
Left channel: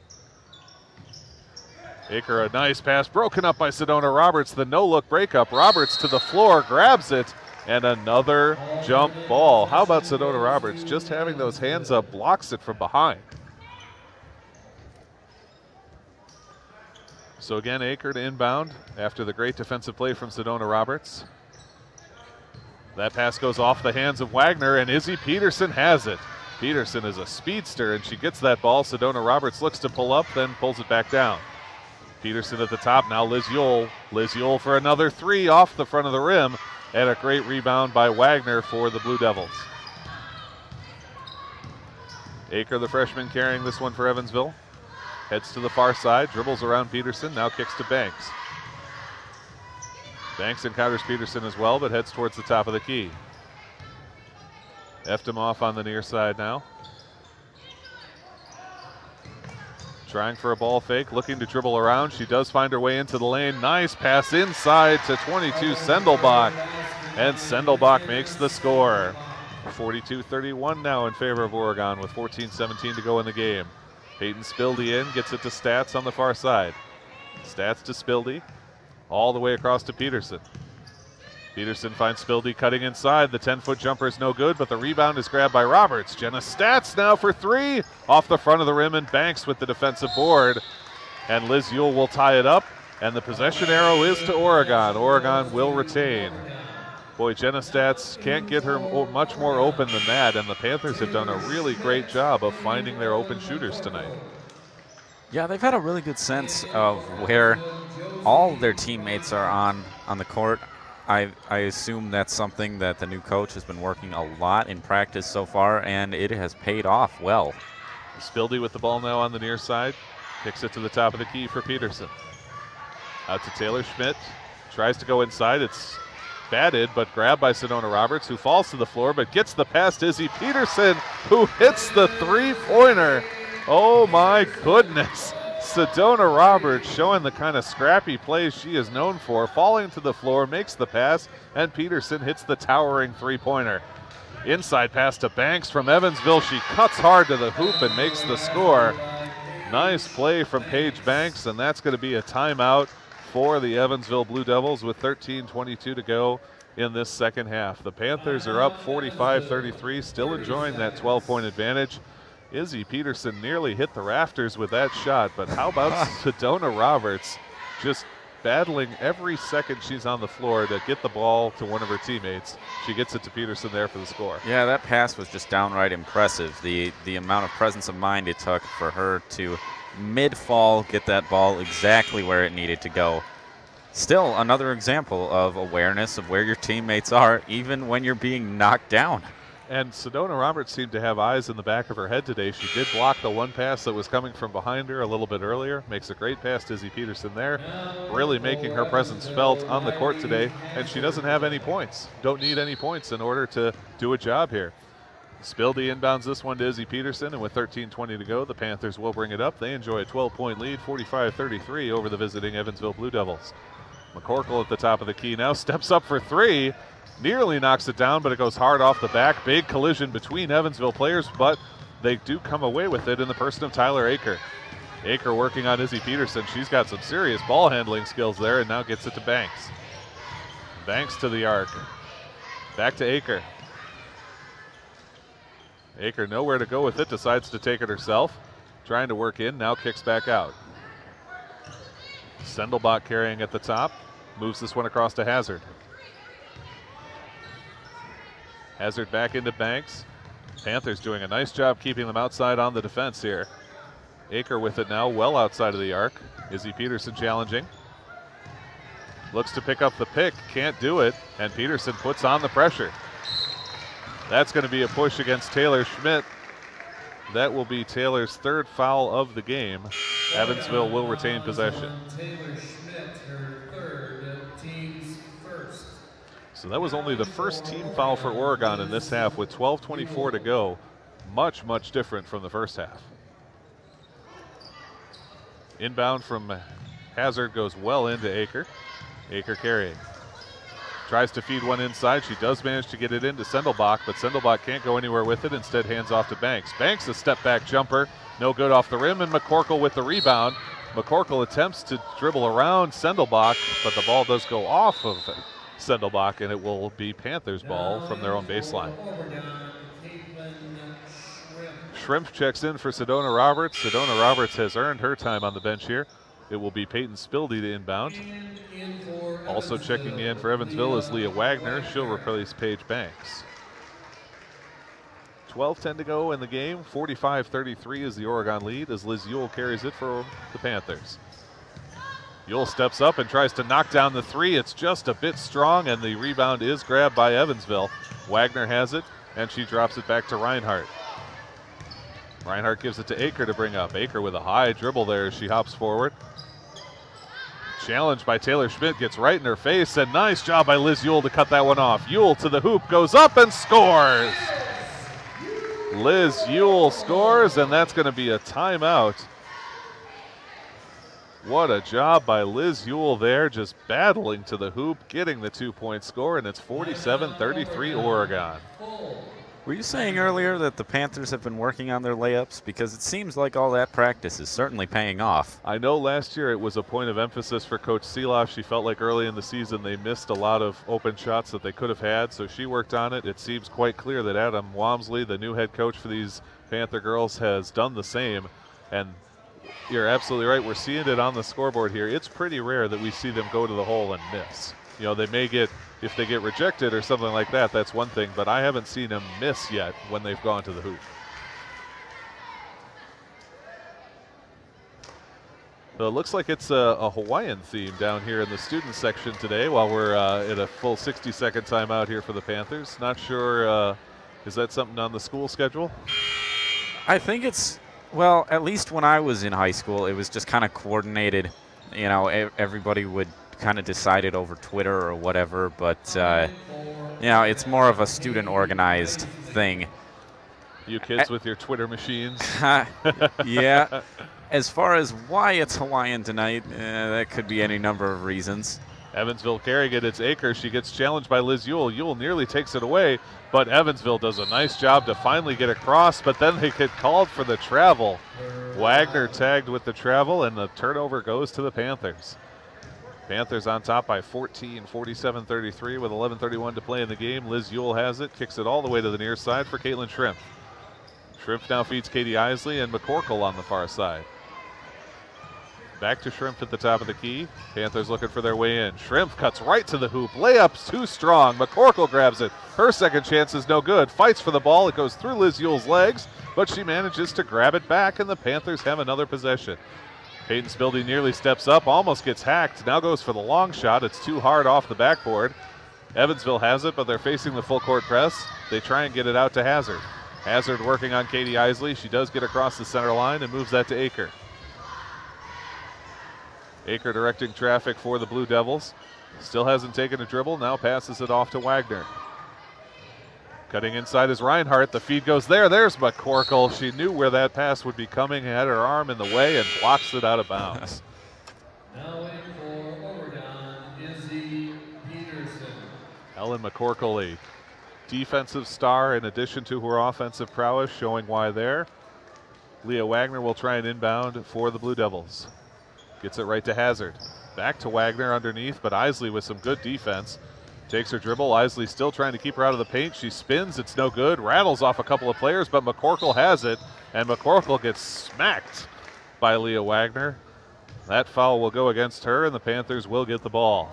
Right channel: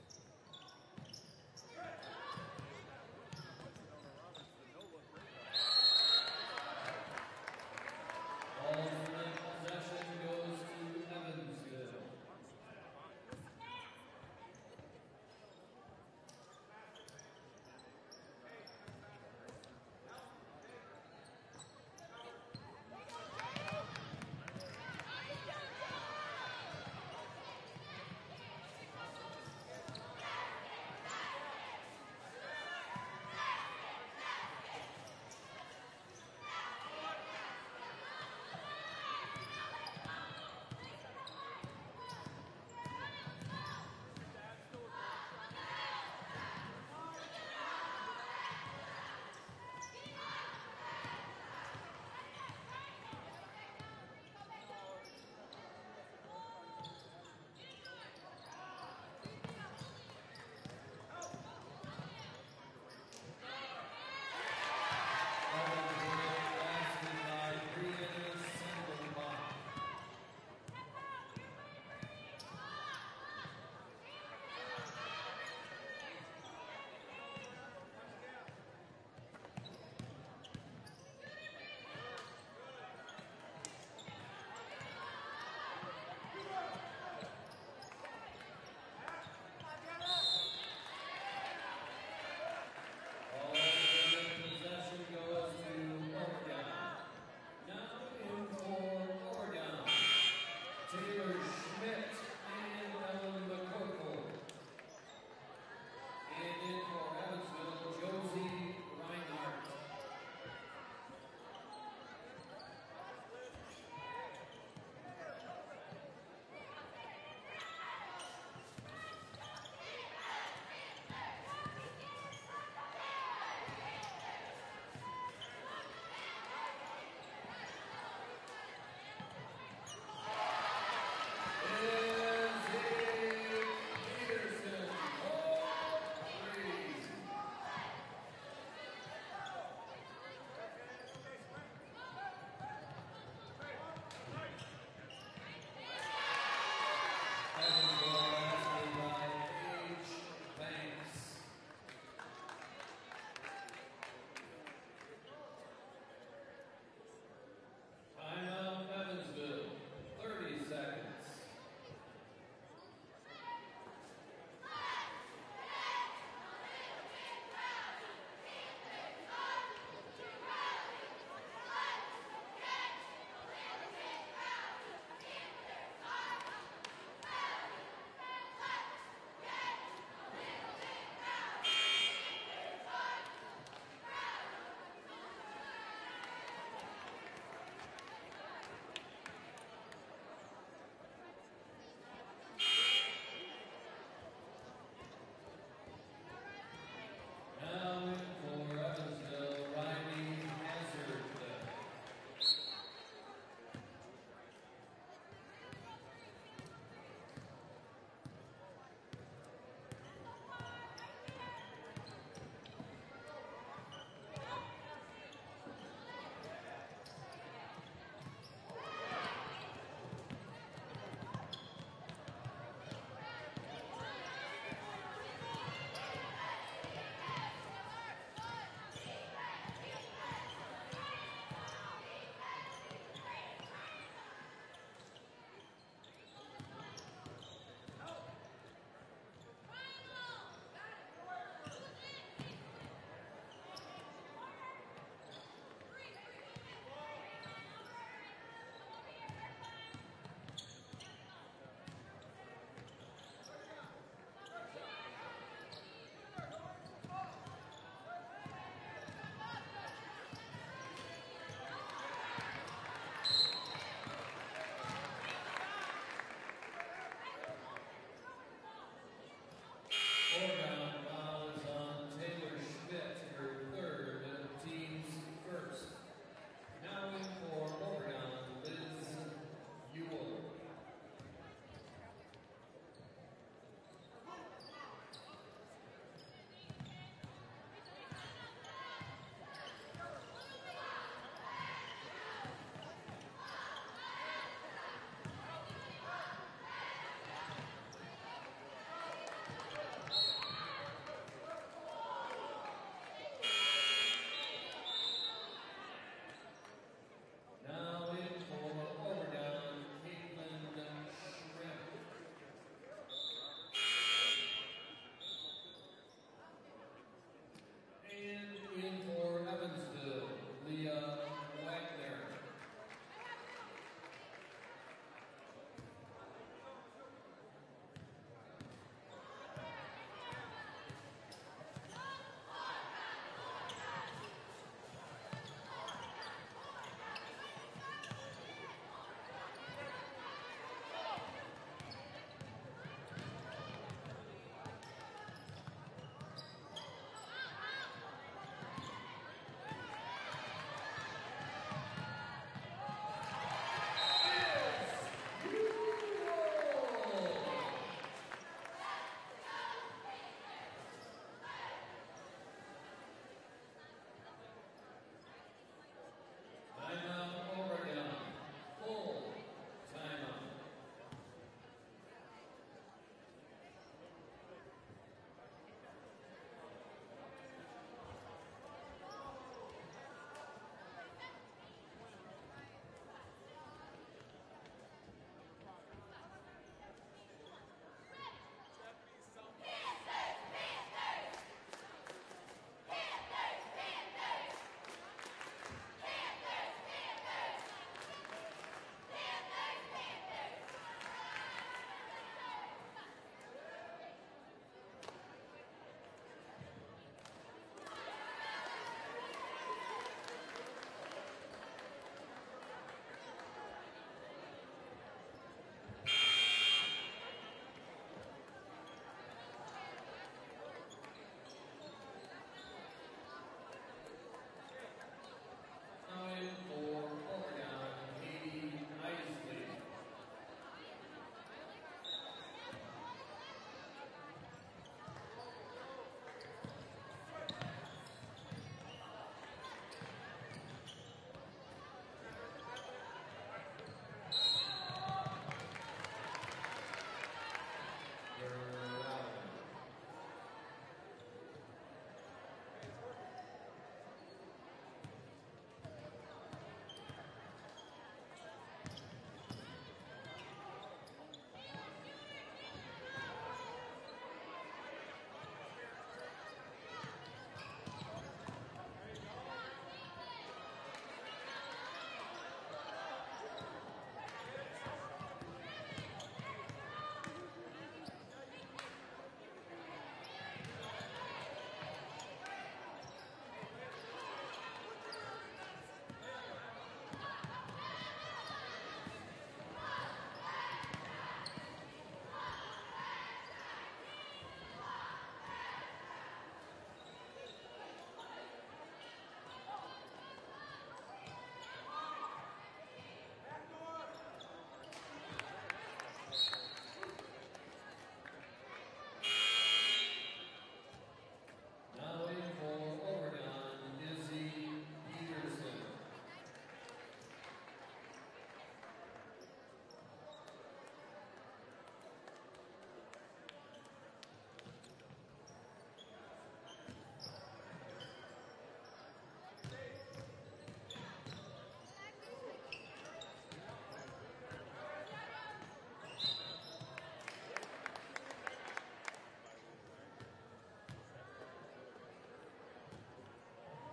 Aker, a nice pass, broken up by Sedona Roberts. The no-look breakup. Roberts to the floor, grabs it, and another jump ball. How about Sedona Roberts? Just having those hands up blocks it from behind. So again, Aker to inbound after the great defensive play from Sedona Roberts. That pass goes off the hands of Wagner, and Izzy Peterson has it. Peterson is a speedster, and she gets that ball. Sedona Roberts looks to pull up, then pulls it back down. Peterson at the top, now Liz Yule. Liz Yule for another three off the front of the rim, and a great rebound by Wagner for the Blue Devils. Aker, the freshman, carrying this one for Evansville. Heads to the far side, dribbles around Peterson, now kicks to Banks. Banks encounters Peterson as well, but heads towards the top of the key. Eftimov on the near side now. Trying for a ball fake, looking to dribble around. She does find her way into the lane. Nice pass inside to 22 Sendelbach. And Sendelbach makes the score. 42-31 now in favor of Oregon with 14-17 to go in the game. Peyton Spildy in, gets it to Stats on the far side. Stats to Spildy, all the way across to Peterson. Peterson finds Spildy cutting inside. The 10-foot jumper is no good, but the rebound is grabbed by Roberts. Jenna Stats now for three. Off the front of the rim, and Banks with the defensive board. And Liz Ewell will tie it up, and the possession arrow is to Oregon. Oregon will retain. Boy, Jenna Stats can't get her much more open than that, and the Panthers have done a really great job of finding their open shooters tonight. Yeah, they've had a really good sense of where all their teammates are on the court. I assume that's something that the new coach has been working a lot in practice so far, and it has paid off well. Spildy with the ball now on the near side. Kicks it to the top of the key for Peterson. Out to Taylor Schmidt. Tries to go inside. It's batted, but grabbed by Sedona Roberts, who falls to the floor, but gets the pass to Izzy Peterson, who hits the three-pointer. Oh, my goodness. Sedona Roberts showing the kind of scrappy plays she is known for, falling to the floor, makes the pass, and Peterson hits the towering three-pointer. Inside pass to Banks from Evansville. She cuts hard to the hoop and makes the score. Nice play from Paige Banks, and that's going to be a timeout for the Evansville Blue Devils with 13:22 to go in this second half. The Panthers are up 45-33, still enjoying that 12-point advantage. Izzy Peterson nearly hit the rafters with that shot, but how about Sedona Roberts just battling every second she's on the floor to get the ball to one of her teammates. She gets it to Peterson there for the score. Yeah, that pass was just downright impressive. The amount of presence of mind it took for her to mid-fall get that ball exactly where it needed to go. Still another example of awareness of where your teammates are, even when you're being knocked down. And Sedona Roberts seemed to have eyes in the back of her head today. She did block the one pass that was coming from behind her a little bit earlier. Makes a great pass to Izzy Peterson there, really making her presence felt on the court today. And she doesn't have any points. Don't need any points in order to do a job here. Spildy inbounds this one to Izzy Peterson, and with 13:20 to go, the Panthers will bring it up. They enjoy a 12-point lead, 45-33 over the visiting Evansville Blue Devils. McCorkle at the top of the key now steps up for three. Nearly knocks it down, but it goes hard off the back. Big collision between Evansville players, but they do come away with it in the person of Tyler Aker. Aker working on Izzy Peterson. She's got some serious ball handling skills there, and now gets it to Banks. Banks to the arc. Back to Aker. Aker nowhere to go with it, decides to take it herself. Trying to work in, now kicks back out. Sendelbach carrying at the top. Moves this one across to Hazard. Hazard back into Banks. Panthers doing a nice job keeping them outside on the defense here. Aker with it now, well outside of the arc. Izzy Peterson challenging. Looks to pick up the pick, can't do it, and Peterson puts on the pressure. That's going to be a push against Taylor Schmidt. That will be Taylor's third foul of the game. Evansville will retain possession. So that was only the first team foul for Oregon in this half with 12:24 to go. Much, much different from the first half. Inbound from Hazard goes well into Aker. Aker carrying. Tries to feed one inside. She does manage to get it into Sendelbach, but Sendelbach can't go anywhere with it. Instead, hands off to Banks. Banks, a step-back jumper. No good off the rim, and McCorkle with the rebound. McCorkle attempts to dribble around Sendelbach, but the ball does go off of Sendelbach, and it will be Panthers ball from their own baseline. Shrimp checks in for Sedona Roberts. Sedona Roberts has earned her time on the bench here. It will be Peyton Spildy to inbound. Also checking in for Evansville is Leah Wagner. She'll replace Paige Banks. 12:10 to go in the game. 45-33 is the Oregon lead as Liz Ewell carries it for the Panthers. Ewell steps up and tries to knock down the three. It's just a bit strong, and the rebound is grabbed by Evansville. Wagner has it, and she drops it back to Reinhardt. Reinhardt gives it to Aker to bring up. Aker with a high dribble there as she hops forward. Challenged by Taylor Schmidt, gets right in her face, and nice job by Liz Ewell to cut that one off. Ewell to the hoop, goes up and scores. Liz Ewell scores, and that's going to be a timeout What a job by Liz Ewell there, just battling to the hoop, getting the 2-point score, and it's 47-33 Oregon. Were you saying earlier that the Panthers have been working on their layups? Because it seems like all that practice is certainly paying off. I know last year it was a point of emphasis for Coach Seeloff. She felt like early in the season they missed a lot of open shots that they could have had, so she worked on it. It seems quite clear that Adam Walmsley, the new head coach for these Panther girls, has done the same. And you're absolutely right. We're seeing it on the scoreboard here. It's pretty rare that we see them go to the hole and miss. You know, they may get, if they get rejected or something like that, that's one thing, but I haven't seen them miss yet when they've gone to the hoop. So it looks like it's a Hawaiian theme down here in the student section today while we're at a full 60-second timeout here for the Panthers. Not sure, is that something on the school schedule? I think it's, well, at least when I was in high school, it was just kind of coordinated. You know, everybody would kind of decide it over Twitter or whatever, but, you know, it's more of a student-organized thing. You kids with your Twitter machines. Yeah. As far as why it's Hawaiian tonight, that could be any number of reasons. Evansville carrying it, it's Akers. She gets challenged by Liz Ewell. Ewell nearly takes it away, but Evansville does a nice job to finally get across, but then they get called for the travel. Wagner tagged with the travel, and the turnover goes to the Panthers. Panthers on top by 14, 47-33 with 11:31 to play in the game. Liz Ewell has it, kicks it all the way to the near side for Caitlin Shrimp. Shrimp now feeds Katie Isley and McCorkle on the far side. Back to Shrimp at the top of the key. Panthers looking for their way in. Shrimp cuts right to the hoop. Layup's too strong. McCorkle grabs it. Her second chance is no good. Fights for the ball. It goes through Liz Ewell's legs, but she manages to grab it back, and the Panthers have another possession. Peyton Spildy nearly steps up, almost gets hacked. Now goes for the long shot. It's too hard off the backboard. Evansville has it, but they're facing the full court press. They try and get it out to Hazard. Hazard working on Katie Isley. She does get across the center line and moves that to Aker. Aker directing traffic for the Blue Devils. Still hasn't taken a dribble, now passes it off to Wagner. Cutting inside is Reinhardt. The feed goes there. There's McCorkle. She knew where that pass would be coming, had her arm in the way, and blocks it out of bounds. Now in for Oregon, Izzy Peterson. Ellen McCorkle, a defensive star in addition to her offensive prowess, showing why there. Leah Wagner will try and inbound for the Blue Devils. Gets it right to Hazard. Back to Wagner underneath, but Isley with some good defense. Takes her dribble. Isley still trying to keep her out of the paint. She spins. It's no good. Rattles off a couple of players, but McCorkle has it, and McCorkle gets smacked by Leah Wagner. That foul will go against her, and the Panthers will get the ball.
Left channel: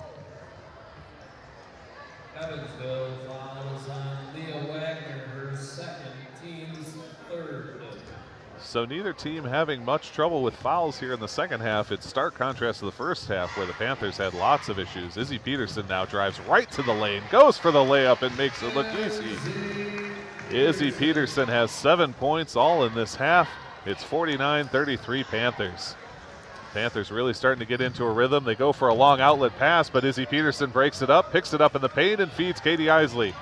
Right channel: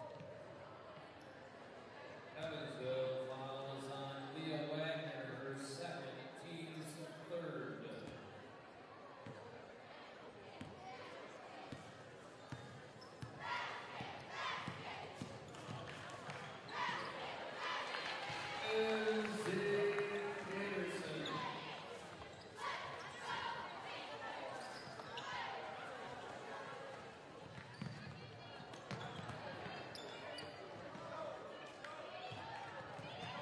Evansville fouls on Leah Wagner, her second, team's third. So neither team having much trouble with fouls here in the second half. It's stark contrast to the first half where the Panthers had lots of issues. Izzy Peterson now drives right to the lane, goes for the layup and makes it look easy. Izzy Peterson has 7 points all in this half. It's 49-33 Panthers. Panthers really starting to get into a rhythm. They go for a long outlet pass, but Izzy Peterson breaks it up, picks it up in the paint, and feeds Katie Isley.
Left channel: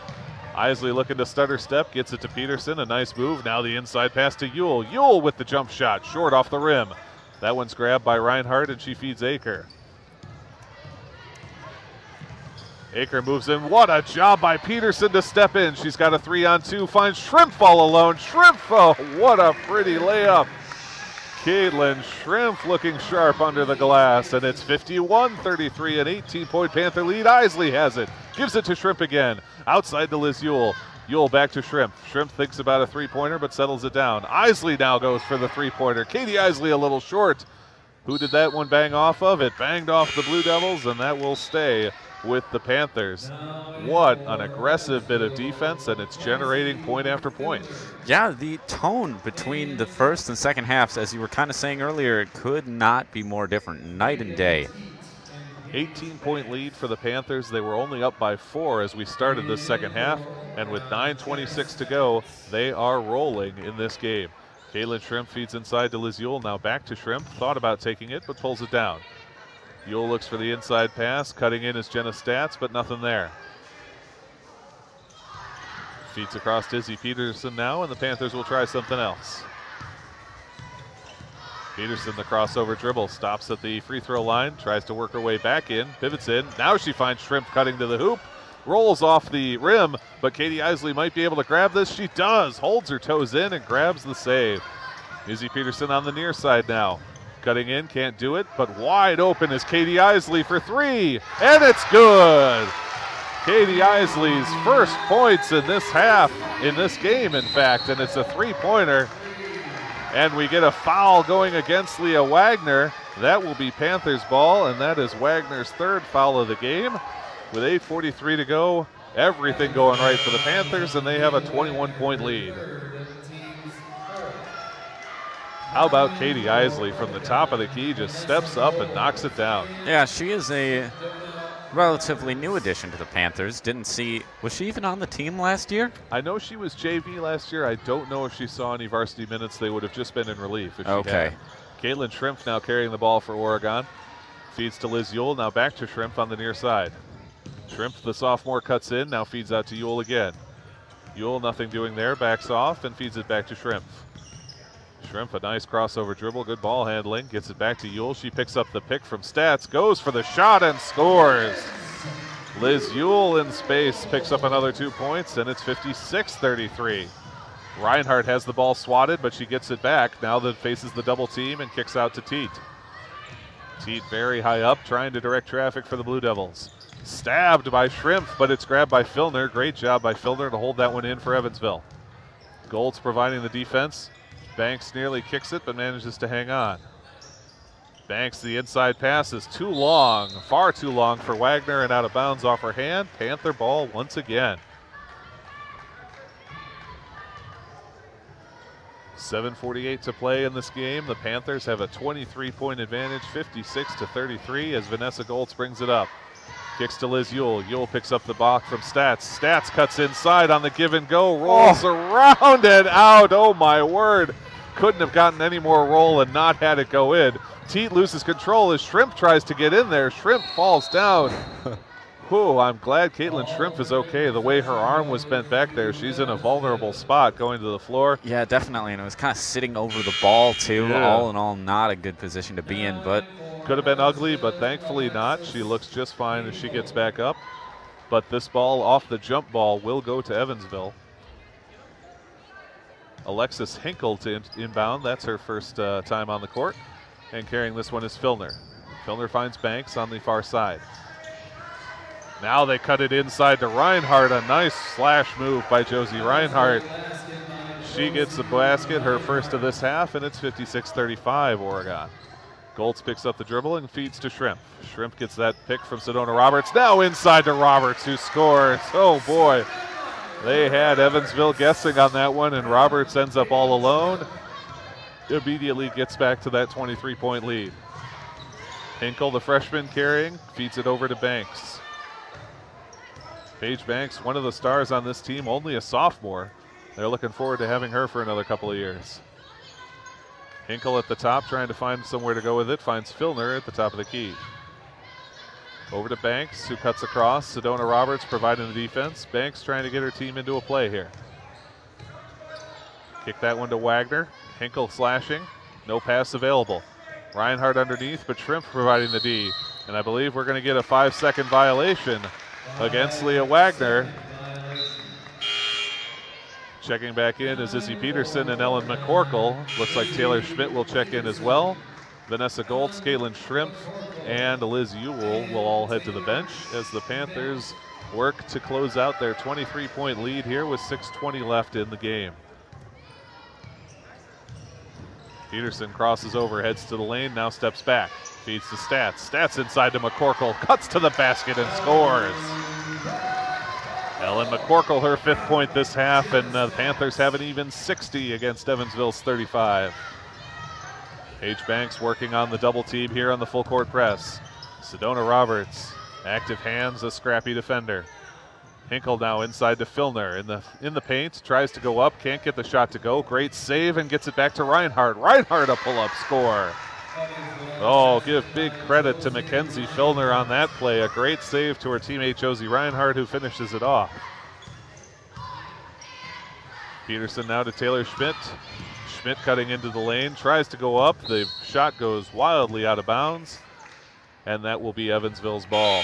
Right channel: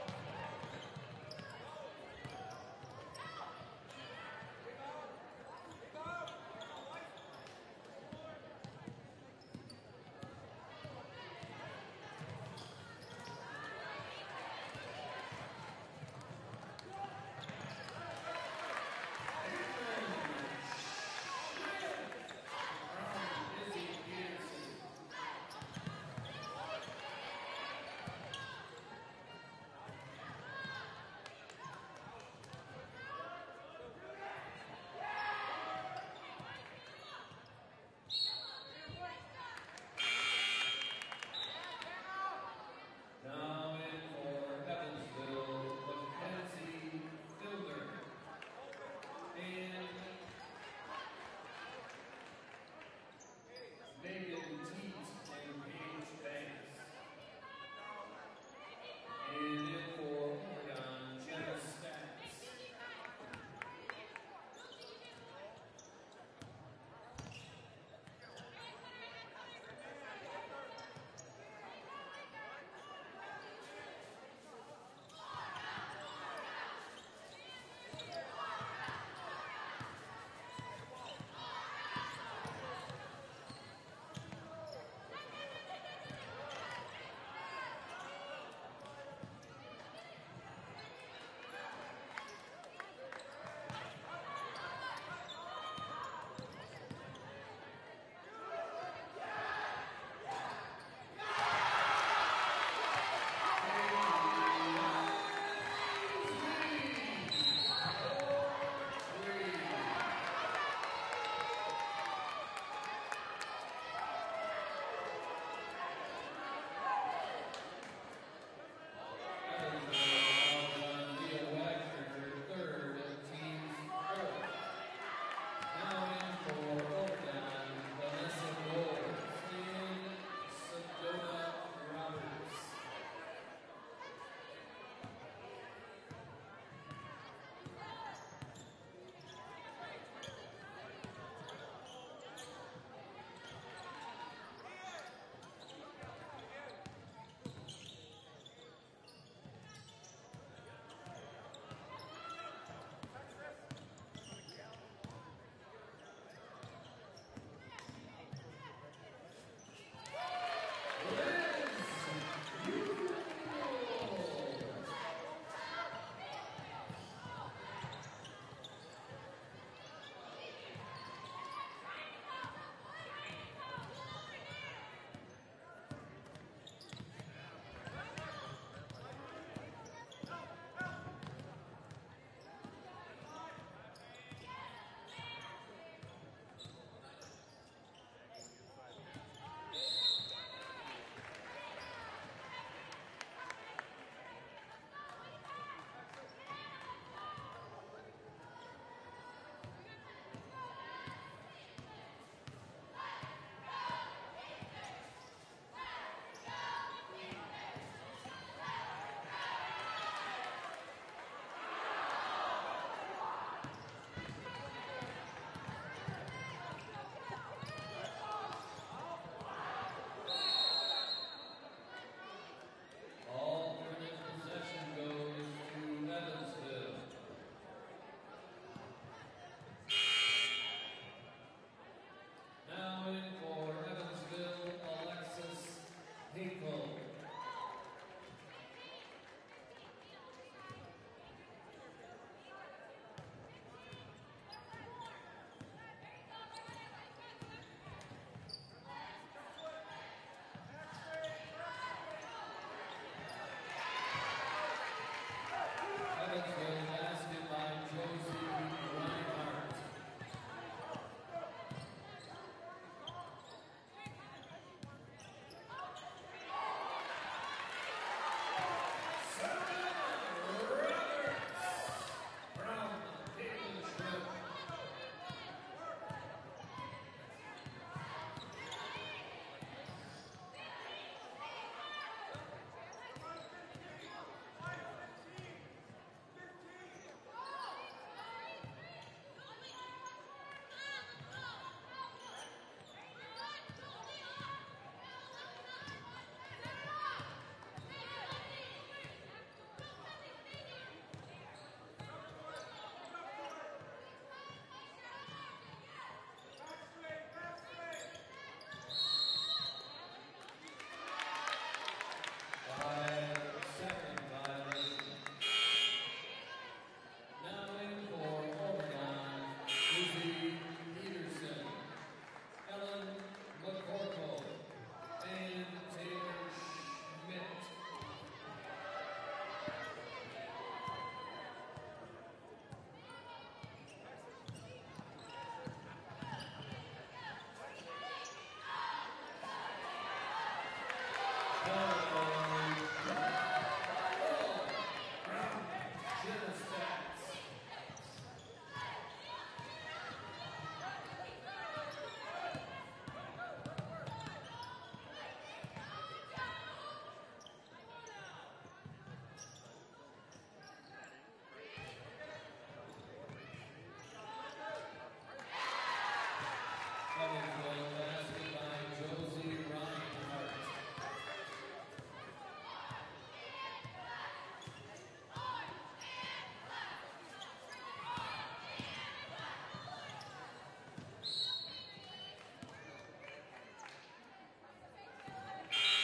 Isley looking to stutter step, gets it to Peterson, a nice move. Now the inside pass to Ewell. Ewell with the jump shot, short off the rim. That one's grabbed by Reinhardt, and she feeds Aker. Aker moves in. What a job by Peterson to step in. She's got a 3-on-2, finds Shrimp all alone. Shrimp, oh, what a pretty layup. Caitlin Shrimp looking sharp under the glass, and it's 51-33, an 18-point Panther lead. Isley has it, gives it to Shrimp again. Outside to Liz Ewell. Ewell back to Shrimp. Shrimp thinks about a three-pointer, but settles it down. Isley now goes for the three-pointer. Katie Isley a little short. Who did that one bang off of? It banged off the Blue Devils, and that will stay with the Panthers. What an aggressive bit of defense, and it's generating point after point. Yeah, the tone between the first and second halves, as you were kind of saying earlier, it could not be more different, night and day. 18-point lead for the Panthers. They were only up by 4 as we started this second half, and with 9:26 to go, they are rolling in this game. Caitlin Shrimp feeds inside to Liz Ewell. Now back to Shrimp. Thought about taking it, but pulls it down. Ewell looks for the inside pass. Cutting in is Jenna Stats, but nothing there. Feeds across to Izzy Peterson now, and the Panthers will try something else. Peterson, the crossover dribble, stops at the free throw line, tries to work her way back in, pivots in. Now she finds Shrimp cutting to the hoop, rolls off the rim, but Katie Isley might be able to grab this. She does, holds her toes in and grabs the save. Izzy Peterson on the near side now. Cutting in, can't do it, but wide open is Katie Isley for three, and it's good. Katie Isley's first points in this half, in this game, in fact, and it's a three-pointer. And we get a foul going against Leah Wagner. That will be Panthers ball, and that is Wagner's third foul of the game. With 8:43 to go, everything going right for the Panthers, and they have a 21-point lead. How about Katie Isley from the top of the key, just steps up and knocks it down. Yeah, she is a relatively new addition to the Panthers. Was she even on the team last year? I know she was JV last year. I don't know if she saw any varsity minutes. They would have just been in relief if she had. Caitlin Shrimp now carrying the ball for Oregon. Feeds to Liz Yule, now back to Shrimp on the near side. Shrimp, the sophomore, cuts in, now feeds out to Yule again. Yule, nothing doing there, backs off and feeds it back to Shrimp. Shrimp, a nice crossover dribble, good ball handling, gets it back to Yule. She picks up the pick from Stats, goes for the shot and scores. Liz Yule in space picks up another 2 points, and it's 56-33. Reinhardt has the ball swatted, but she gets it back. Now that faces the double team and kicks out to Teat. Teat very high up, trying to direct traffic for the Blue Devils. Stabbed by Shrimp, but it's grabbed by Filner. Great job by Filner to hold that one in for Evansville. Golds providing the defense. Banks nearly kicks it, but manages to hang on. Banks, the inside pass is too long, far too long for Wagner, and out of bounds off her hand. Panther ball once again. 7:48 to play in this game. The Panthers have a 23-point advantage, 56-33, as Vanessa Goltz brings it up. Kicks to Liz Yule. Yule picks up the block from Stats. Stats cuts inside on the give and go, rolls around and out. Oh my word. Couldn't have gotten any more roll and not had it go in. Teat loses control as Shrimp tries to get in there. Shrimp falls down. Whew, I'm glad Caitlin Shrimp is okay. The way her arm was bent back there, she's in a vulnerable spot going to the floor. Yeah, definitely, and it was kind of sitting over the ball too. Yeah. All in all, not a good position to be in, but could have been ugly, but thankfully not. She looks just fine as she gets back up. But this ball off the jump ball will go to Evansville. Alexis Hinkle to inbound. That's her first time on the court. And carrying this one is Filner. Filner finds Banks on the far side. Now they cut it inside to Reinhardt. A nice slash move by Josie Reinhardt. She gets the basket, her first of this half, and it's 56-35 Oregon. Goltz picks up the dribble and feeds to Shrimp. Shrimp gets that pick from Sedona Roberts. Now inside to Roberts, who scores. Oh boy. They had Evansville guessing on that one, and Roberts ends up all alone. Immediately gets back to that 23-point lead. Hinkle, the freshman, carrying, feeds it over to Banks. Paige Banks, one of the stars on this team, only a sophomore. They're looking forward to having her for another couple of years. Hinkle at the top, trying to find somewhere to go with it, finds Filner at the top of the key. Over to Banks, who cuts across. Sedona Roberts providing the defense. Banks trying to get her team into a play here. Kick that one to Wagner. Hinkle slashing. No pass available. Reinhardt underneath, but Shrimp providing the D. And I believe we're going to get a 5-second violation against Leah Wagner. Checking back in is Izzy Peterson and Ellen McCorkle. Looks like Taylor Schmidt will check in as well. Vanessa Goltz, Caitlin Shrimp, and Liz Ewell will all head to the bench as the Panthers work to close out their 23-point lead here with 6:20 left in the game. Peterson crosses over, heads to the lane, now steps back, feeds to Stats. Stats inside to McCorkle, cuts to the basket and scores. Ellen McCorkle, her 5th point this half, and the Panthers have an even 60 against Evansville's 35. Paige Banks working on the double team here on the full court press. Sedona Roberts, active hands, a scrappy defender. Hinkle now inside to Filner in the paint, tries to go up, can't get the shot to go. Great save and gets it back to Reinhardt. Reinhardt a pull-up score. Oh, give big credit to Mackenzie Filner on that play. A great save to her teammate Josie Reinhardt, who finishes it off. Peterson now to Taylor Schmidt. Schmidt cutting into the lane, tries to go up. The shot goes wildly out of bounds, and that will be Evansville's ball.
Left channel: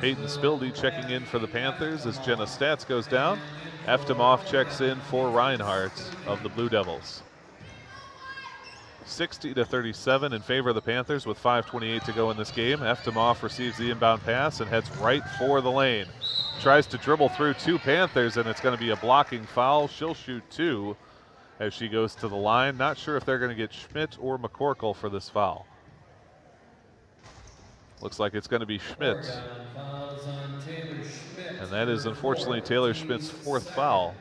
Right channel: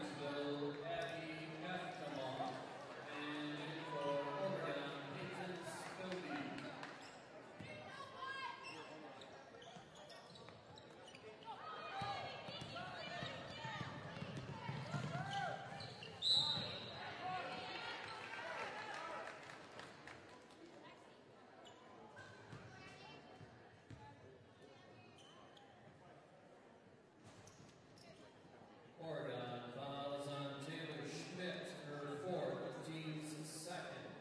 Peyton Spildy checking in for the Panthers as Jenna Stats goes down. Eftemoff checks in for Reinhardt of the Blue Devils. 60-37 in favor of the Panthers with 5:28 to go in this game. Eftemoff receives the inbound pass and heads right for the lane. Tries to dribble through 2 Panthers, and it's going to be a blocking foul. She'll shoot 2 as she goes to the line. Not sure if they're going to get Schmidt or McCorkle for this foul. Looks like it's going to be Schmidt. And that is unfortunately Taylor Schmidt's 4th foul.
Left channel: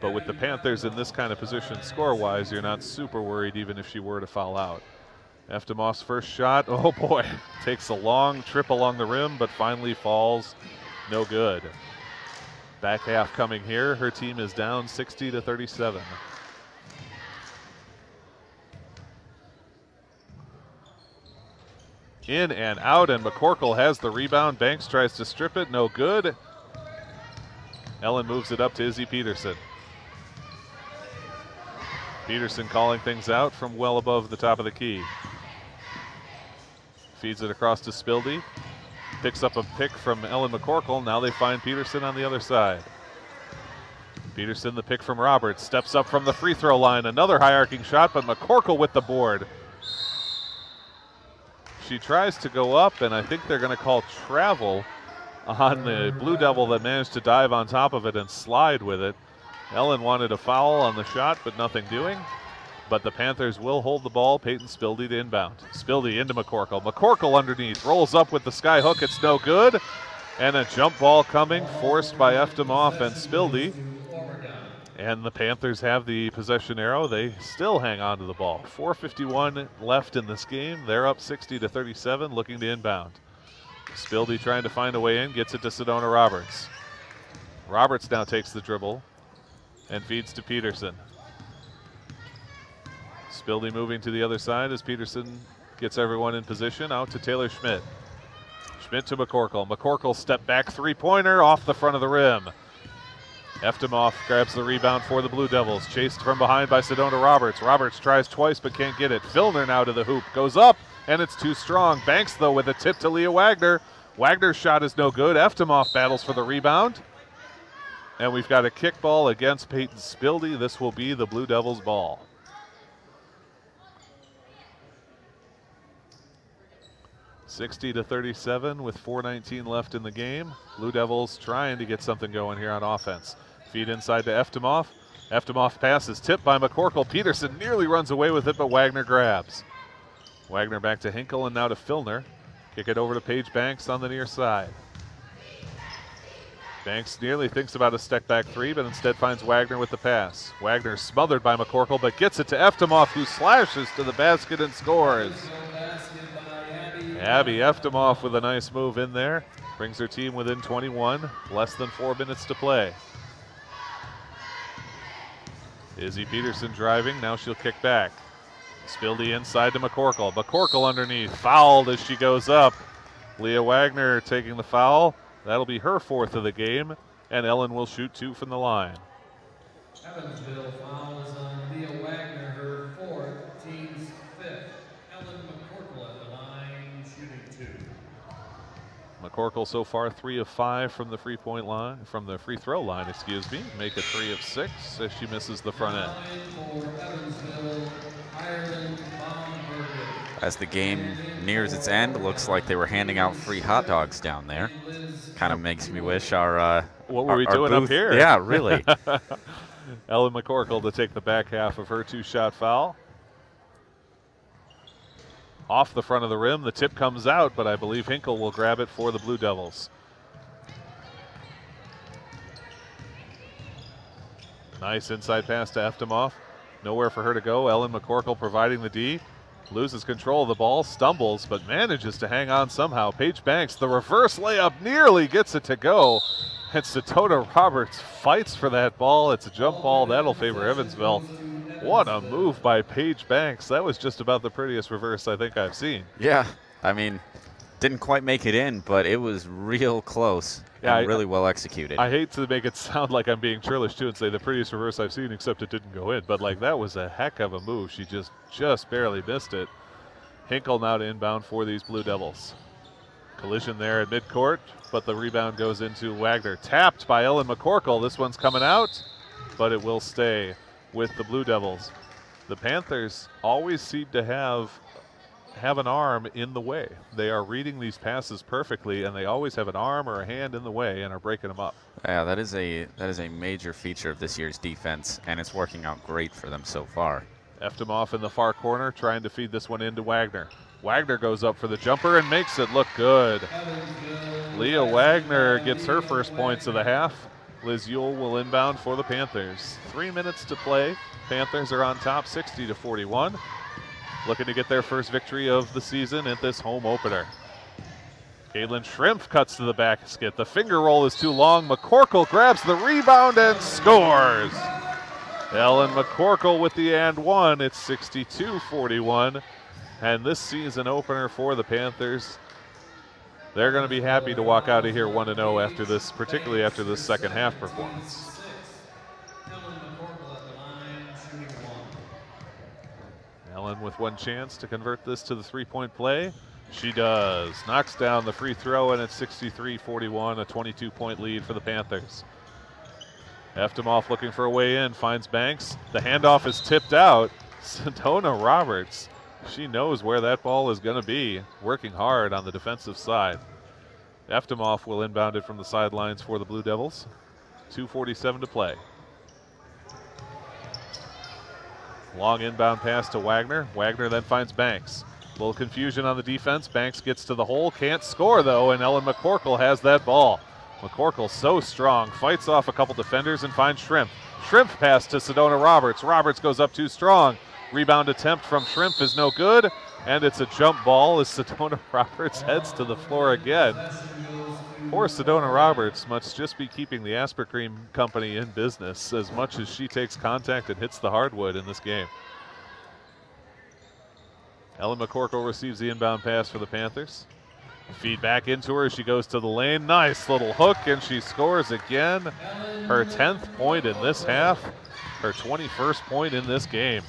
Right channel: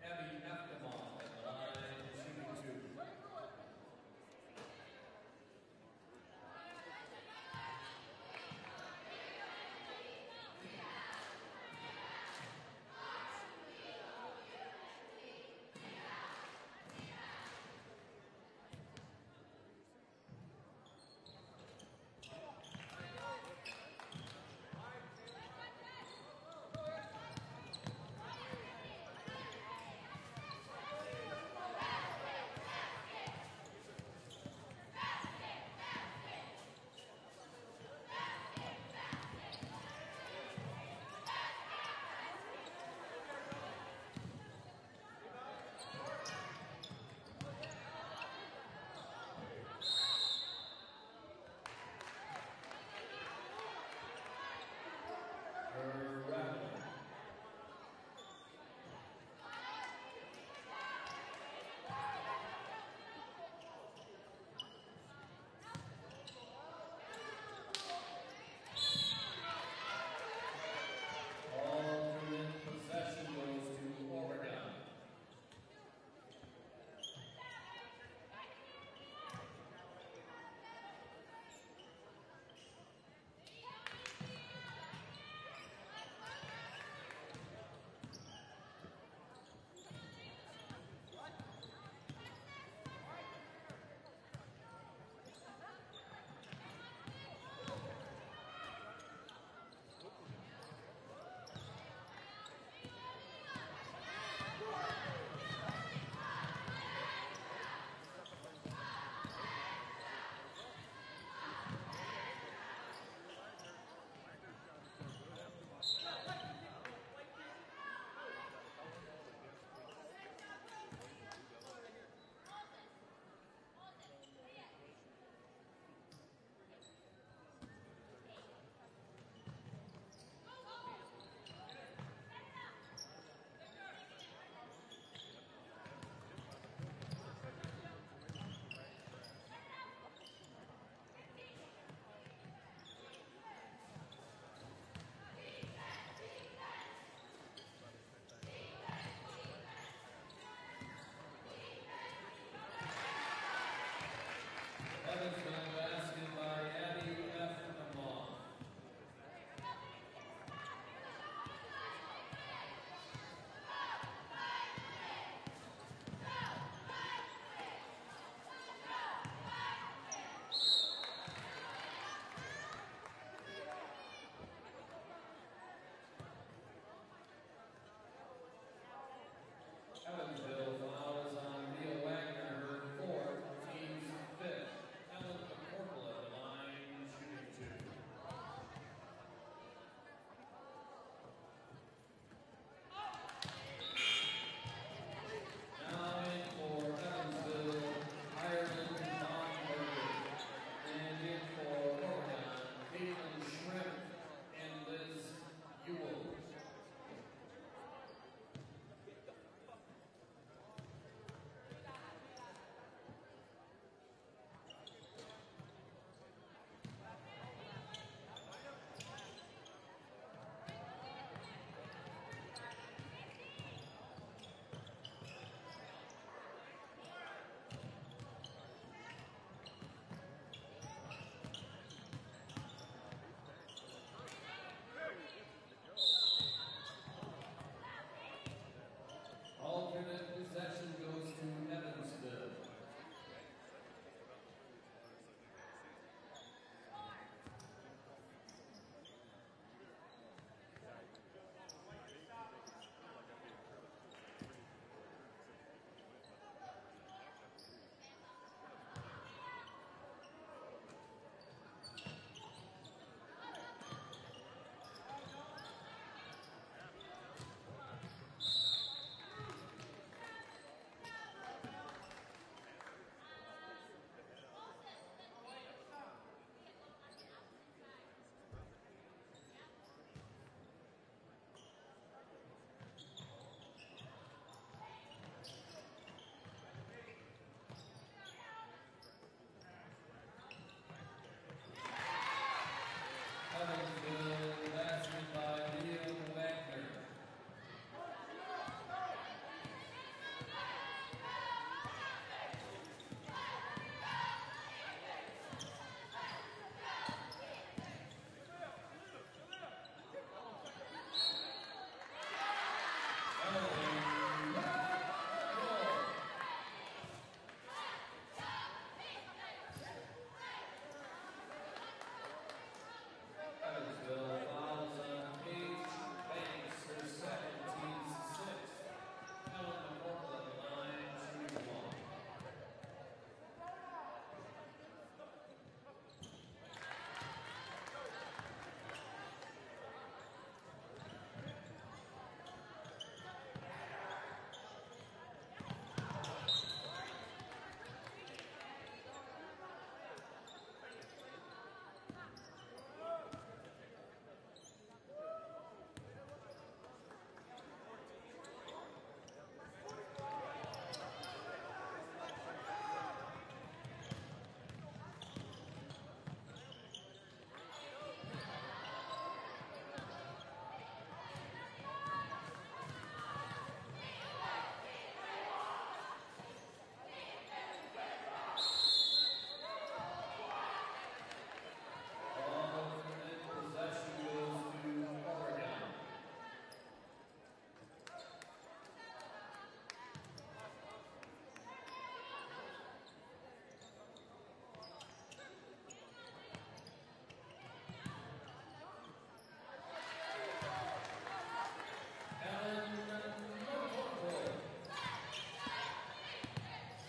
But with the Panthers in this kind of position score-wise, you're not super worried even if she were to foul out. Eftemoff's first shot, oh boy, takes a long trip along the rim, but finally falls no good. Back half coming here. Her team is down 60-37. In and out, and McCorkle has the rebound. Banks tries to strip it, no good. Ellen moves it up to Izzy Peterson. Peterson calling things out from well above the top of the key. Feeds it across to Spildy. Picks up a pick from Ellen McCorkle. Now they find Peterson on the other side. Peterson, the pick from Roberts, steps up from the free throw line. Another high arcing shot, but McCorkle with the board. She tries to go up, and I think they're going to call travel on the Blue Devil that managed to dive on top of it and slide with it. Ellen wanted a foul on the shot, but nothing doing. But the Panthers will hold the ball. Peyton Spildy to inbound. Spildy into McCorkle. McCorkle underneath, rolls up with the sky hook. It's no good. And a jump ball coming, forced by Eftemoff and Spildy. And the Panthers have the possession arrow. They still hang on to the ball. 4:51 left in this game. They're up 60-37, looking to inbound. Spildy trying to find a way in, gets it to Sedona Roberts. Roberts now takes the dribble and feeds to Peterson. Spildy moving to the other side as Peterson gets everyone in position. Out to Taylor Schmidt. Schmidt to McCorkle. McCorkle step back three-pointer off the front of the rim. Eftemoff grabs the rebound for the Blue Devils. Chased from behind by Sedona Roberts. Roberts tries twice but can't get it. Filner now to the hoop. Goes up and it's too strong. Banks though with a tip to Leah Wagner. Wagner's shot is no good. Eftemoff battles for the rebound. And we've got a kick ball against Peyton Spildy. This will be the Blue Devils' ball. (60-37) with 4:19 left in the game. Blue Devils trying to get something going here on offense. Feed inside to Eftemoff. Eftemoff pass is tipped by McCorkle. Peterson nearly runs away with it, but Wagner grabs. Wagner back to Hinkle and now to Filner. Kick it over to Paige Banks on the near side. Banks nearly thinks about a step back three, but instead finds Wagner with the pass. Wagner smothered by McCorkle, but gets it to Eftemoff, who slashes to the basket and scores. Abby Eftemoff with a nice move in there. Brings her team within 21, less than 4 minutes to play. Izzy Peterson driving, now she'll kick back. Spildy inside to McCorkle. McCorkle underneath, fouled as she goes up. Leah Wagner taking the foul. That'll be her 4th of the game, and Ellen will shoot 2 from the line. Evansville foul is on Leah Wagner, her 4th, team's 5th. Ellen McCorkle at the line, shooting 2. McCorkle so far 3 of 5 from the free throw line, excuse me. Make it 3 of 6 as she misses the front end. As the game nears its end, it looks like they were handing out free hot dogs down there. Kind of makes me wish our what were we our doing booth, up here? Yeah, really. Ellen McCorkle to take the back half of her 2-shot foul. Off the front of the rim, the tip comes out, but I believe Hinkle will grab it for the Blue Devils. Nice inside pass to Eftemoff. Nowhere for her to go. Ellen McCorkle providing the D. Loses control of the ball, stumbles, but manages to hang on somehow. Paige Banks, the reverse layup, nearly gets it to go. And Sedona Roberts fights for that ball. It's a jump ball. That'll favor Evansville. What a move by Paige Banks. That was just about the prettiest reverse I think I've seen. Yeah, I mean, Didn't quite make it in, but it was real close and really well executed. I hate to make it sound like I'm being churlish too and say the prettiest reverse I've seen, except it didn't go in. But like, that was a heck of a move. She just barely missed it. Hinkle now to inbound for these Blue Devils. Collision there at midcourt, but the rebound goes into Wagner. Tapped by Ellen McCorkle. This one's coming out, but it will stay with the Blue Devils. The Panthers always seem to have an arm in the way. They are reading these passes perfectly, and they always have an arm or a hand in the way and are breaking them up. Yeah, that is a major feature of this year's defense, and it's working out great for them so far. Eftimov in the far corner, trying to feed this one into Wagner. Wagner goes up for the jumper and makes it look good. Leah Wagner gets her first points of the half. Liz Ewell will inbound for the Panthers. 3 minutes to play. Panthers are on top, 60-41. Looking to get their first victory of the season at this home opener. Caitlin Shrimp cuts to the basket. The finger roll is too long. McCorkle grabs the rebound and scores. Ellen McCorkle with the and one. It's 62-41. And this season opener for the Panthers, they're going to be happy to walk out of here 1-0 after this, particularly after this second half performance. Ellen with one chance to convert this to the three-point play. She does. Knocks down the free throw, and it's 63-41, a 22-point lead for the Panthers. Eftimov looking for a way in, finds Banks. The handoff is tipped out. Sedona Roberts, she knows where that ball is going to be, working hard on the defensive side. Eftimov will inbound it from the sidelines for the Blue Devils. 2:47 to play. Long inbound pass to Wagner. Wagner then finds Banks. A little confusion on the defense. Banks gets to the hole, can't score though, and Ellen McCorkle has that ball. McCorkle so strong, fights off a couple defenders and finds Shrimp. Shrimp pass to Sedona Roberts. Roberts goes up too strong. Rebound attempt from Shrimp is no good, and it's a jump ball as Sedona Roberts heads to the floor again. Poor Sedona Roberts must just be keeping the Aspercream Company in business as much as she takes contact and hits the hardwood in this game. Ellen McCorkle receives the inbound pass for the Panthers. Feed back into her as she goes to the lane. Nice little hook, and she scores again. Her 10th point in this half, her 21st point in this game.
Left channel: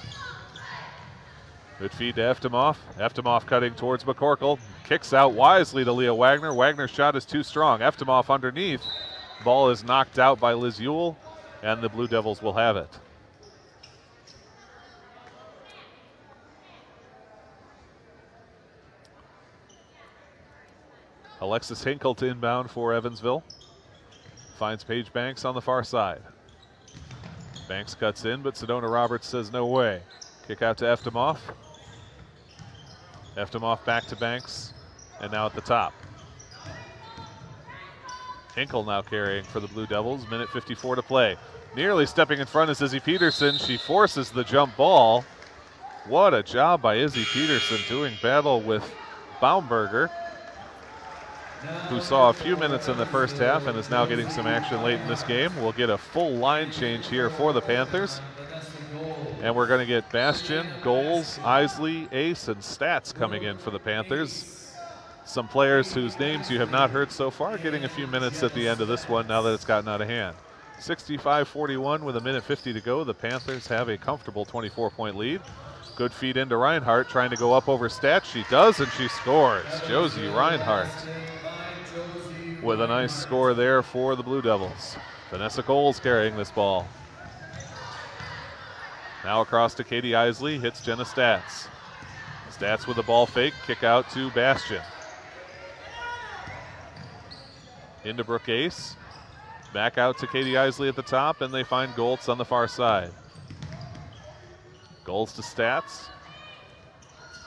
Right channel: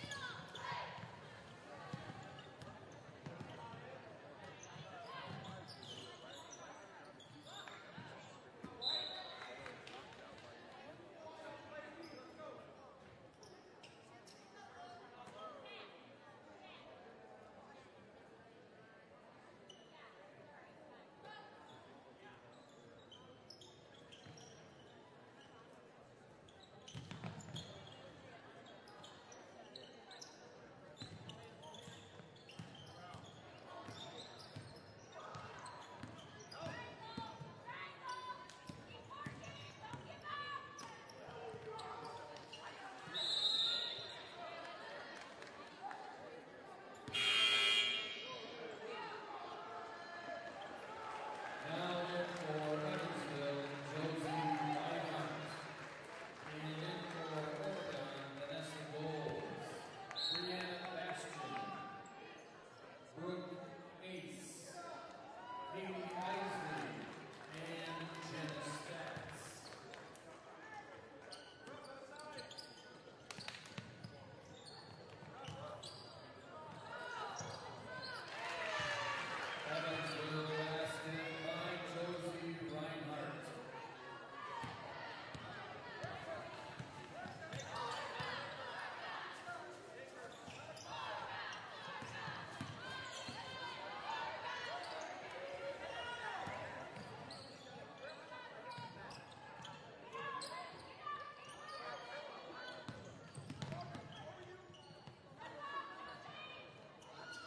Good feed to Eftimov. Eftimov cutting towards McCorkle. Kicks out wisely to Leah Wagner. Wagner's shot is too strong. Eftimov underneath. Ball is knocked out by Liz Ewell, and the Blue Devils will have it. Alexis Hinkle to inbound for Evansville. Finds Paige Banks on the far side. Banks cuts in, but Sedona Roberts says no way. Kick out to Eftimov. Eftimov back to Banks, and now at the top. Hinkle now carrying for the Blue Devils, minute 54 to play. Nearly stepping in front is Izzy Peterson. She forces the jump ball. What a job by Izzy Peterson doing battle with Baumberger, who saw a few minutes in the first half and is now getting some action late in this game. We'll get a full line change here for the Panthers. And we're going to get Bastian, Goals, Isley, Ace, and Stats coming in for the Panthers. Some players whose names you have not heard so far getting a few minutes at the end of this one now that it's gotten out of hand. 65-41 with a minute 50 to go. The Panthers have a comfortable 24-point lead. Good feed into Reinhardt, trying to go up over Stats. She does, and she scores. Josie Reinhardt with a nice score there for the Blue Devils. Vanessa Coles carrying this ball. Now across to Katie Isley, hits Jenna Stats. Stats with the ball fake, kick out to Bastian. Into Brooke Ace. Back out to Katie Isley at the top, and they find Goltz on the far side. Goals to Stats.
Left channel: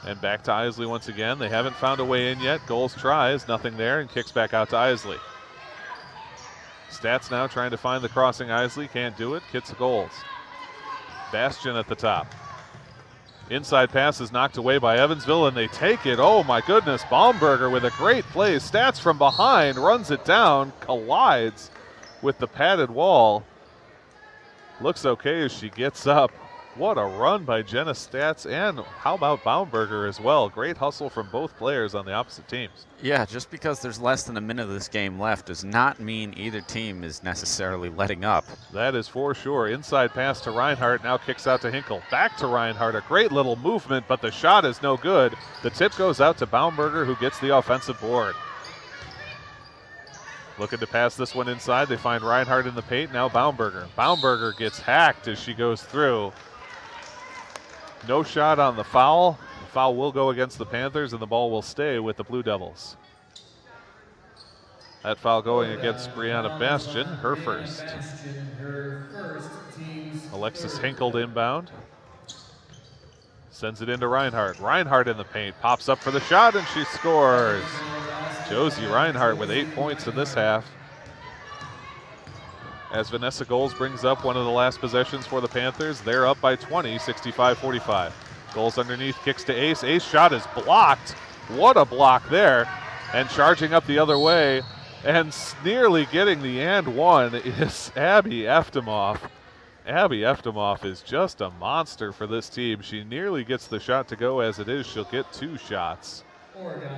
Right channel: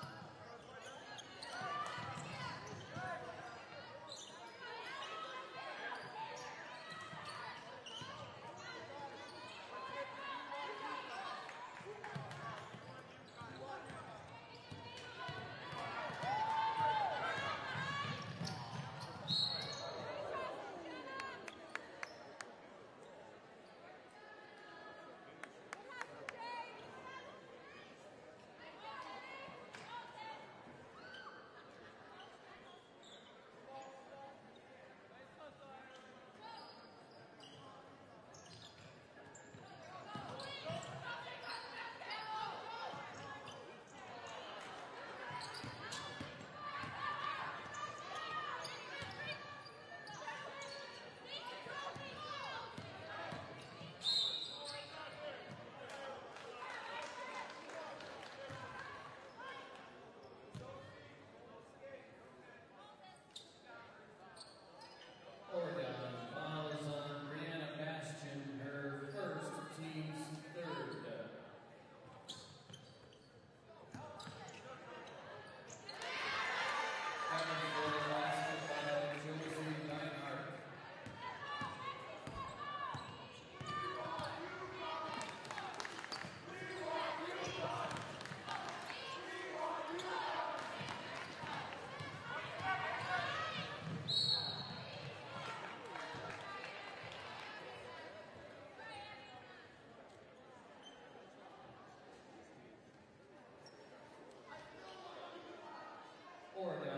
And back to Isley once again. They haven't found a way in yet. Goals tries, nothing there, and kicks back out to Isley. Stats now trying to find the crossing Isley, can't do it, kicks Goals. Bastian at the top. Inside pass is knocked away by Evansville, and they take it. Oh my goodness, Baumberger with a great play. Stats from behind, runs it down, collides with the padded wall. Looks okay as she gets up. What a run by Jenna Stats, and how about Baumberger as well? Great hustle from both players on the opposite teams. Yeah, just because there's less than a minute of this game left does not mean either team is necessarily letting up. That is for sure. Inside pass to Reinhardt, now kicks out to Hinkle. Back to Reinhardt, a great little movement, but the shot is no good. The tip goes out to Baumberger, who gets the offensive board. Looking to pass this one inside. They find Reinhardt in the paint, now Baumberger. Baumberger gets hacked as she goes through. No shot on the foul. The foul will go against the Panthers, and the ball will stay with the Blue Devils. That foul going against Brianna Bastian, her first. Alexis Hinkle inbound. Sends it into Reinhardt. Reinhardt in the paint, pops up for the shot, and she scores. Josie Reinhardt with 8 points in this half. As Vanessa Goals brings up one of the last possessions for the Panthers, they're up by 20, 65-45. Goals underneath, kicks to Ace. Ace shot is blocked. What a block there. And charging up the other way and nearly getting the and one is Abby Eftemoff. Abby Eftemoff is just a monster for this team. She nearly gets the shot to go. As it is, she'll get 2 shots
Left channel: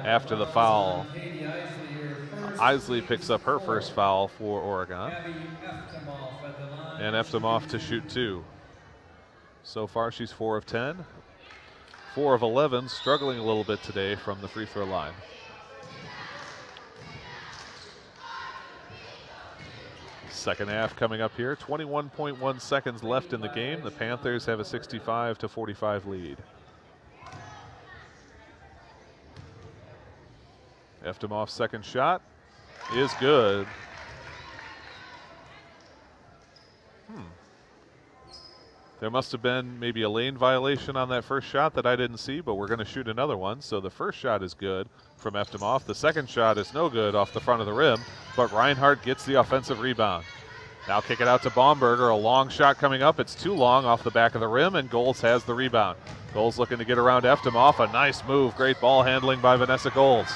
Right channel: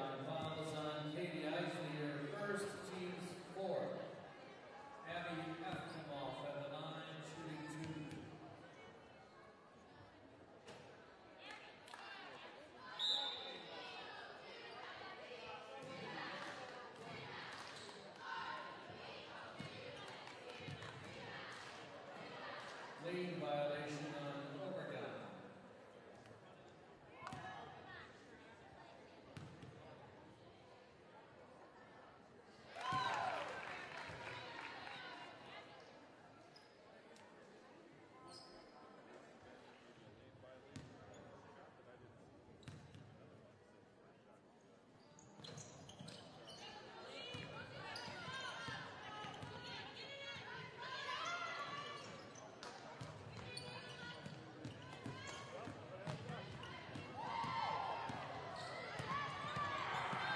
after the foul. Isley picks up her first foul for Oregon. And Eftemoff to shoot 2. So far she's 4 of 10. 4 of 11, struggling a little bit today from the free throw line. Second half coming up here. 21.1 seconds left in the game. The Panthers have a 65-45 lead. Eftemoff's second shot is good. There must have been maybe a lane violation on that first shot that I didn't see, but we're going to shoot another one. So the first shot is good from Eftemoff. The second shot is no good off the front of the rim, but Reinhardt gets the offensive rebound. Now kick it out to Baumberger. A long shot coming up. It's too long off the back of the rim, and Goals has the rebound. Goals looking to get around Eftemoff. A nice move. Great ball handling by Vanessa Goals.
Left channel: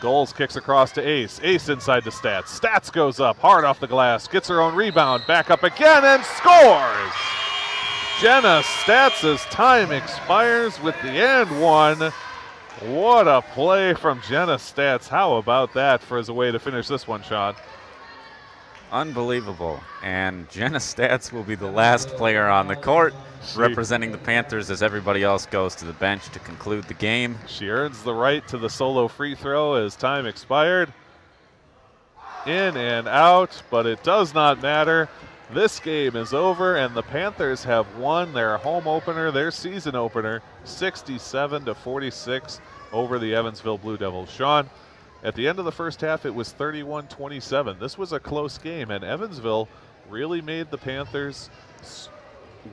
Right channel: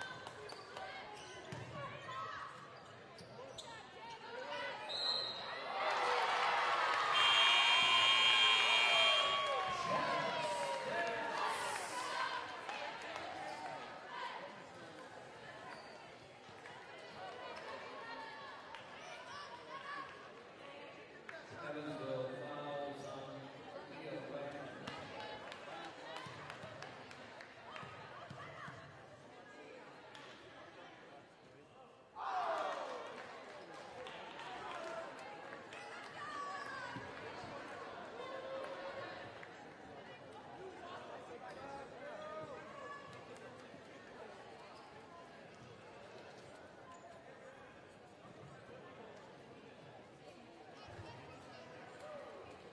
Goals kicks across to Ace. Ace inside to Stats. Stats goes up hard off the glass. Gets her own rebound. Back up again and scores! Jenna Stats' time expires with the and one. What a play from Jenna Stats. How about that for as a way to finish this one, Sean? Unbelievable. And Jenna Stats will be the last player on the court representing the Panthers as everybody else goes to the bench to conclude the game. She earns the right to the solo free throw as time expired. In and out, but it does not matter. This game is over, and the Panthers have won their home opener, their season opener, 67-46 over the Evansville Blue Devils. Sean, at the end of the first half, it was 31-27. This was a close game, and Evansville really made the Panthers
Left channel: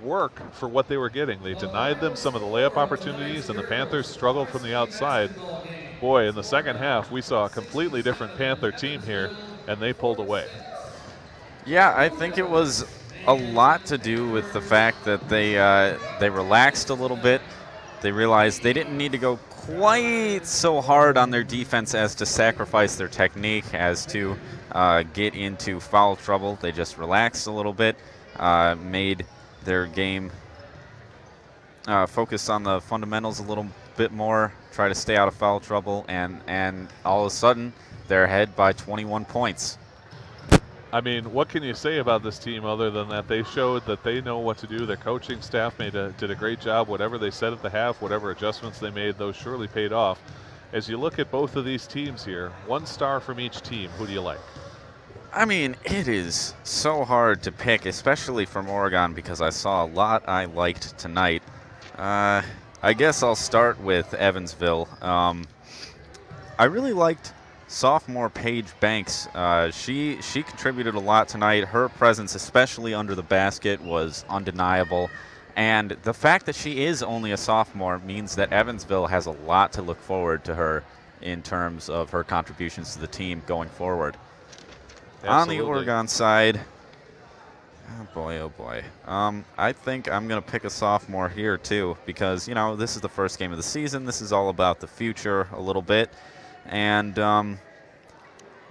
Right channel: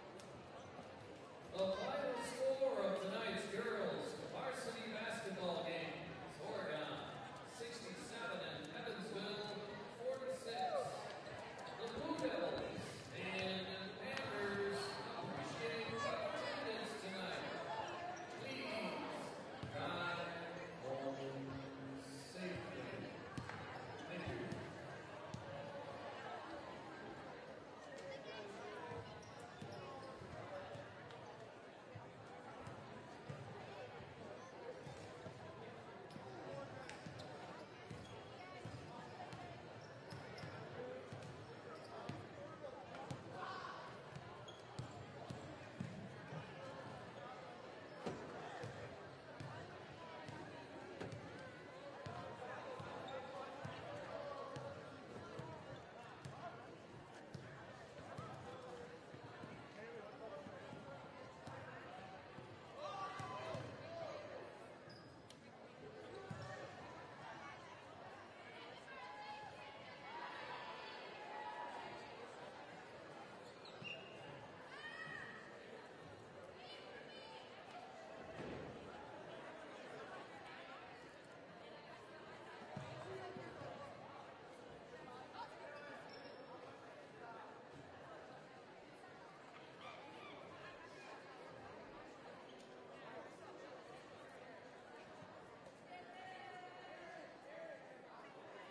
work for what they were getting. They denied them some of the layup opportunities, and the Panthers struggled from the outside. Boy, in the second half, we saw a completely different Panther team here, and they pulled away. Yeah, I think it was a lot to do with the fact that they relaxed a little bit. They realized they didn't need to go quite so hard on their defense as to sacrifice their technique, as to get into foul trouble. They just relaxed a little bit, made their game focus on the fundamentals a little bit more, try to stay out of foul trouble, and all of a sudden they're ahead by 21 points. I mean, what can you say about this team other than that they showed that they know what to do? Their coaching staff did a great job. Whatever they said at the half, whatever adjustments they made, those surely paid off. As you look at both of these teams here, 1 star from each team, who do you like? I mean, it is so hard to pick, especially from Oregon, because I saw a lot I liked tonight. I guess I'll start with Evansville. I really liked sophomore Paige Banks. She contributed a lot tonight. Her presence, especially under the basket, was undeniable. And the fact that she is only a sophomore means that Evansville has a lot to look forward to her in terms of her contributions to the team going forward. Absolutely. On the Oregon side, oh boy. I think I'm going to pick a sophomore here too, because, you know, this is the first game of the season. This is all about the future a little bit. And I'm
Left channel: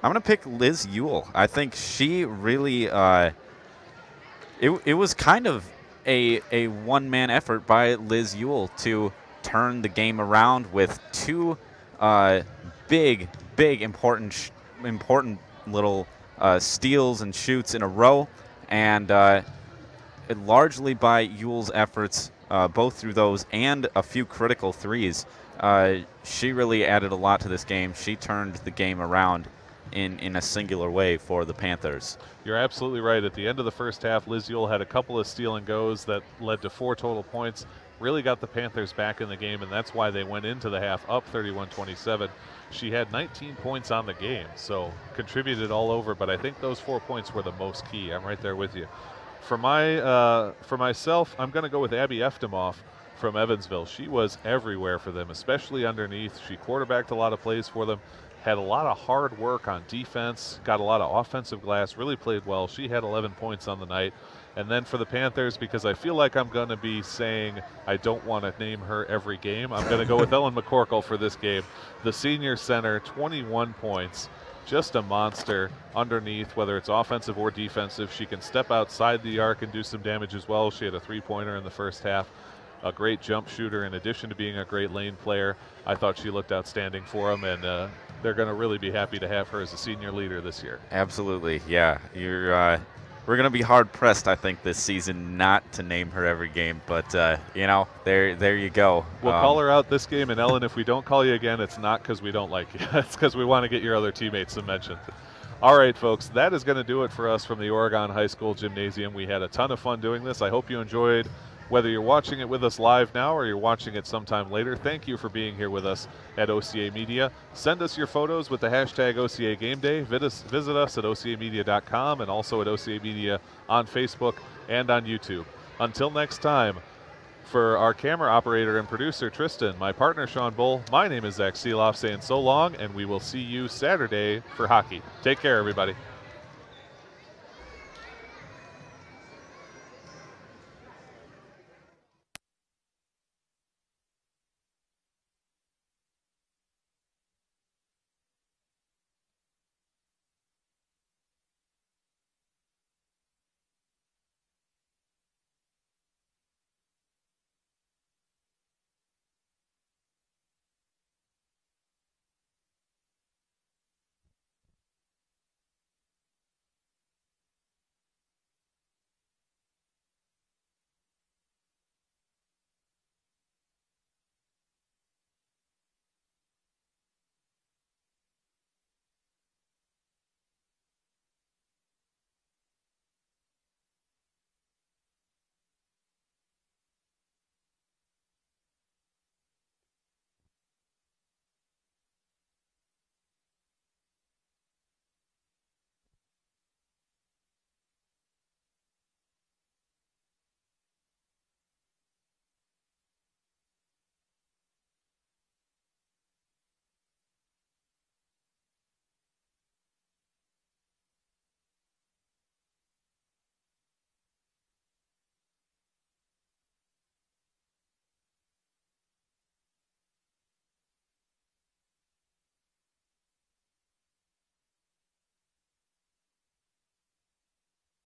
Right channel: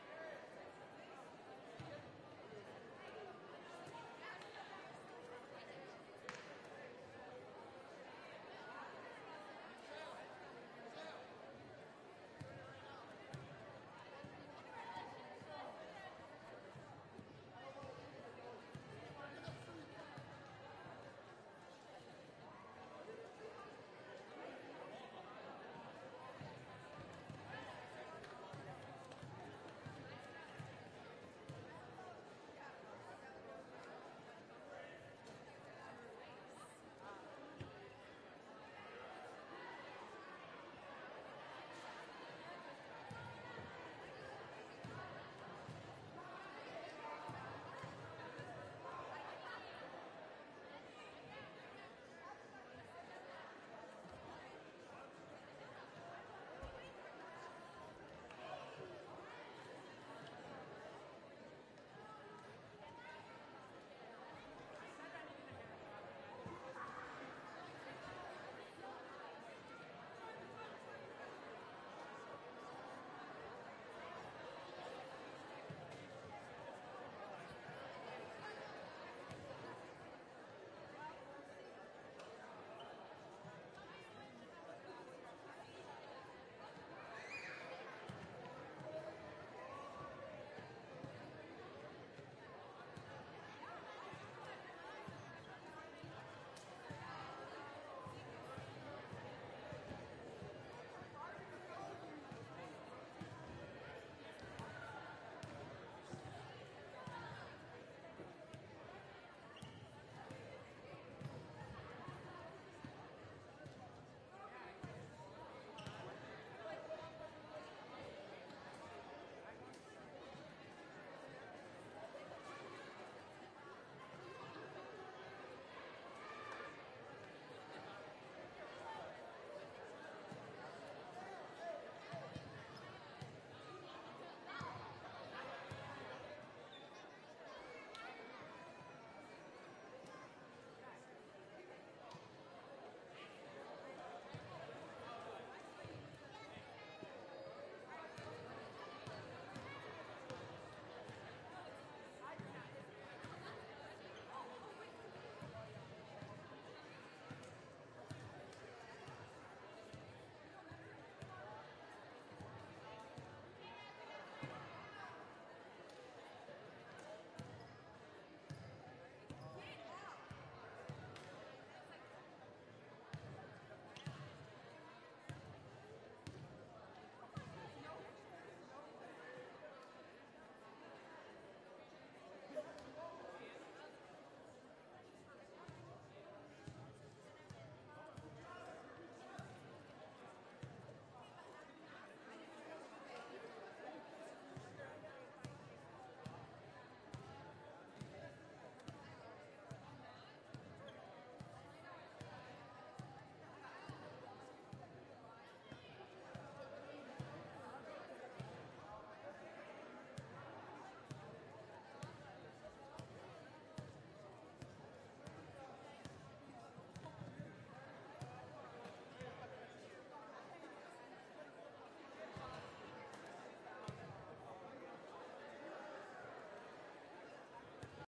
going to pick Liz Ewell. I think she really, it was kind of a one-man effort by Liz Ewell to turn the game around with two uh, big, important little steals and shoots in a row, and largely by Ewell's efforts, both through those and a few critical threes. She really added a lot to this game. She turned the game around in a singular way for the Panthers. You're absolutely right. At the end of the first half, Liz Ewell had a couple of steal and goes that led to 4 total points, really got the Panthers back in the game, and that's why they went into the half up 31-27. She had 19 points on the game, so contributed all over, but I think those 4 points were the most key. I'm right there with you. For myself, I'm going to go with Abby Eftemoff from Evansville. She was everywhere for them, especially underneath. She quarterbacked a lot of plays for them, had a lot of hard work on defense, got a lot of offensive glass, really played well. She had 11 points on the night. And then for the Panthers, because I feel like I'm going to be saying I don't want to name her every game, I'm going to go with Ellen McCorkle for this game. The senior center, 21 points. Just a monster underneath, whether it's offensive or defensive. She can step outside the arc and do some damage as well. She had a 3-pointer in the first half. A great jump shooter in addition to being a great lane player. I thought she looked outstanding for them, and they're going to really be happy to have her as a senior leader this year. Absolutely, yeah. We're going to be hard-pressed, I think, this season not to name her every game. But, there you go. We'll call her out this game, and Ellen, if we don't call you again, it's not because we don't like you. It's because we want to get your other teammates some mention. All right, folks, that is going to do it for us from the Oregon High School Gymnasium. We had a ton of fun doing this. I hope you enjoyed. Whether you're watching it with us live now or you're watching it sometime later, thank you for being here with us at OCAmedia. Send us your photos with the hashtag OCAGameDay. Visit us at OCAmedia.com and also at OCAmedia on Facebook and on YouTube. Until next time, for our camera operator and producer, Tristan, my partner, Sean Bull, my name is Zach Seeloff saying so long, and we will see you Saturday for hockey. Take care, everybody.